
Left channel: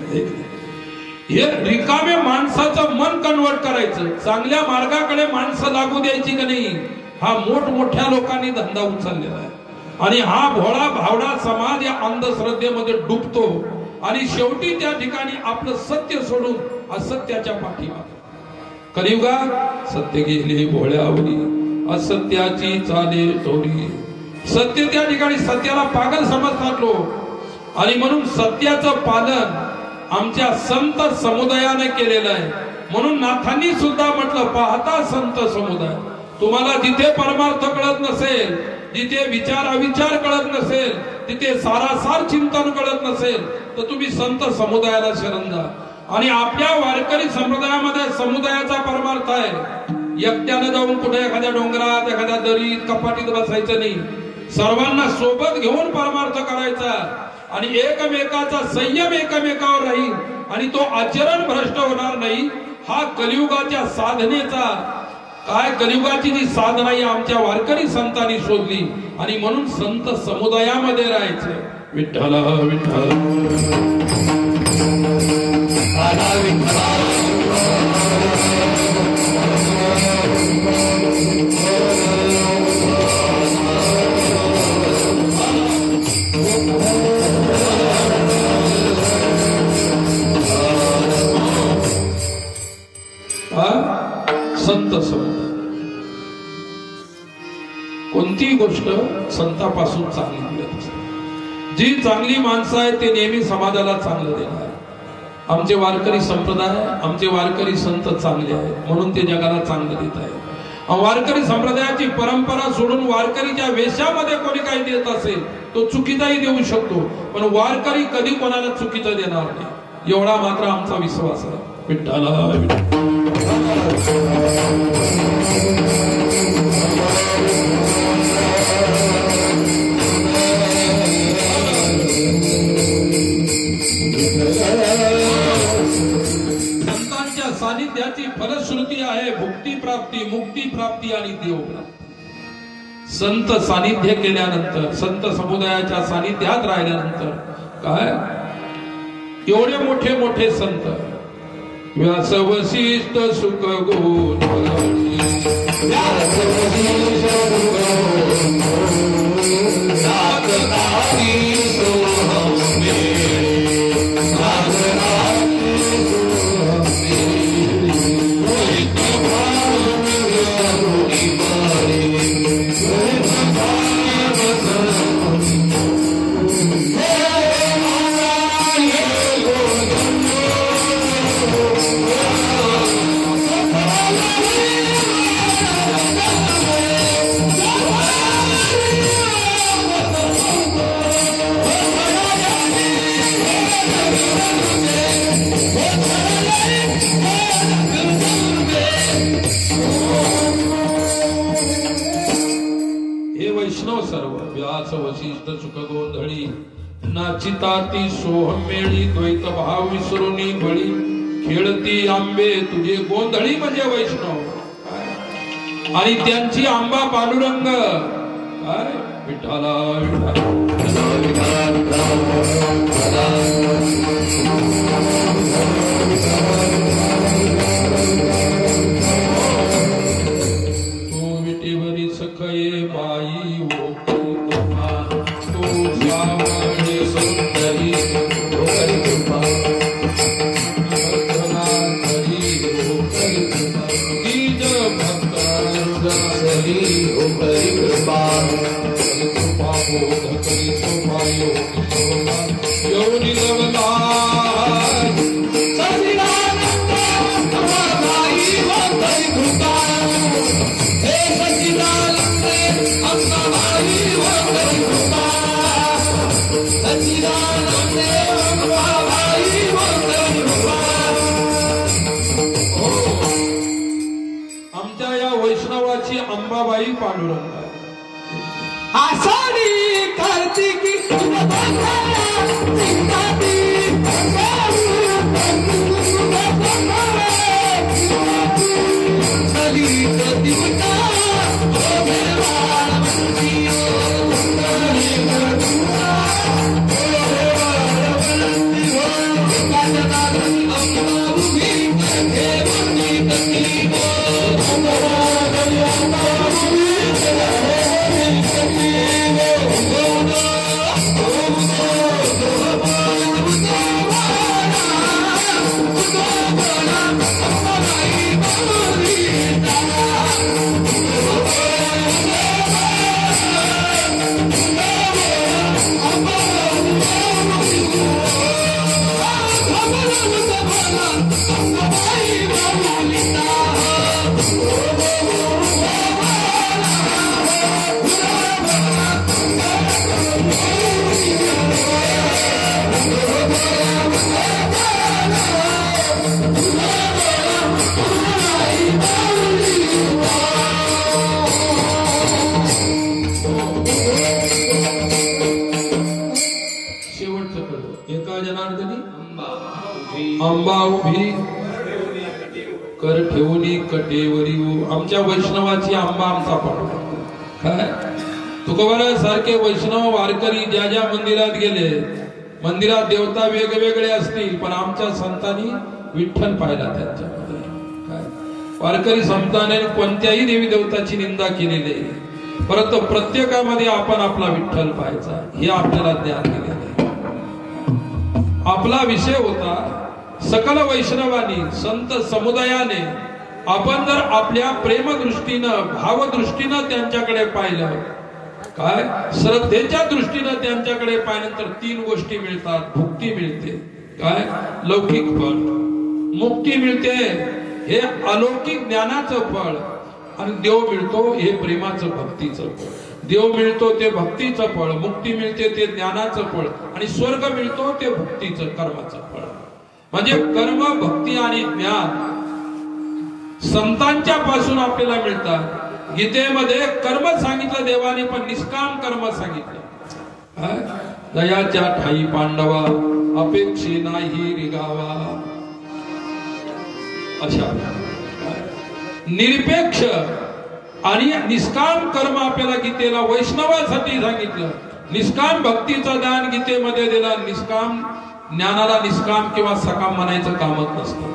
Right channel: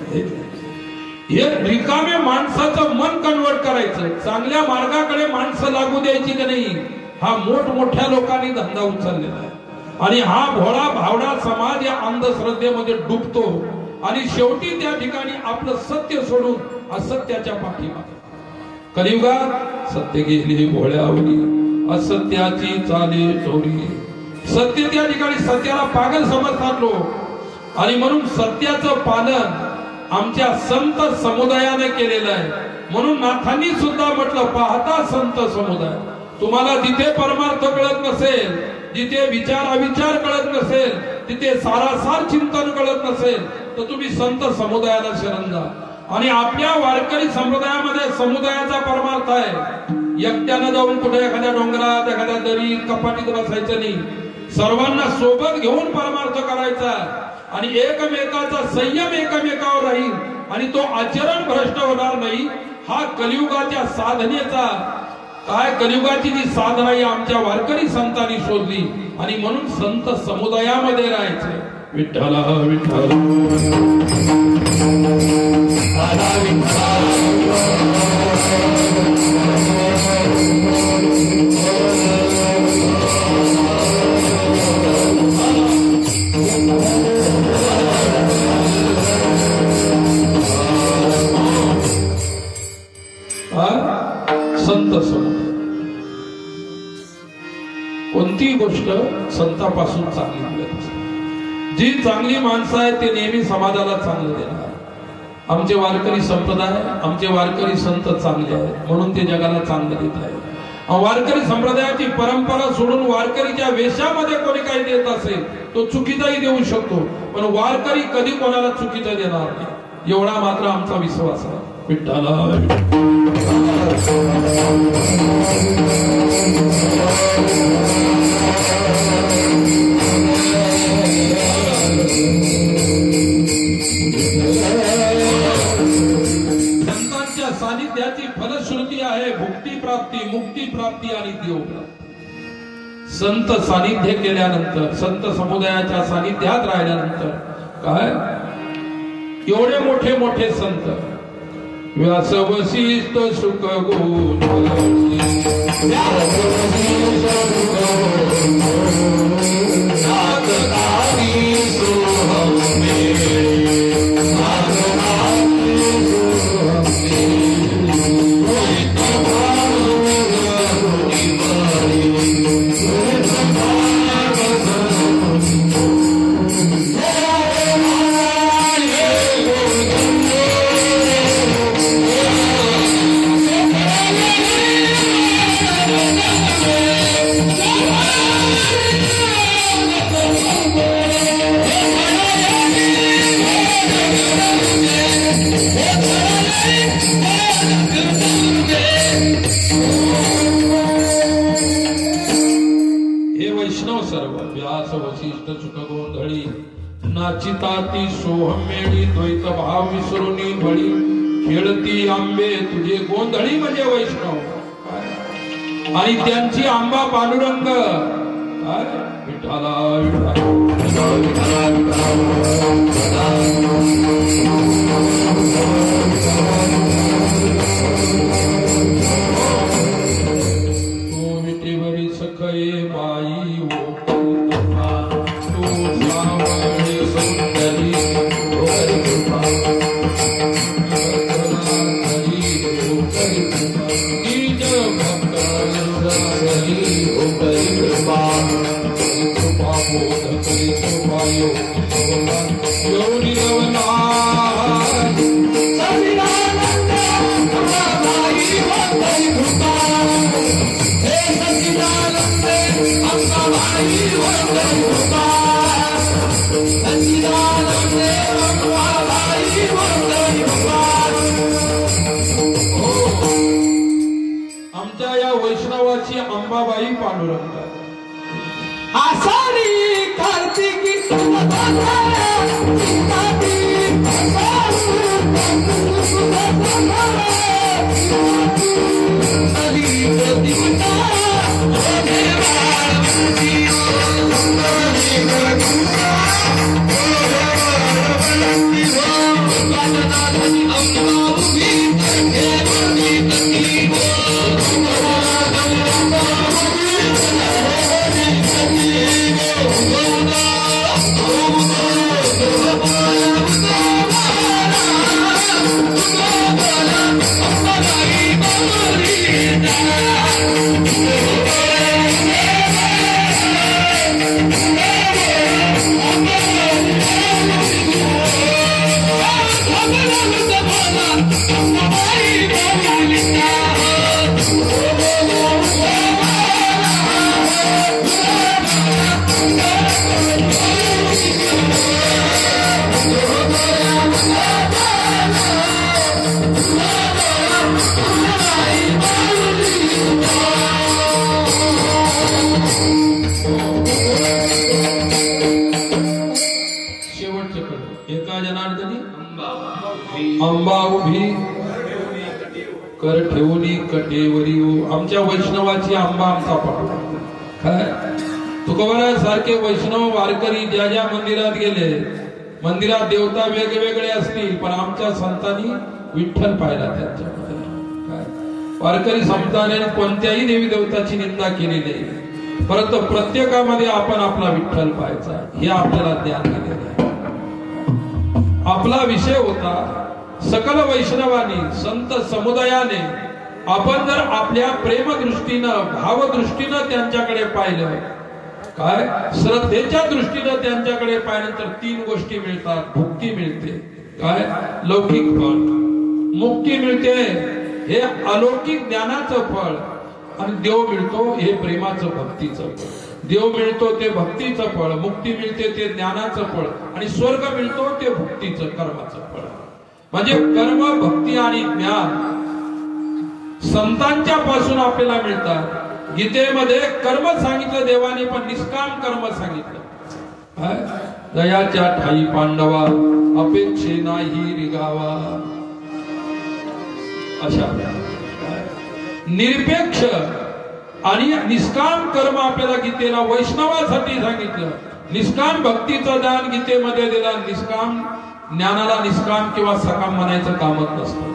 हे रिकामे माणसाचं मन कन्वर्ट करायचं चांगल्या मार्गाकडे माणसं लागू द्यायची की नाही हा मोठमोठ्या लोकांनी धंदा उचललेला आहे. आणि हा भोळा भावडा समाज या अंधश्रद्धेमध्ये डुबतो आणि शेवटी त्या ठिकाणी आपलं सत्य सोडून असत्याच्या पाठीमागे. कलियुगात सत्य गेले भोळ्यावरी असत्याची चाले चोरी. सत्य त्या ठिकाणी सत्याला पागल समजतात लोक आणि म्हणून सत्याचं पालन आमच्या संत समुदायाने केलेलं आहे. म्हणून नाथांनी सुद्धा म्हटलं पाहता संत समुदाय तुम्हाला जिथे परमार्थ कळत नसेल जिथे विचार अविचार कळत नसेल तिथे सारासार चिंतन कळत नसेल तर तुम्ही संत समुदायाला शरण जा. आणि आपल्या वारकरी संप्रदायामध्ये समुदायाचा परमार्थ आहे एकट्यानं जाऊन कुठे एखाद्या डोंगरात एखाद्या दरीत कपाटीत बसायचं नाही. सर्वांना सोबत घेऊन परमार्थ करायचा आणि एकमेकाचा संयम एकमेकावर राहील आणि तो आचरण भ्रष्ट होणार नाही. हा कलियुगाच्या साधनेचा काय कलियुगाची जी साधना ही आमच्या वारकरी संतांनी शोधली आणि म्हणून संत समुदायामध्ये राहायचं. विठ्ठल विठ्ठल संत समुदाय कोणतीही गोष्ट संतापासून चांगली मिळत असते. जी चांगली माणसं आहेत ते नेहमी समाजाला चांगलं देणार. आमचे वारकरी संप्रदाय आमचे वारकरी संत चांगले आहेत म्हणून ते जगाला चांगलं देत आहेत. वारकरी संप्रदायाची परंपरा सोडून वारकरीच्या वेशामध्ये कोणी काही देत असेल तो चुकीचाही देऊ शकतो पण वारकरी कधी कोणाला चुकीचा देणार नाही एवढा मात्र आमचा विश्वास आहे. विठ्ठला संतांच्या सानिध्याची फलश्रुती आहे भुक्ती प्राप्ती मुक्ती प्राप्ती आणि देव प्राप्ती. संत सानिध्य केल्यानंतर संत समुदायाच्या सानिध्यात राहिल्यानंतर काय एवढे मोठे मोठे संत व्यास वशिष्ठ सुख खेळती आंबे तुझे गोंधळी म्हणजे वैष्णव, आणि त्यांची आंबा पांडुरंग काय विठाला तू विटेवरी सखये बाई आमच्या या वैष्णवाची अंबाबाई पांडुरंग आषाढी कार्तिकी एका जनार्दनी अंबा उभी कर ठेवली कटेवरी. आमच्या वैष्णवाची आंबा आमचा पाठवा. काय तुकोबारा सारखे वैष्णव वारकरी ज्या ज्या मंदिरात गेले, मंदिरात देवता वेगवेगळे असतील, पण आमच्या संतांनी विठ्ठल पाहिला त्यांच्यामध्ये. वारकरी संतांनी कोणत्याही देवी देवताची निंदा केली नाही, परंतु प्रत्येकामध्ये आपण आपला विठ्ठल पाहायचा हे आपल्याला ज्ञान दिलेलं आहे. आपला विषय होता सकल वैष्णवानी संत समुदायाने आपण जर आपल्या प्रेमदृष्टीनं भावदृष्टीनं त्यांच्याकडे पाहिलं, काय श्रद्धेच्या दृष्टीनं त्यांच्याकडे पाहिल्यानंतर 3 गोष्टी मिळतात. भुक्ती मिळते, काय लौकिक फळ, मुक्ती मिळते हे अलौकिक ज्ञानाचं फळ, आणि देव मिळतो हे प्रेमाचं भक्तीचं फळ. देव मिळतो ते भक्तीचं फळ, मुक्ती मिळते ते ज्ञानाचं फळ, आणि स्वर्ग मिळतो ते भक्तीचं कर्माचं फळ. म्हणजे कर्म, भक्ती आणि ज्ञान संतांच्या पासून आपल्याला मिळतात. गीतेमध्ये कर्म सांगितलं देवाने, पण निष्काम कर्म सांगितलं. दयाच्या ठाई पांडवा अपेक्षे नाही रिगावा. अशा निरपेक्ष आणि निष्काम कर्म आपल्याला गीतेला वैष्णवासाठी सांगितलं. निष्काम भक्तीचं दान गीतेमध्ये दिलं. निष्काम ज्ञानाला निष्काम किंवा सकाम म्हणायचं कामच नसतं.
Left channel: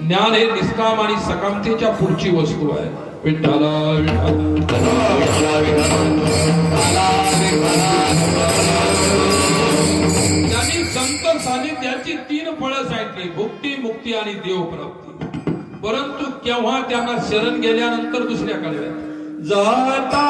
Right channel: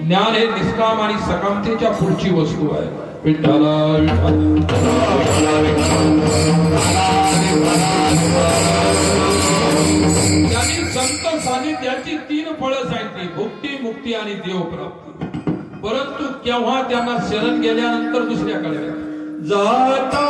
ज्ञान हे निष्काम आणि सकामतेच्या पुढची वस्तू आहे. विठ्ठला त्यांनी संत सानिध्याची 3 फळं सांगितली, भुक्ती, मुक्ती आणि देवप्राप्ती. परंतु केव्हा त्यांना शरण गेल्यानंतर दुसऱ्या कळव्यात जाता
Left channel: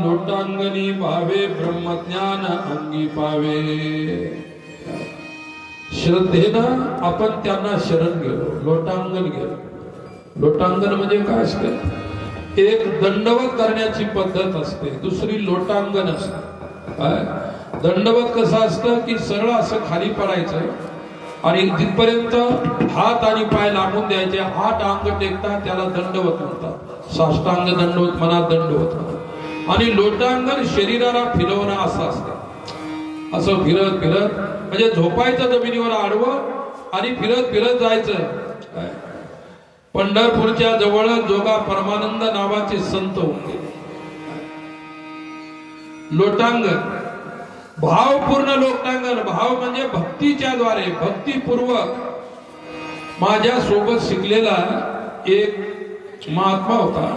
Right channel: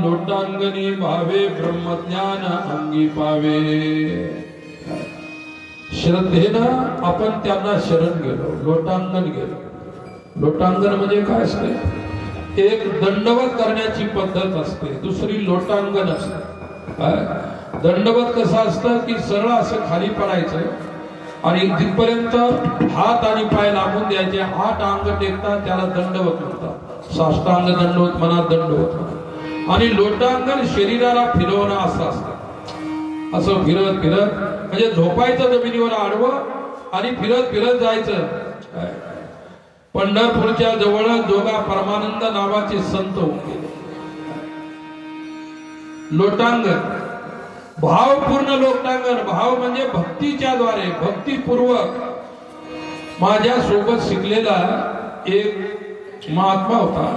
लोटांगणी भावे ब्रह्मज्ञान अंगी पावे. श्रद्धेनं आपण त्यांना शरण गेलो, लोटांगण गेलो. लोटांगण म्हणजे काय असते? एक दंडवत करण्याची पद्धत असते, दुसरी लोटांगण असते. काय दंडवत कसं असतं की सरळ असं खाली पडायचं आणि तिथपर्यंत हात आणि पाय लांबून द्यायचे. 8 अंग टेकतात, त्याला दंडवत म्हणतात. साष्टांग दंडवत म्हणा, दंडवत म्हणा. आणि लोटांगण शरीराला फिरवणं असं असतं. असं फिरत फिरत म्हणजे झोपायचं जमिनीवर आडवं आणि फिरत फिरत जायचं. पंढरपूरच्या जवळ जोगा परमानंद नावाचे संत होते. लोटांगण भावपूर्ण लोटांगण. भाव म्हणजे भक्तीच्या द्वारे, भक्तीपूर्वक. माझ्या सोबत शिकलेला एक महात्मा होता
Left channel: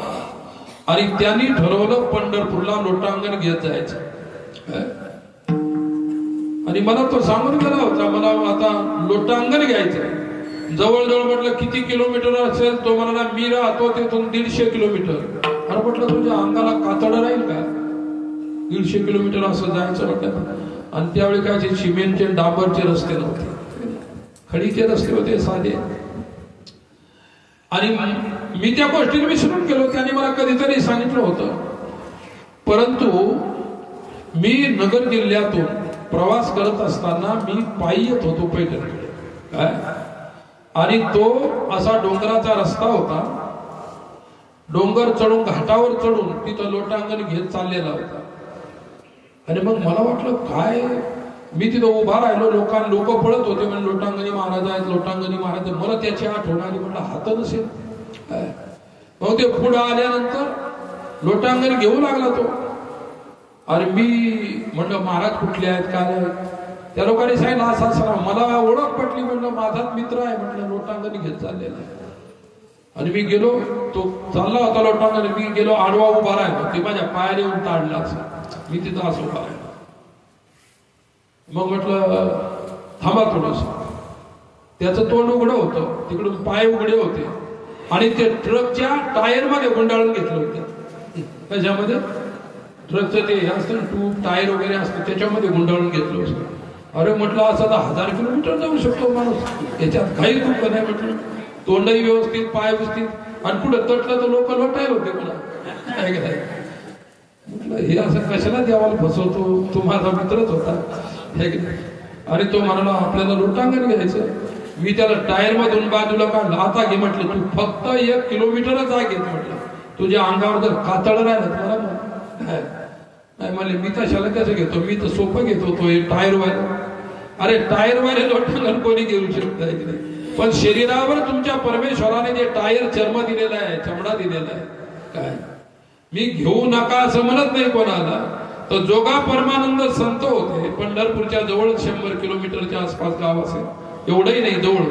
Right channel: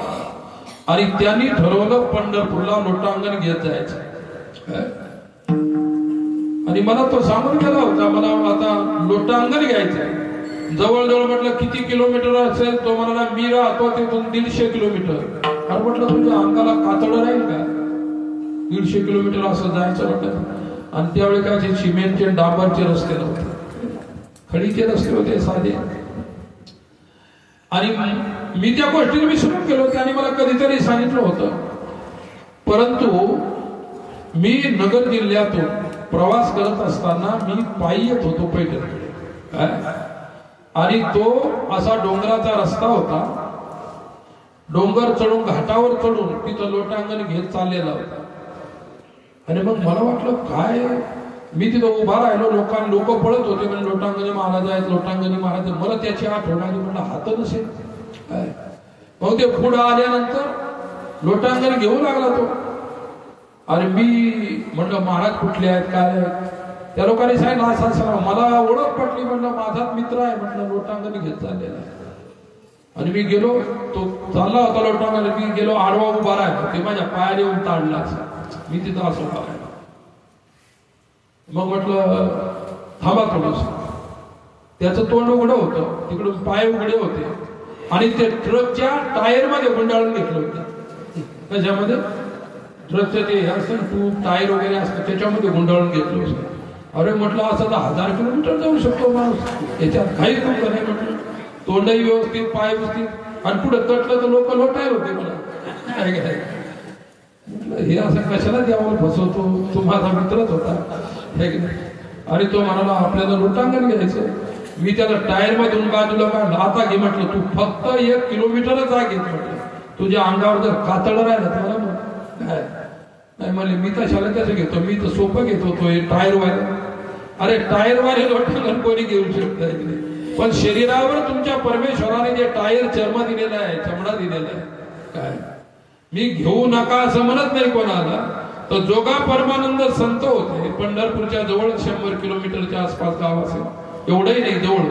आणि त्यांनी ठरवलं पंढरपूरला लोटांगण घेत जायचं. आणि मला तो सांगून गेला होता, मला आता लोटांगण घ्यायचं. जवळजवळ म्हटलं किती किलोमीटर असेल? तो म्हणाला मी राहतो तिथून 150 किलोमीटर. अरे म्हटलं तुझ्या अंगाला कातड राहील का? 150 किलोमीटर असं जायचं म्हटलं. आणि त्यावेळी काय सिमेंटचे डांबरचे रस्ते नव्हते, खडीचे रस्ते होते साधे. आणि मी त्या गोष्टीला विसरून गेलो. त्याने मला कधीतरी सांगितलं होतं. परंतु मी नगर जिल्ह्यातून प्रवास करत असताना मी पायी येत होतो पैठणीकडे. आणि तो असा डोंगराचा रस्ता होता. डोंगर चढून घाटावर चढून तिथं लोटांगण घेत चाललेला होता. आणि मग मला वाटलं काय, मी तिथं उभा राहिलो. लोक पळत होते म्हणजे लोटांगणी महाराज आहेत, लोटांगणी महाराज. मला त्याची आठवण आली. म्हटलं हात नसेल. मग ते पुढे आल्यानंतर लोटांगण घेऊ लागला तो. अरे मी म्हटलं महाराज कुठले आहेत, काय आहेत? त्या लोकांनी सांगितलं असं असं. मला ओळख पटली. म्हटलं माझा मित्र आहे. म्हटलं लोटांगण घेत चाललेला आहे. आणि मी गेलो. तो चालला होता लोटांगण. मी गेलो, आडवा उभा राहिलो. ते माझ्या पायाने येऊन ताडला असं. मी तिथं असं उभा राहिलो. मग म्हटलं थांबा थोडस. त्याचं तोंड उघडं होतं, तिकडून पाय उघडे होते. आणि ते ट्रकच्या टायर मध्ये गुंडाळून घेतलं होतं. त्याच्यामध्ये ट्रकचं ते असतं ट्यूब टायर वगैरे असतं, त्याच्यामध्ये गुंडाळून घेतलं होतं. अरे म्हटलं असं तर 1000 किलोमीटर जाऊ शकतो माणूस, त्याच्यात काही दुःख नाही. म्हटलं तोंडही व्यवस्थित, पाय व्यवस्थित. आणि पुढे तटलं तर लोक लोटायला होते. मला काय काय म्हटलं हे असं कशाला द्यावाला फसवतो, तो माझा मित्रच होता. आणि तो म्हणाला आपल्याला लोटांगण घ्यायचं. मी त्याला टायर मधून बाजूला काढलं. आता घे म्हटलं, तू फक्त 1 किलोमीटरच जा घेत. म्हटलं तुझ्या अंगावर जर कातड राहिलं तर मला नाही म्हणले मी तशाला कसं घेतो, मी तर सोपं घेतो. तो टायरवाले. अरे टायरवाले लोटांगण कोणी घेऊ शकत नाही. पण शरीरावर तुमच्या परमेश्वराने जे टायर चर्म दिलेला आहे, चमडा दिलेला आहे, काय मी घेऊ नका असं म्हणत नाही कोणाला. तर जोगा परमानंद संत होते. पंढरपूरच्या जवळ 100 किलोमीटरच्या आसपास गाव असेल, एवढंही नाही जवळ.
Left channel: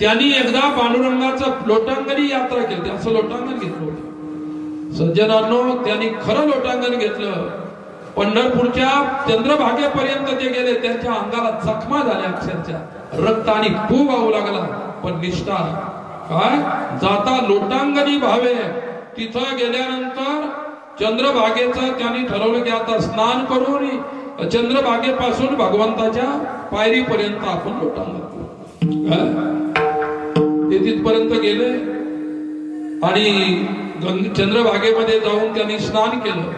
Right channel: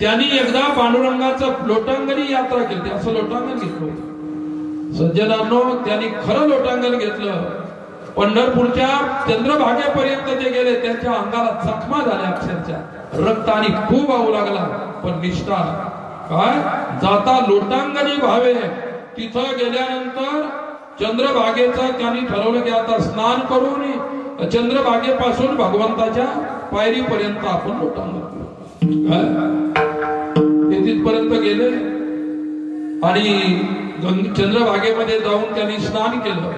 त्यांनी एकदा पांडुरंगाचं लोटांगणी यात्रा केली. असं लोटांगण घेतलं होतं. सज्जनांनो, त्यांनी खरं लोटांगण घेतलं. पंढरपूरच्या चंद्रभागेपर्यंत ते गेले. त्यांच्या अंगाला जखमा झाल्या अक्षरशः. रक्त आणि पू वाहू लागला. पण निष्ठा काय जाता लोटांगणी भावे. तिथं गेल्यानंतर चंद्रभागेचं त्यांनी ठरवलं की आता स्नान करून चंद्रभागेपासून भगवंताच्या पायरीपर्यंत आपण लोटांगण ते तिथपर्यंत गेले आणि चंद्रभागेमध्ये जाऊन त्यांनी स्नान केलं.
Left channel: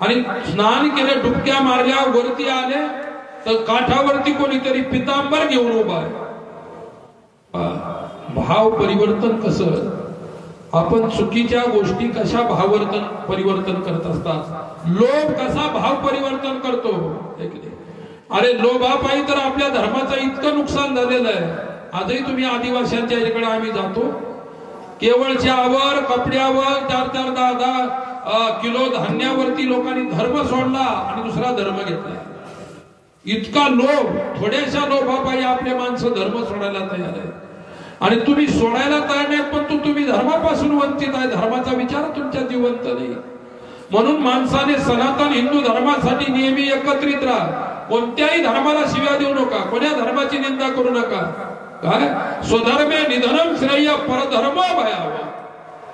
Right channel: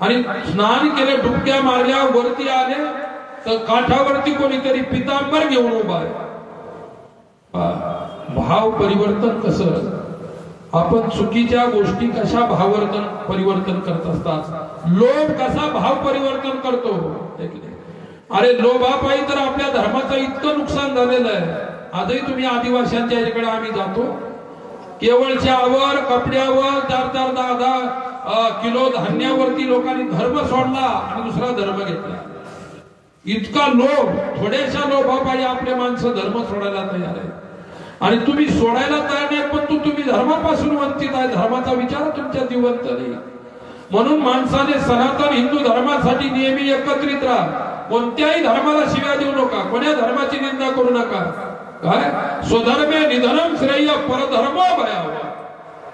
आणि स्नान केलं, डुबक्या मारल्या, वरती आले तर काठावरती कोणीतरी पितांबर घेऊन उभा आहे. भाव परिवर्तन कसं, आपण चुकीच्या गोष्टी कशा परिवर्तन करत असतात. लोभ कसा भाव परिवर्तन करतो. अरे लोभापायी तर आपल्या धर्माचं इतकं नुकसान झालेलं आहे. आजही तुम्ही आदिवासींच्या इकडे आम्ही जातो, केवळ चहावर, कपड्यावर 4-4, 10-10 किलो धान्यावरती लोकांनी धर्म सोडला आणि दुसरा धर्म घेतला. इतका लोभ, थोड्याशा लोभापायी आपले माणसं धर्म सोडायला तयार आहे. आणि तुम्ही सोडायला तयार नाही, पण तुम्ही धर्मापासून वंचित आहे. धर्माचा विचार तुमच्या जिवंत नाही. म्हणून माणसाने सनातन हिंदू धर्मासाठी नेहमी एकत्रित राहा. कोणत्याही धर्माला शिव्या देऊ नका, कोण्या धर्माची निंदा करू नका. काय स्वधर्मे निधनम श्रेय परधर्म भयाव.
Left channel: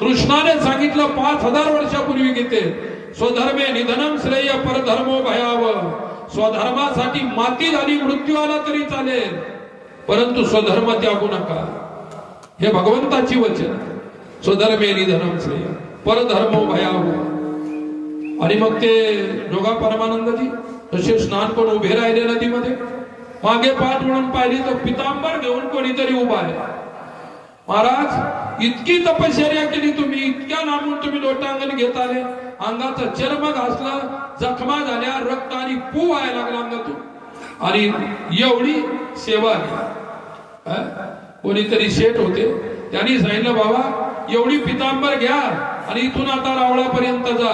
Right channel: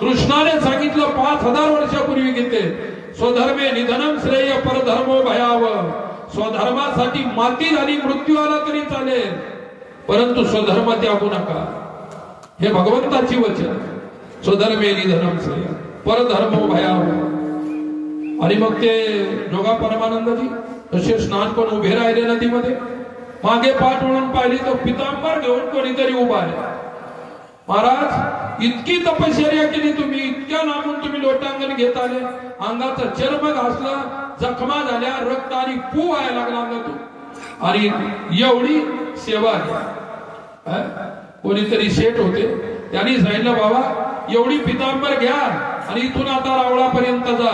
कृष्णाने सांगितलं 5000 वर्षापूर्वी गीतेत, स्वधर्मे निधनम श्रेय परधर्मो भयाव. स्वधर्मासाठी माती झाली, मृत्यू आला तरी चालेल, परंतु स्वधर्म त्यागू नका. हे भगवंताची वचन. स्वधर्मे निधनम श्रेय परधर्मो भयाव. आणि मग ते जोगा परमानंदजी तसे स्नान करून उभे राहिले नदीमध्ये. मागे पाठ म्हणून पाहिली तर पितांबर घेऊन कोणीतरी उभा आहे. महाराज इतकी तपश्चर्या केली तुम्ही, इतक्या लांबून तुम्ही लोटांगण घेत आले, अंगाचा चर्म घासला, जखमा झाल्या, रक्त आणि पू व्हायला लागला अंगातून. आणि एवढी सेवा आहे. कोणीतरी शेठ होते, त्यांनी सांगितलं बाबा एवढी पितांबर घ्या आणि इथून आता रावळापर्यंत जा.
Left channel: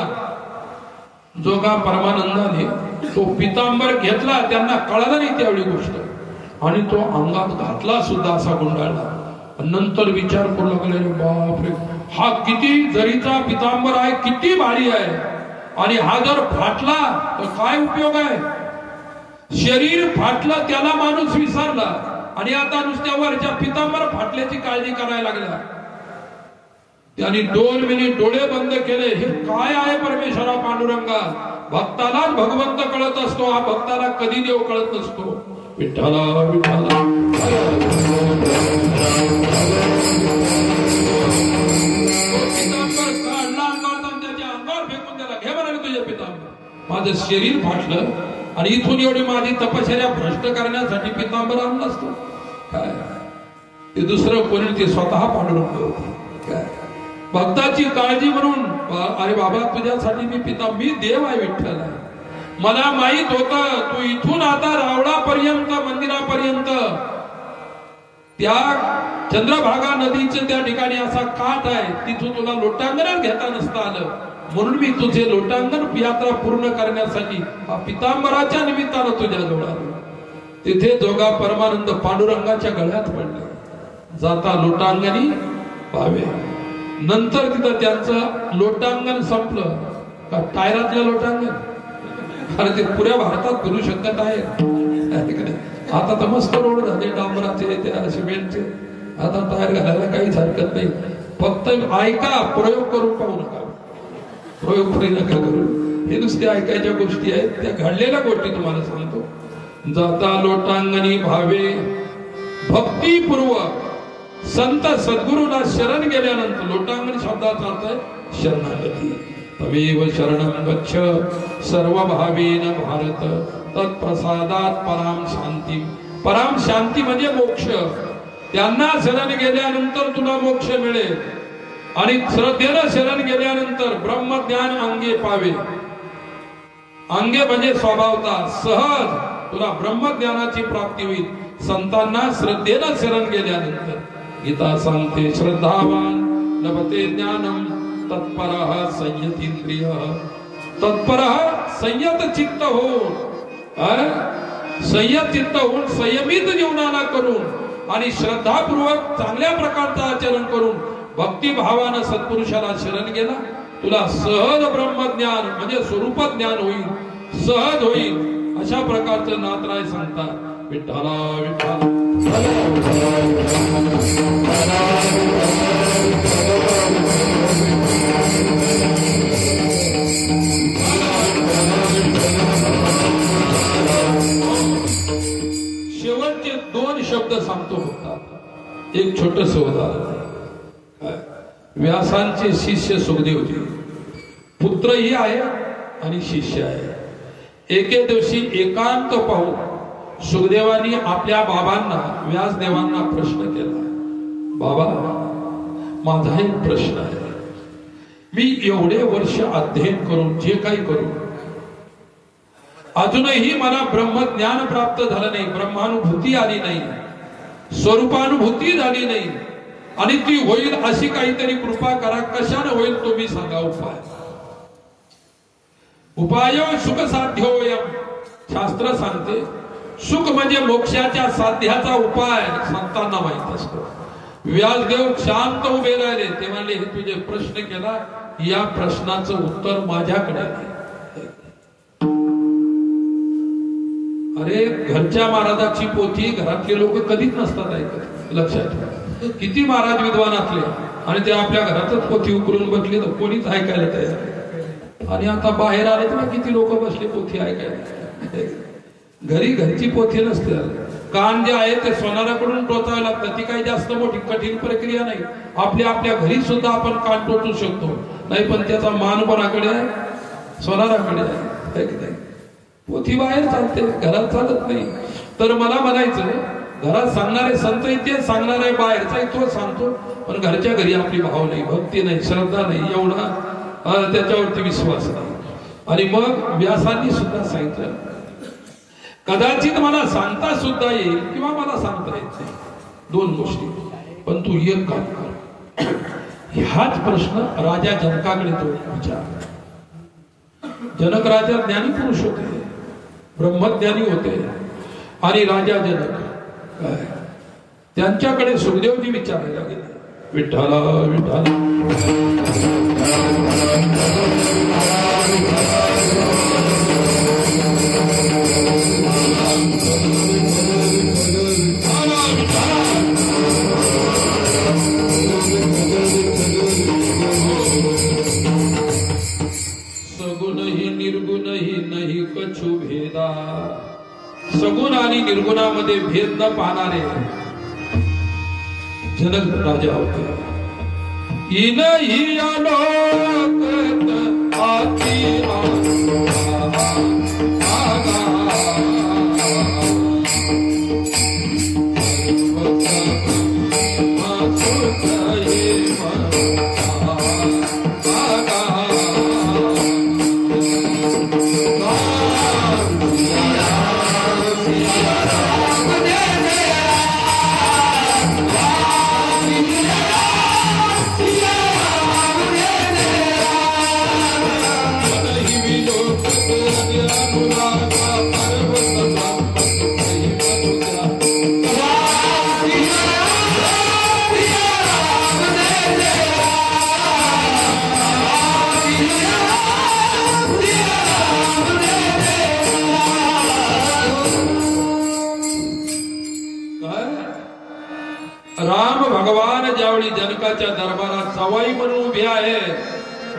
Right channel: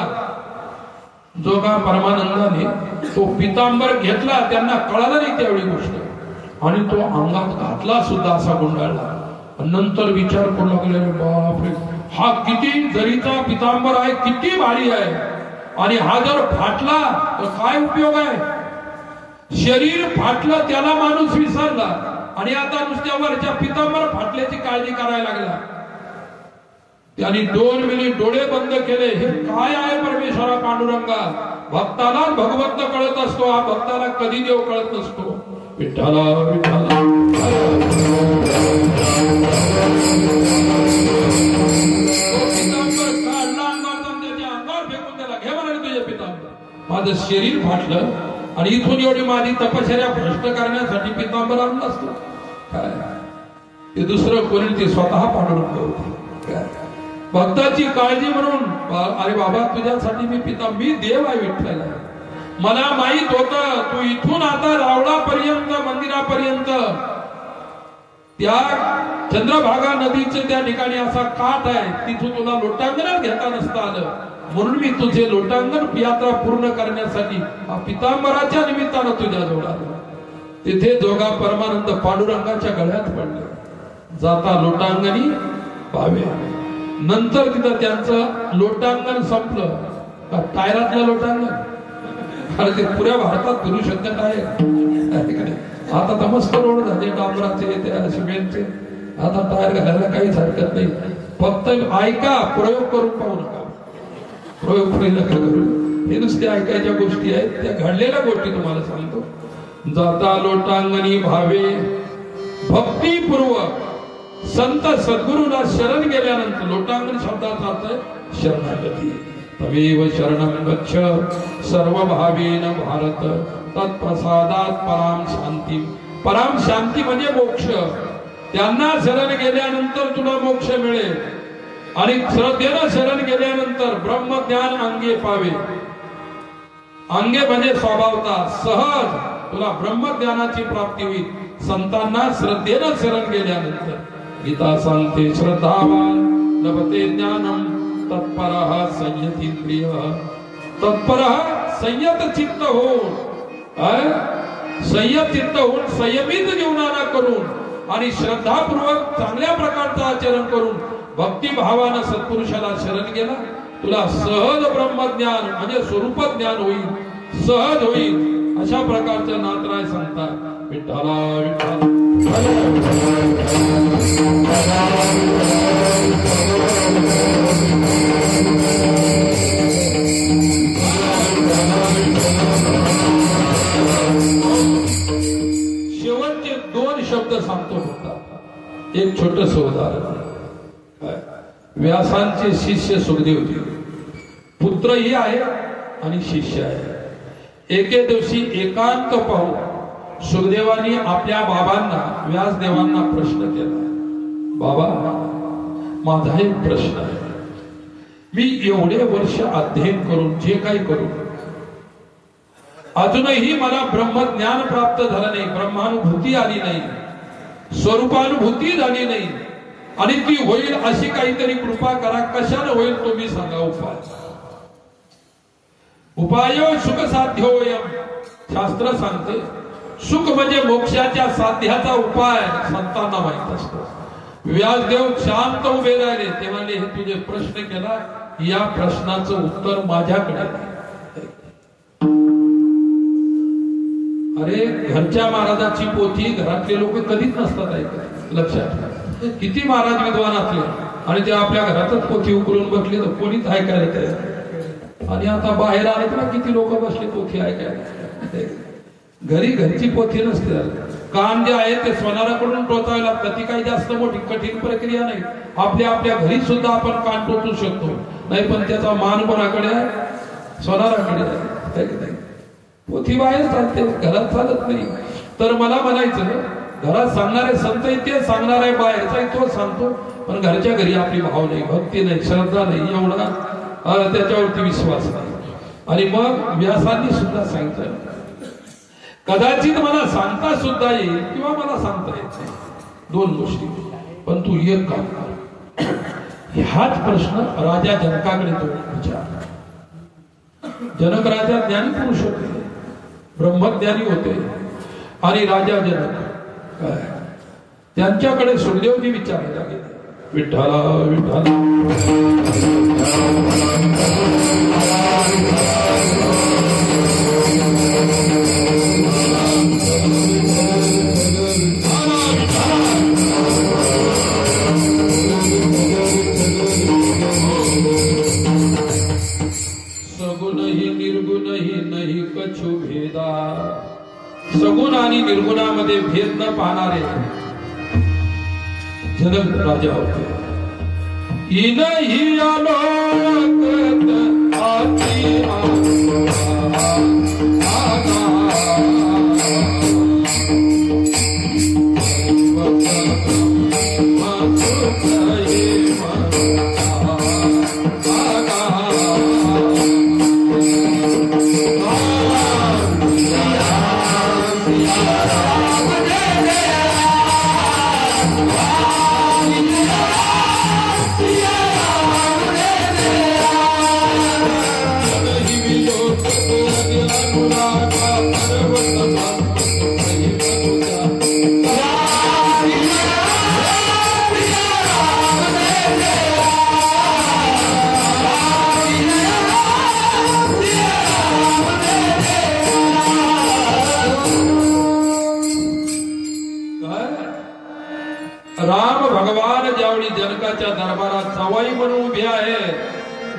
जोगा परमानंदाने तो पितांबर घेतला, त्यांना कळालं नाही त्यावेळी गोष्ट, आणि तो अंगात घातला सुद्धा असा गुंडाळला. नंतर विचार करू लागले, बापरे हा किती जरीचा पितांबर आहे, किती भारी आहे, आणि हा जर फाटला तर काय उपयोग आहे. शरीर फाटलं त्याला माणूस विसरला, आणि आता नुसत्या वरच्या पितांबर फाटल्याची काळजी करायला लागला. त्यांनी 2 मिनिट डोळे बंद केले. हे काय आहे परमेश्वरा पांडुरंगा. भक्ताला भगवंत कळत असतो, हा भक्ताला कधी देव कळत नसतो. विठ्ठला विठ्ठला त्याच्या अंगावर फेकून त्याला घे म्हणाले तुझ्या पितांबर. माझं शरीर फाटलं आणि इथून एवढी माझी तपश्चर्या भ्रष्ट करण्यासाठी पितांबर आणलं असतो काय. ते दुसरं कोणी, ते स्वतः पांडुरंग होते. काय भक्ताची काळजी म्हणून, अरे बाबा तुझ्यासाठी मी देव आहे, विठ्ठल आहे. मला माहित होतं तू इथून आता रावळापर्यंत, मंदिरापर्यंत त्या चंद्रभागा नदीचं त्या ठिकाणी असा काठ आहे, तिथून तुला लोटांगण घेता नसता आलं, म्हणून मी तुझे लोटांगण यात्रा पूर्ण करण्यासाठी पितांबराच्या निमित्तानं तुझ्या जवळ आलो. तिथे जोगा परमानंद पांडुरंगाच्या गळ्यात पडले. जाता लोटांगणी पावे. नंतर तिथं त्यांचं लोटांगण संपलं का, टायरातलं लोटांगण. कारण ते पुऱ्या भारतात फिरू शकत आहे. आता तर मस्त रोड झाले, डांबराचे, त्या सिमेंटचे. आता टायर घालायला काहीच हरकत नाही. फक्त ऐका, प्रयोग करून पाहू नका. प्रयोग नका करू. हे नुसते ऐकायच्या गोष्टी आहेत, त्या घडलेल्या गोष्टी तुम्हाला सांगतो. जाता लोटांगणी भावे भक्तीपूर्वक संत सद्गुरूला शरण गेल्यानंतर, लोटांगण शब्दाचा अर्थ शरणागती. तमेव शरणं गच्छ सर्व भावेन भारत तत्प्रसादात पराम शांती. पराम शांती म्हणजे मोक्ष. त्यांना शरण गेल्यानंतर तुला मोक्ष मिळेल. आणि श्रद्धेनं शरण गेल्यानंतर ब्रह्मज्ञान अंगे पावे. अंगे म्हणजे स्वभावता, सहज तुला ब्रह्मज्ञानाची प्राप्ती होईल संतांना श्रद्धेनं शरण गेल्यानंतर. गीता सांगते, श्रद्धावान लभते ज्ञानम तत्परः संयतींद्रिय. तत्परः संयत चित्त हो, संयत चित्त होऊन संयमित जीवनाला करून आणि श्रद्धापूर्वक चांगल्या प्रकारचं आचरण करून भक्तिभावानं सत्पुरुषाला शरण गेला, तुला सहज ब्रह्मज्ञान म्हणजे स्वरूप ज्ञान होईल, सहज होईल. अशा प्रकारचं नाथराय सांगतात. विठ्ठला विठ्ठला. शेवटचे 2 शब्द सांगतो होता. एक छोटस उदाहरण. व्यासांचे शिष्य सुखदेवजी, पुत्रही आहे आणि शिष्य आहे. एके दिवशी एकांत पाहून सुखदेवांनी आपल्या बाबांना, व्यासदेवांना प्रश्न केला. बाबा, माझा एक प्रश्न आहे. मी एवढे वर्ष अध्ययन करून, जे काही करून, अजूनही मला ब्रह्मज्ञान प्राप्त झालं नाही, ब्रह्मानुभूती आली नाही, स्वरूपानुभूती झाली नाही, आणि ती होईल अशी काहीतरी कृपा करा. कशाने होईल तुम्ही सांगा उपाय. उपायो सुख साध्योयम, शास्त्र सांगते. सुख म्हणजे मोक्षाच्या साध्याचा उपाय संतांना माहित असतो. व्यासदेव शांत उभे राहिले. ते म्हणाले, हे तुझे प्रश्न केला, या प्रश्नाचं उत्तर माझ्याकडे नाही. अरे, घरच्या महाराजाची पोथी घरातले लोक कधीच नसतात ऐकत. लक्षात ठेवा. किती महाराज विद्वान असले आणि ते आपल्या घरातच पोथी उकरून बसले तर कोणीच ऐकायला तयार. आणि आता बाहेर आले तर किती लोक बसले पोथी ऐकायला. घरी घरची पोथी नसते. कान जे आहे ते सोनाराकडून टोचावे लागतात. ती काही जास्त मोठी कठीण प्रक्रिया नाही. आपल्या घरी सुद्धा आपण कान टोचू शकतो. नाही पण त्याचा मान कोणाकडे आहे? सोनाराकडे आहे. पोथी बाहेर चालते, घरात चालत नाही. तर मला म्हणायचं, घरात सांगणारे संत ते सांगणार आहे, बाहेरचाही तो सांगतो, पण घरच्या घरी आपली भाव नाही, भक्ती नाही, श्रद्धा नाही, एवढा त्याच्यावरती विश्वास नाही. आणि मग व्यासांनी सुद्धा सांगितलं, कदाचित मला सांगता सुद्धा येईल किंवा मला सांगता येत नाही, 2 गोष्टी, पण तू एक काम कर. ह्याच प्रश्न राजा जनकाकडे तो विचारला. जनक राजा ज्ञानी पुरुष होते, ब्रह्मज्ञानी होते. आणि राजा जनक त्यांच्याकडे सुखदेवजी विचारायला गेले. विठ्ठला विठ्ठला सगुणही निर्गुणही नाही कछु भेदा. सगुण आणि निर्गुणामध्ये भेद न पाहणारे जनक राजा होते. इनही आलोकत आती राम भगवान ज्यावेळी जनकाच्या दरबारात सवाई म्हणून उभे आहे,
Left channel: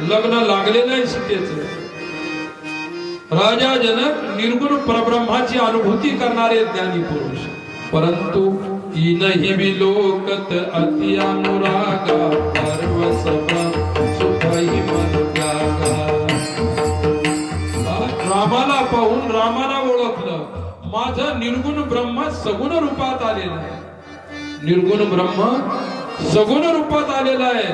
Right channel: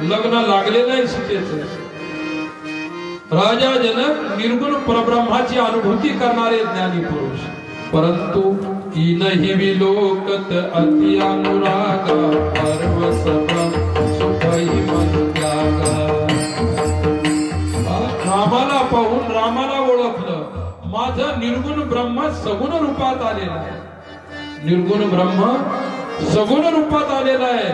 लग्न लागलेलं आहे सीतेचं. राजा जनक निर्गुण परब्रह्माची अनुभूती करणारे ज्ञानी पुरुष, परंतु इनहि विलोकत अति अनुरागा रामाला पाहून रामाला ओळखलं. माझं निर्गुण ब्रह्म सगुण रूपात आलेला आहे. निर्गुण ब्रह्म सगुण रूपात आलेला आहे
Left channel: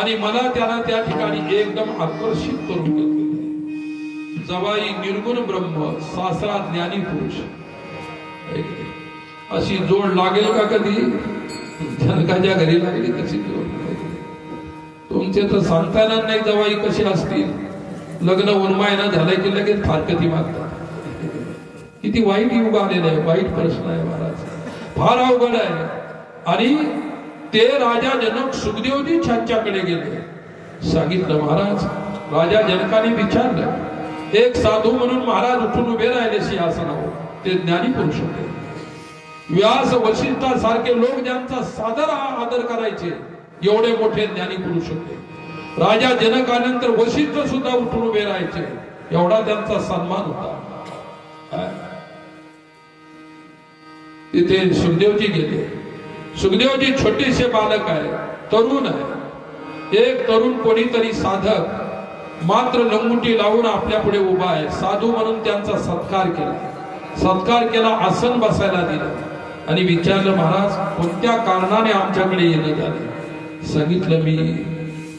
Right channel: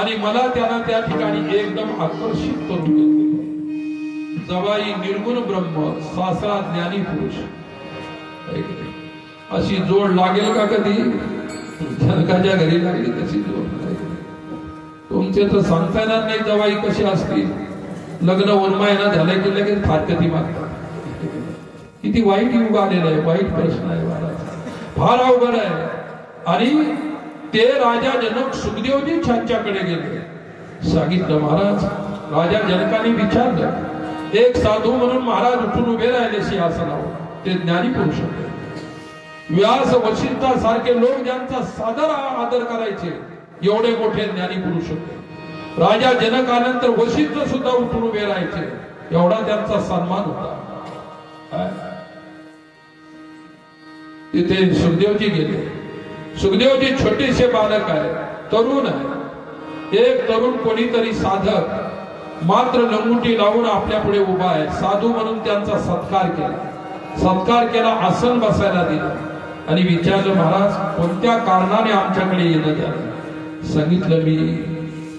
आणि मला त्यानं त्या ठिकाणी एकदम आकर्षित करून घेतले. जवाई निर्गुण ब्रह्म, सासरा ज्ञानी पुरुष, अशी जोड लागेल का कधी? जनकाच्या घरी लागली कशी जोड? तुमचे तर सांगता येणार नाही जवाई कशी असतील. लग्न उन्मायना झालं की लगेच फारकती मागतात. किती वाईट युग आलेलं आहे. वाईट प्रश्न आहे महाराज, फार अवघड आहे. आणि ते राजा जनक सुखदेवजी त्यांच्याकडे गेले. सांगितलं, महाराज, राजा जनकाने विचारलं. एक साधू म्हणून महाराज उठून उभे राहिले सिंहासनावर. ते ज्ञानी पुरुष होते. व्यास वशिष्ठासारखे लोक ज्यांचा सादर आदर करायचे, एवढे मोठे ज्ञानी पुरुष होते. राजा जनकानंतर वशिष्ठ सुद्धा उठून उभे राहायचे, एवढा त्यांचा सन्मान होता. तिथे सुखदेवजी गेले. सुखदेवजी छोटेसे बालक आहे, तरुण आहे. एक तरुण कोणीतरी साधक मात्र लंगोटी लावून आपल्या पुढे उभा आहे. साधू म्हणून त्यांचा सत्कार केला, आसन बसायला दिलं आणि विचारलं, महाराज कोणत्या कारणाने आमच्याकडे येणं झालं? सांगितलं, मी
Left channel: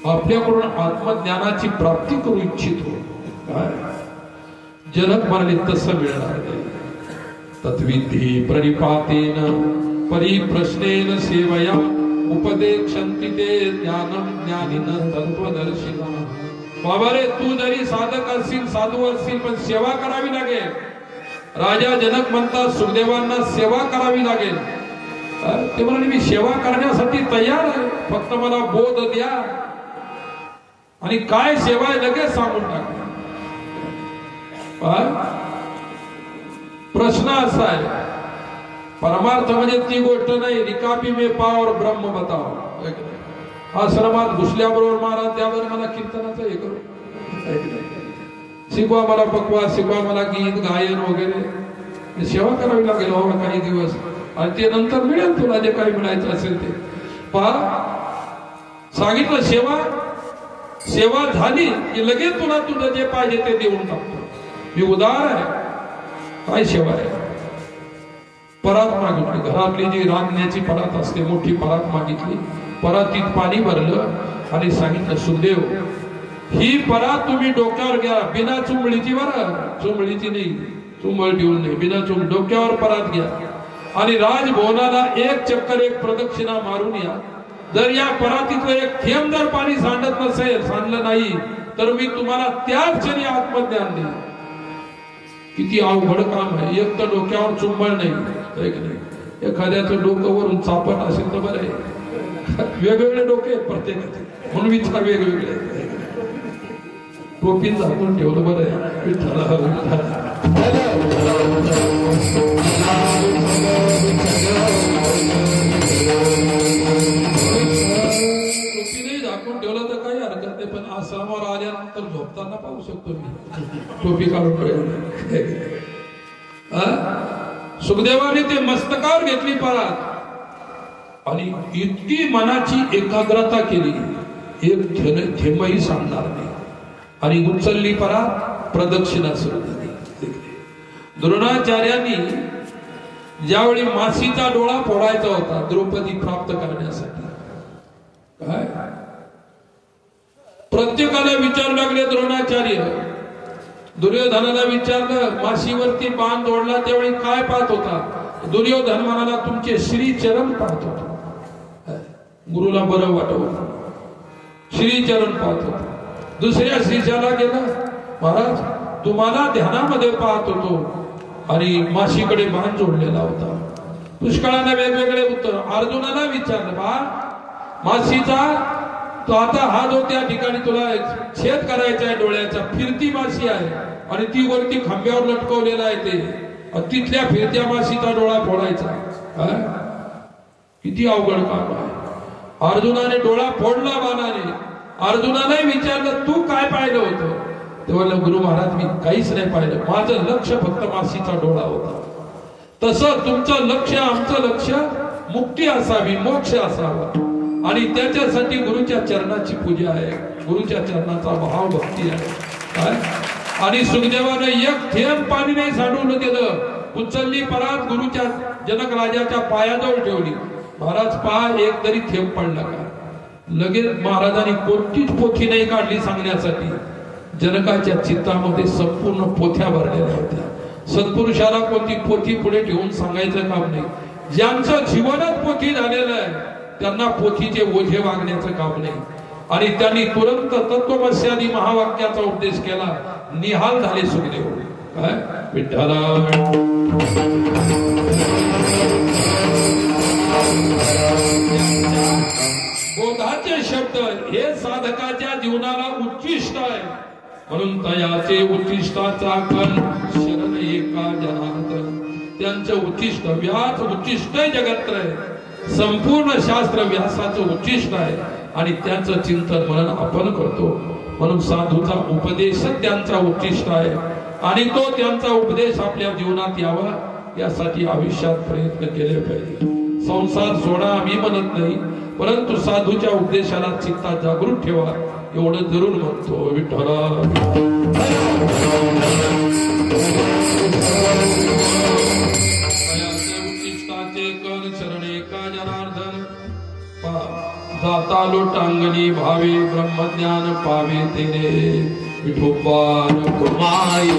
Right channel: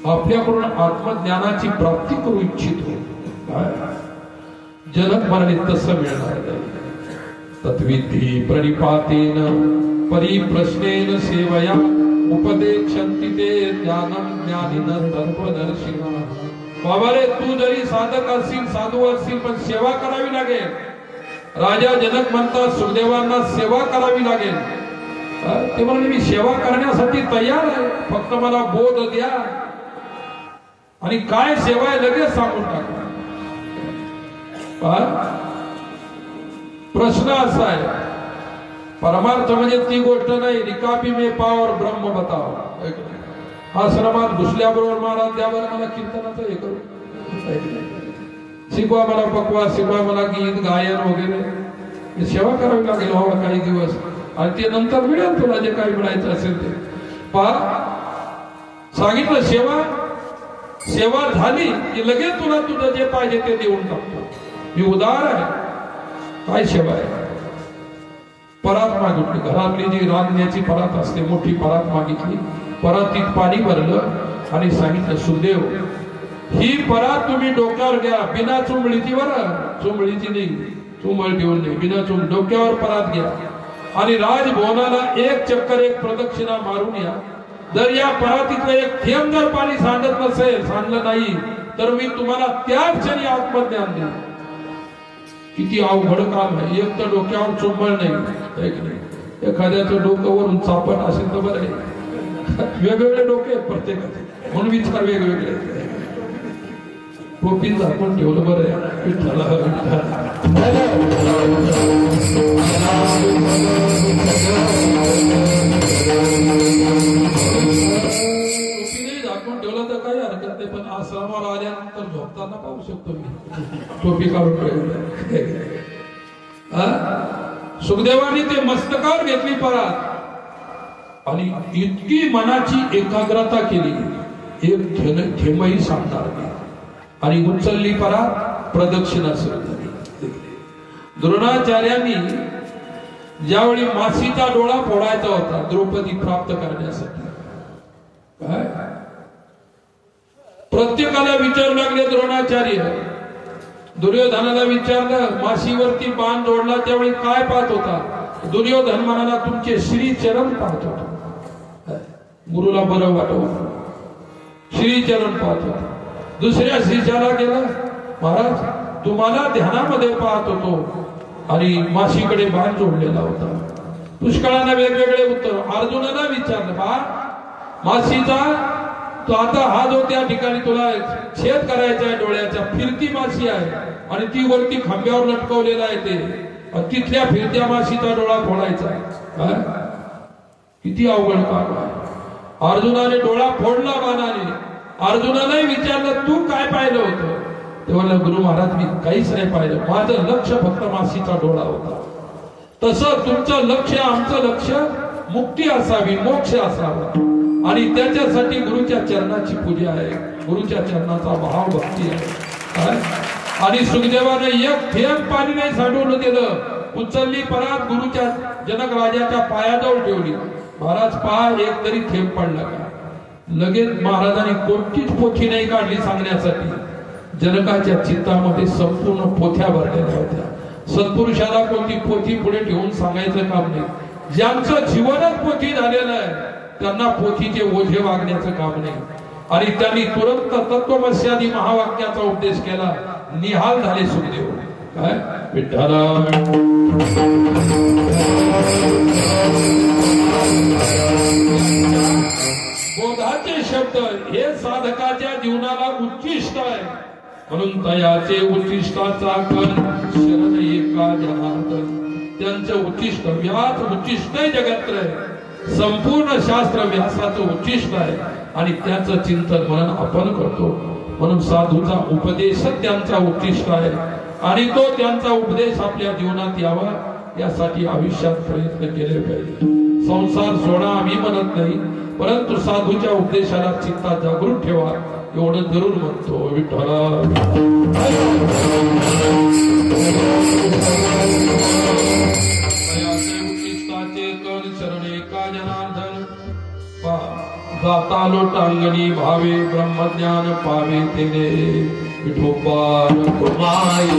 आपल्याकडून आत्मज्ञानाची प्राप्ती करू इच्छितो. काय? जनक म्हणाले, तसं मिळणार नाही. तत्विधी प्रणिपातेन परिप्रश्नेन सेवया उपदेक्षन्ति ते ज्ञानम ज्ञानिन तत्वदर्शिना. बाबारे, तू जरी साधक असशील, साधू असशील, पण सेवा करावी लागेल. राजा जनक म्हणतात, सुखदेवांना सेवा करावी लागेल. ते म्हणाले, मी सेवा करण्यासाठी तयार आहे, फक्त मला बोध द्या. आणि काय सेवा आहे लगेच सांगून टाका. प्रश्न असा आहे, परमार्थ म्हणजे ती गोष्ट नाही, रिकामी में पाव ब्रह्म बताव. आश्रमात घुसल्याबरोबर महाराज द्यावर मला कीर्तनाचं हे करू, शिकवा मला पकवा, शिकवा मला गीत गायन वगैरे. सेवा करावी लागेल हो काही दिवस, आणि ते नंतर मिळेल तुला जे काही मिळायचं असेल ते. पहा, सांगितलं सेवा झाली की लगेच तुला तुझं जे पाहिजे ते देऊन टाकतो. मी उदार आहे. काय सेवा आहे? परात मागितली. घरातली जी रांधण्याची परात असते, मोठी परात मागितली. परातीत पाणी भरलं आणि सांगितलं, सुखदेव ही परात तुम्ही डोक्यावर घ्या, बिना चुंबळीची. बरं, चुंबळीची नाही, चुंबळ घेऊन नाही, बिना चुंबळ डोक्यावर परात घ्या आणि राजभवनाला एक चक्कर, एक प्रदक्षिणा मारून या. जर या परातीतलं एक थेंब जर पाणी सांडत नसेल, सांडलं नाही, तर मी तुम्हाला त्याच क्षणी आत्मज्ञान देईन. किती अवघड काम आहे. एक तर डोक्यावर चुंबळ नाही, एखाद्याचं डोकं वरून चापट असेल तर बरं आहे. वेगवेगळे डोके आहेत प्रत्येकाचे, म्हणून विचार वेगवेगळे. टोपी झाकून ठेवलं बरं आहे. झाकून ठेवलं तर काही हरकत नाही, पण आश्रमावर आल्यानंतर झोपताना पाहू शकतो मी टोपी काढून ठेवलं. सुखदेवाने ते मस्तकावर घेतली परात आणि इतकी मनाची एकाग्रता केली, एक थेंबही सांगणार नाही, आणि उचलली परात, प्रदक्षिणा सुरू झाली. द्रोणाचार्यांनी ज्यावेळी मासीचा डोळा फोडायचा होता द्रौपदी प्राप्त करण्यासाठी, काय प्रत्येकाला विचारू लागले द्रोणाचार्य. दुर्योधनाला विचारलं, माशीवरती बाण जोडला त्यावेळी काय पाहत होता? दुर्योधन म्हणाला, तुमचे श्री चरण पाहत होता. गुरुला बरं वाटवलं, श्री चरण पाहत होता. दुसऱ्या शिष्याला गेलं, महाराज तुम्हाला ध्यानामध्ये पाहत होतो आणि माशीकडे बाण जोडलेला होता. पुष्कळाने वेगवेगळे उत्तर. अर्जुनाला विचारलं, बा माशीचा तो आता हा जो त्या ठिकाणी तुला छेद करायचा आहे डोळ्याचा, फिरती माशी आहे आणि ती वरती खांब्यावर लटकवलेला आहे, ते तिथल्या फिरत्या माशीचा डोळा फोडायचा. काय किती अवघड काम आहे. अर्जुनाने डोळा फोडला बाणाने. अर्जुनाने विचारलं, तू काय पाहिलं होतं? तेव्हा गुरु महाराज, मी काहीच नाही पाहिलं, माझं लक्ष फक्त माशीचा डोळा होता. तसं तुमचं लक्ष, आमचं लक्ष मुक्ती असावी, मोक्ष असावा, आणि त्याच्यासाठी गुरुच्या चरणाची पूजा आहे, गुरुच्या चरणाचा भाव भक्ती आहे. आणि सुखदेवाने एक थेंब पाणी नाही सांडवलं दिलं. उचलली परात, गुरुच्या जनक राजाच्या पायाजवळ ठेवली. महाराज पहा, एक तरी थेंब पडला का? लगेच महाराजांनी कोणतीच पोथी नाही काढली सांगण्यासाठी. जनकाच्या चित्तामध्ये संपूर्ण पोथ्या भरलेल्या होत्या. सत्पुरुषाला कोणती पोथी पुढे ठेवून सांगायचं काम नाही. ज्यांचं जीवनच पोथी झालेलं आहे त्यांना पोथीचे ओझे वागण्याचं काम नाही. आणि त्यांनी तुरंत तत्वमस्यादी महावाक्याचा उपदेश केला. निहाल झाले सुखदेव. काय विठ्ठला बोधाचे शब्द हे साधकाच्या जीवनाला उच्चिष्ट आहे. म्हणून तयाचे उच्चिष्टाचा कण शरण एका जनार्दन. त्यांचं उच्चिष्ट व्यास उच्चिष्ट जगत्र आहे, संपूर्ण शास्त्र व्यासाचं उच्चिष्ट आहे आणि त्याचं चिंतन म्हणून आपण करतो. म्हणून साधूचा उपदेशच त्यांचा उच्चिष्ट आहे आणि तो त्यांचा उपदेश आपल्या जीवनात यावा यासाठी आयुष्यात प्रयत्न केले पाहिजे. संसार सोडा आम्ही म्हणत नाही, परंतु साधूच्या उपदेशाला चित्तात जागृत ठेवा एवढं जरूर म्हणतो. विठ्ठला जाता लोटांगणी भावे ब्रह्मज्ञान पावे तेने विठोबा कुमाई.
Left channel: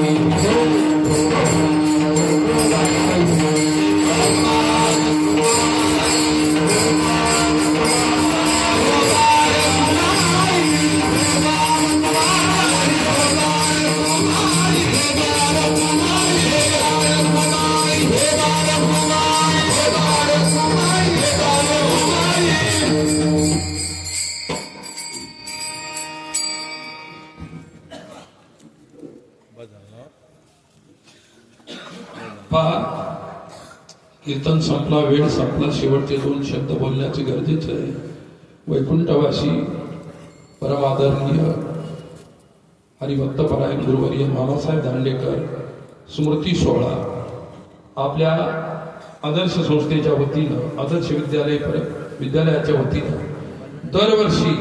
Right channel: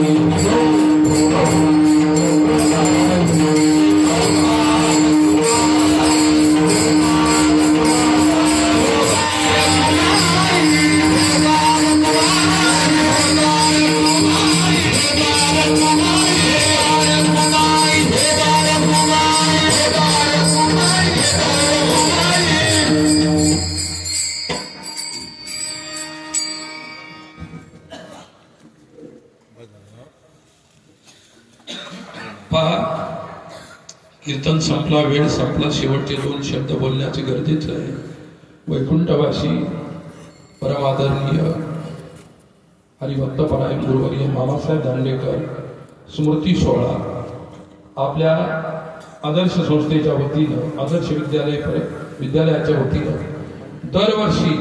कीर्तन संपला, वेळ संपला, शेवटचे 2 शब्द बोलण्याचे गरजेचे आहे. वैकुंठवासी परम आदरणीय हरिभक्तपरायण गुरुवर्य मामासाहेब दांडेकर स्मृती सोहळा आपल्या आदर्श संस्थेच्या वतीनं, आदर्श विद्यालयाच्या वतीनं दरवर्षी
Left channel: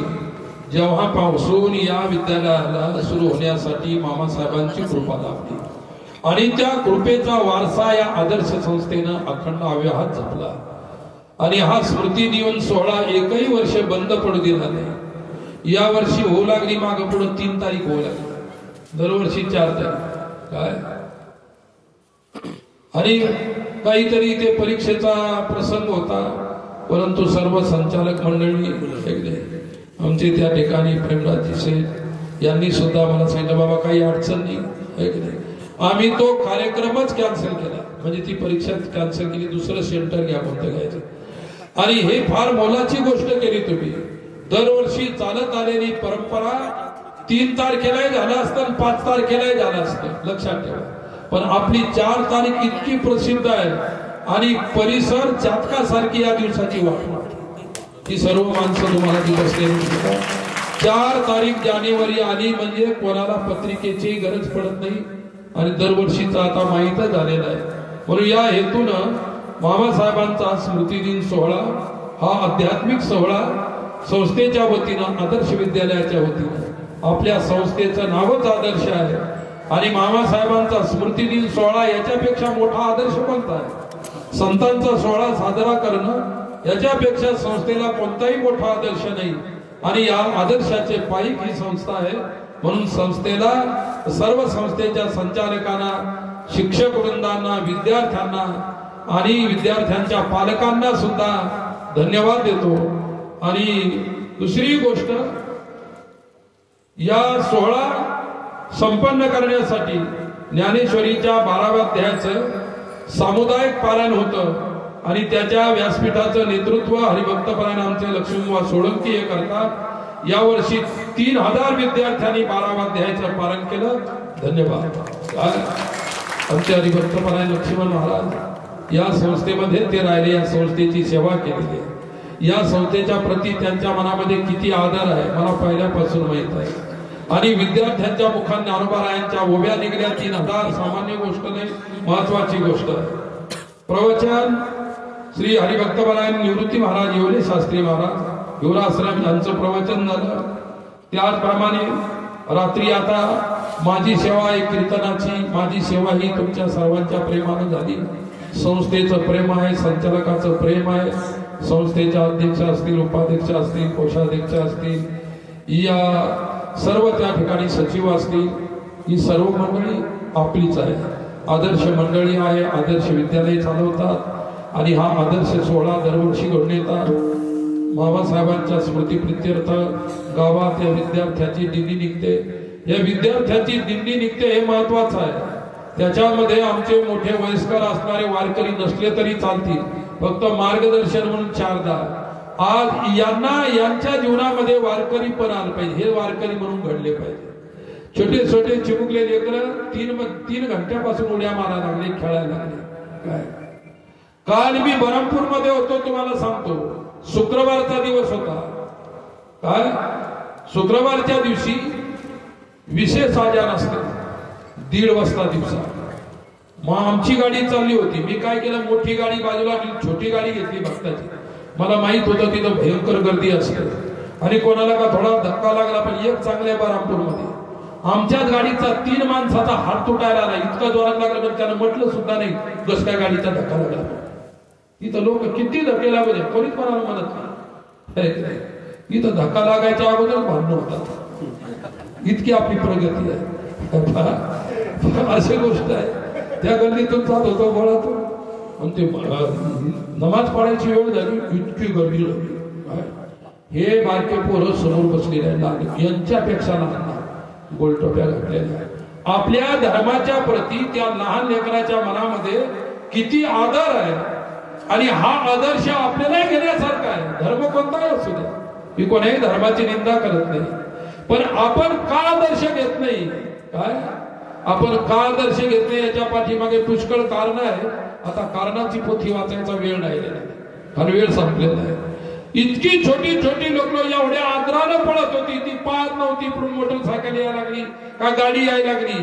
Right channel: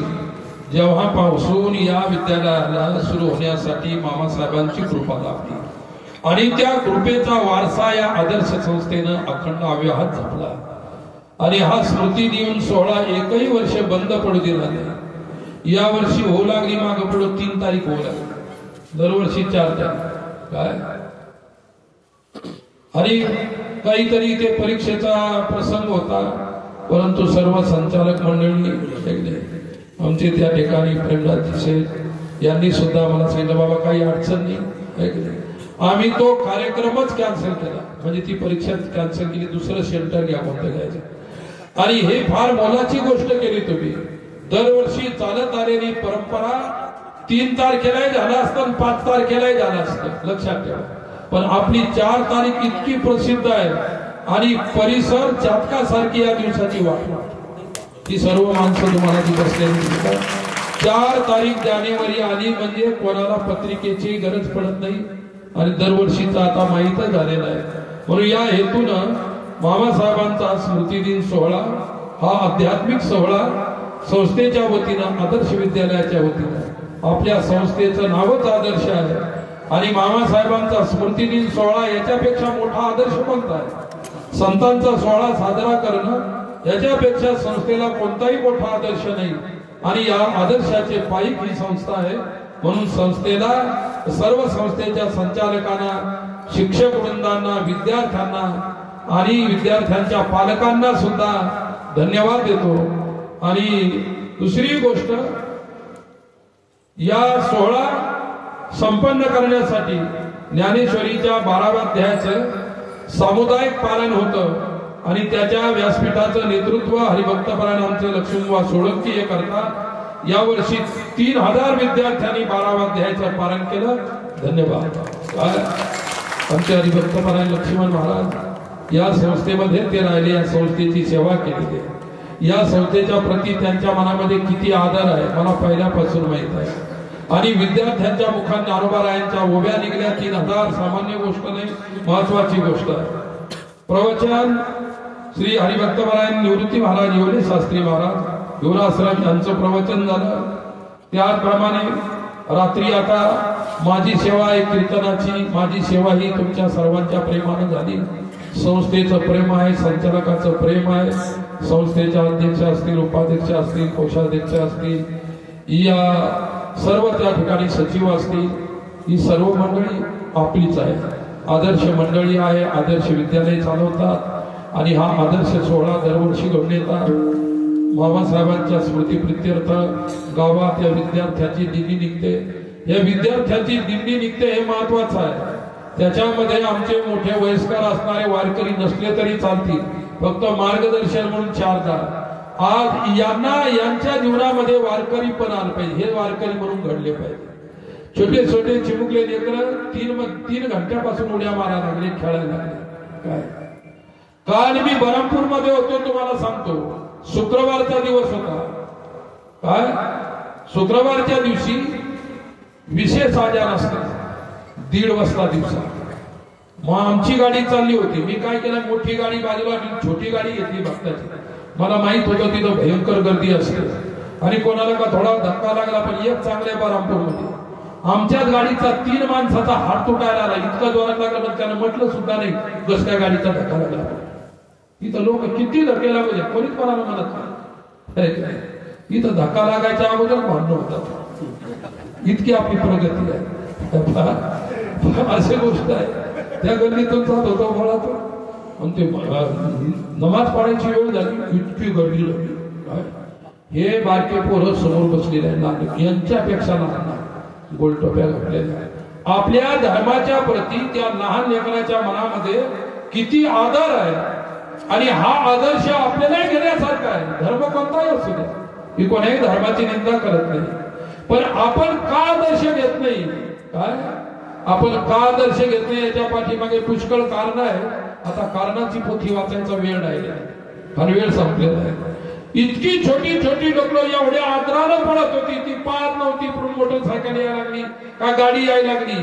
जेव्हापासून या विद्यालयाला सुरू होण्यासाठी मामासाहेबांची कृपा लाभली आणि त्या कृपेचा वारसा या आदर्श संस्थेनं अखंड अव्याहत जपला. आणि हा स्मृती दिन सोहळा एकही वर्ष बंद पडू दिला नाही. या वर्षी होऊ लागली मागं पुढे 3 तारीख होऊ लागली, दरवर्षी 4 तारीख काय. आणि काहीतरी ते परीक्षेचा प्रसंग होता, परंतु सर्व संचालक मंडळी आमचे त्या ठिकाणी प्रेमराजी शेठ यांनी सुद्धा मला सांगितलं बाबा काही अडचण नाही. आम्ही तो कार्यक्रमच कॅन्सल केला, म्हणजे ती परीक्षा कॅन्सल केली, दुसरं सेंटर घ्या कोणतं घ्यायचं. आणि हे फार मोलाची गोष्ट केली तुम्ही. दरवर्षी चालत आलेली परंपरा 3 तारखेलाही झालं असतं आणि 5 तारखेलाही झालं असतं, लक्षात ठेवा. पण आपली 4 तारीख इतकी प्रसिद्ध आहे आणि परिसर चातकासारखी या दिवसाची वाट. ती सर्व माणसं तुम्हाला ती बसलेली 4 तारीख जानेवारी आली म्हणजे कोणाला पत्रिकेची गरज पडत नाही आणि दरवर्षीचा आता माहीतच झालेला आहे. म्हणून या हेतून मामासाहेबांचा स्मृती दिन सोहळा हा आध्यात्मिक सोहळा संस्थेच्या वतीनं, आदर्श विद्यालयाच्या वतीनं, आपल्या संस्थेचं नावच आदर्श आहे आणि मामासाहेबांचा स्मृती दिन सोहळा याच्यापेक्षा मोठा आदर्श कोणता आहे. संतांचा सोहळा साजरा करणं याच्यापेक्षा संस्थेला कोणताही मोठा आदर्श नाही आणि या आदर्शाचे पायीक ही संस्था आहे. म्हणून संस्थेला, सर्व संस्थेच्या संचालकांना, शिक्षक वृंदांना, विद्यार्थ्यांना आणि विद्यार्थ्यांच्या पालकांना सुद्धा धन्यवाद देतो. आणि दुसरी गोष्ट, या सोहळा संपन्न करण्यासाठी ज्ञानेश्वरीच्या 12व्या अध्यायाचं सामुदायिक पारायण होतं आणि त्याच्या व्यासपीठाचं नेतृत्व हरिभक्तपरायण आमचे लक्ष्मणबुवा सोळंकी हे करतात. यावर्षी 3000 विद्यार्थ्यांनी 12व्या अध्यायाचं पारायण केलं. धन्यवाद. आमचे हरिभक्तपरायण लक्ष्मण महाराज या संस्थेमध्ये ते राहिले, या संस्थेची सेवा केलेली आहे. या संस्थेच्या प्रती त्यांच्या मनामध्ये किती आदर आहे मला पहिल्यापासून माहित आहे. आणि विद्यार्थ्यांच्या मुखात ज्ञानोबारायांच्या ओव्या निघल्या 3000, सामान्य गोष्ट नाही, महत्वाची गोष्ट आहे. प्रवचन श्री हरिभक्तपरायण निवृत्ती महाराज येवले शास्त्री महाराज युवराश्रम यांचं प्रवचन झालं. त्याचप्रमाणे रात्री आता माझी सेवा आहे कीर्तनाची. माझी सेवा ही तुमच्या सर्वांच्या प्रेमानं झाली. संस्थेचं प्रेम आहे, संचालकाचं प्रेम आहे. संस्थेच्या अध्यक्ष असतील, उपाध्यक्ष असतील, कोषाध्यक्ष असतील, या सर्व त्या ठिकाणी सचिव असतील, ही सर्व मंडळी आपलीच आहे. आदर्श मंडळी आहे, आदर्श विद्यालय चालवतात आणि हा आदर्श सोहळा दरवर्षी घडून येतात. मामासाहेबांच्या स्मृतीप्रित्यर्थ गावात या विद्यार्थ्याची दिंडी निघते. या विद्यार्थ्याची दिंडी निघते हे महत्वाचं आहे. त्याच्यामध्ये आमचे मोठे वयस्कर असणारे वारकरी नसले तरी चालतील, फक्त मार्गदर्शन म्हणून 4 आज यांच्या जीवनामध्ये वारकरी पण आलं पाहिजे, हे वारकरी म्हणून घडले पाहिजे. छोटे छोटे चिमुकले लेकरं 3 घंट्यापासून उड्या मारायला लागले, खेळायला लागले. काय काल मी बरमपूरमध्ये होतो, तुम्हाला सांगतो, शुक्रवारचा दिवस होता. काय शुक्रवारच्या दिवशी विशेष आजान असते 1:30 वाजता दिवसा. मग आमची गाडी चालली होती. मी काय केलं, मोठी गाडी बाजूला, छोटी गाडी घेतली भक्ताची. मला माहित होतं तिथं भयंकर गर्दी असते आणि कोणाला का थोडा धक्का लागला. पण एक चांगल्या बरमपूरमध्ये आमच्याच गाडीचा 3 माणसाचा हात तुटायला आला. इतका जोरात लागला पण त्यानं म्हटलं सुद्धा नाही कस काय गाडीचा धक्का लागला. इथं लोक किती धक्के लागू द्या, कोणीच कोणाला मदत नाही. इथं धक्का लागायच्या अगोदर भांडण होतात. इतकी आपली प्रगती आहे. अशी गोष्ट आहे. त्या गर्दीतून जात होतो घरातून, पण ते नमाज पडायची वेळ झाली, इतकी गर्दी लागली. हे बारके पोरं समोर बसलेले लागले, यांच्यापेक्षा लहान गोलटोप्या घातलेल्या. आपल्या धर्माच्या प्रती त्या लहान लेकराच्या मनामध्ये किती आदर आहे आणि हा आदर्श आपल्याला घेण्यासारखा आहे. धर्म कोणताही असू द्या, मी कोणाही धर्माची निंदा करत नाही, पण आपण का आदर्श घेत नाही? काय आपण का आदर्श घेत नाही याच्या पाठीमागे पुष्कळ कारण आहे. आता कारणाची पोथी वाचायचा वेळ राहिलेला आहे, कारण वेळ संपलेला आहे. इतकी छोटी छोटी लोक एवढ्या आदरानं पळत होती, ती पाहत नव्हती पण मोटरसायकल यायला लागली का गाडी यायला लागली.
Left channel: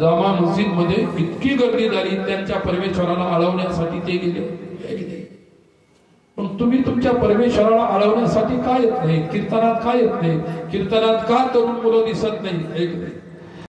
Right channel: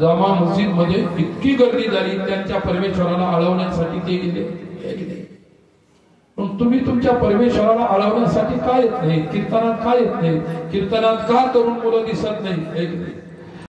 जामा मस्जिद मध्ये इतकी गर्दी झाली, त्यांच्या परमेश्वराला अडवण्यासाठी ते गेले. पण तुम्ही तुमच्या परमेश्वराला अडवण्यासाठी का येत नाही? कीर्तनात का येत नाही? कीर्तनात का तरुण मुलं दिसत नाही?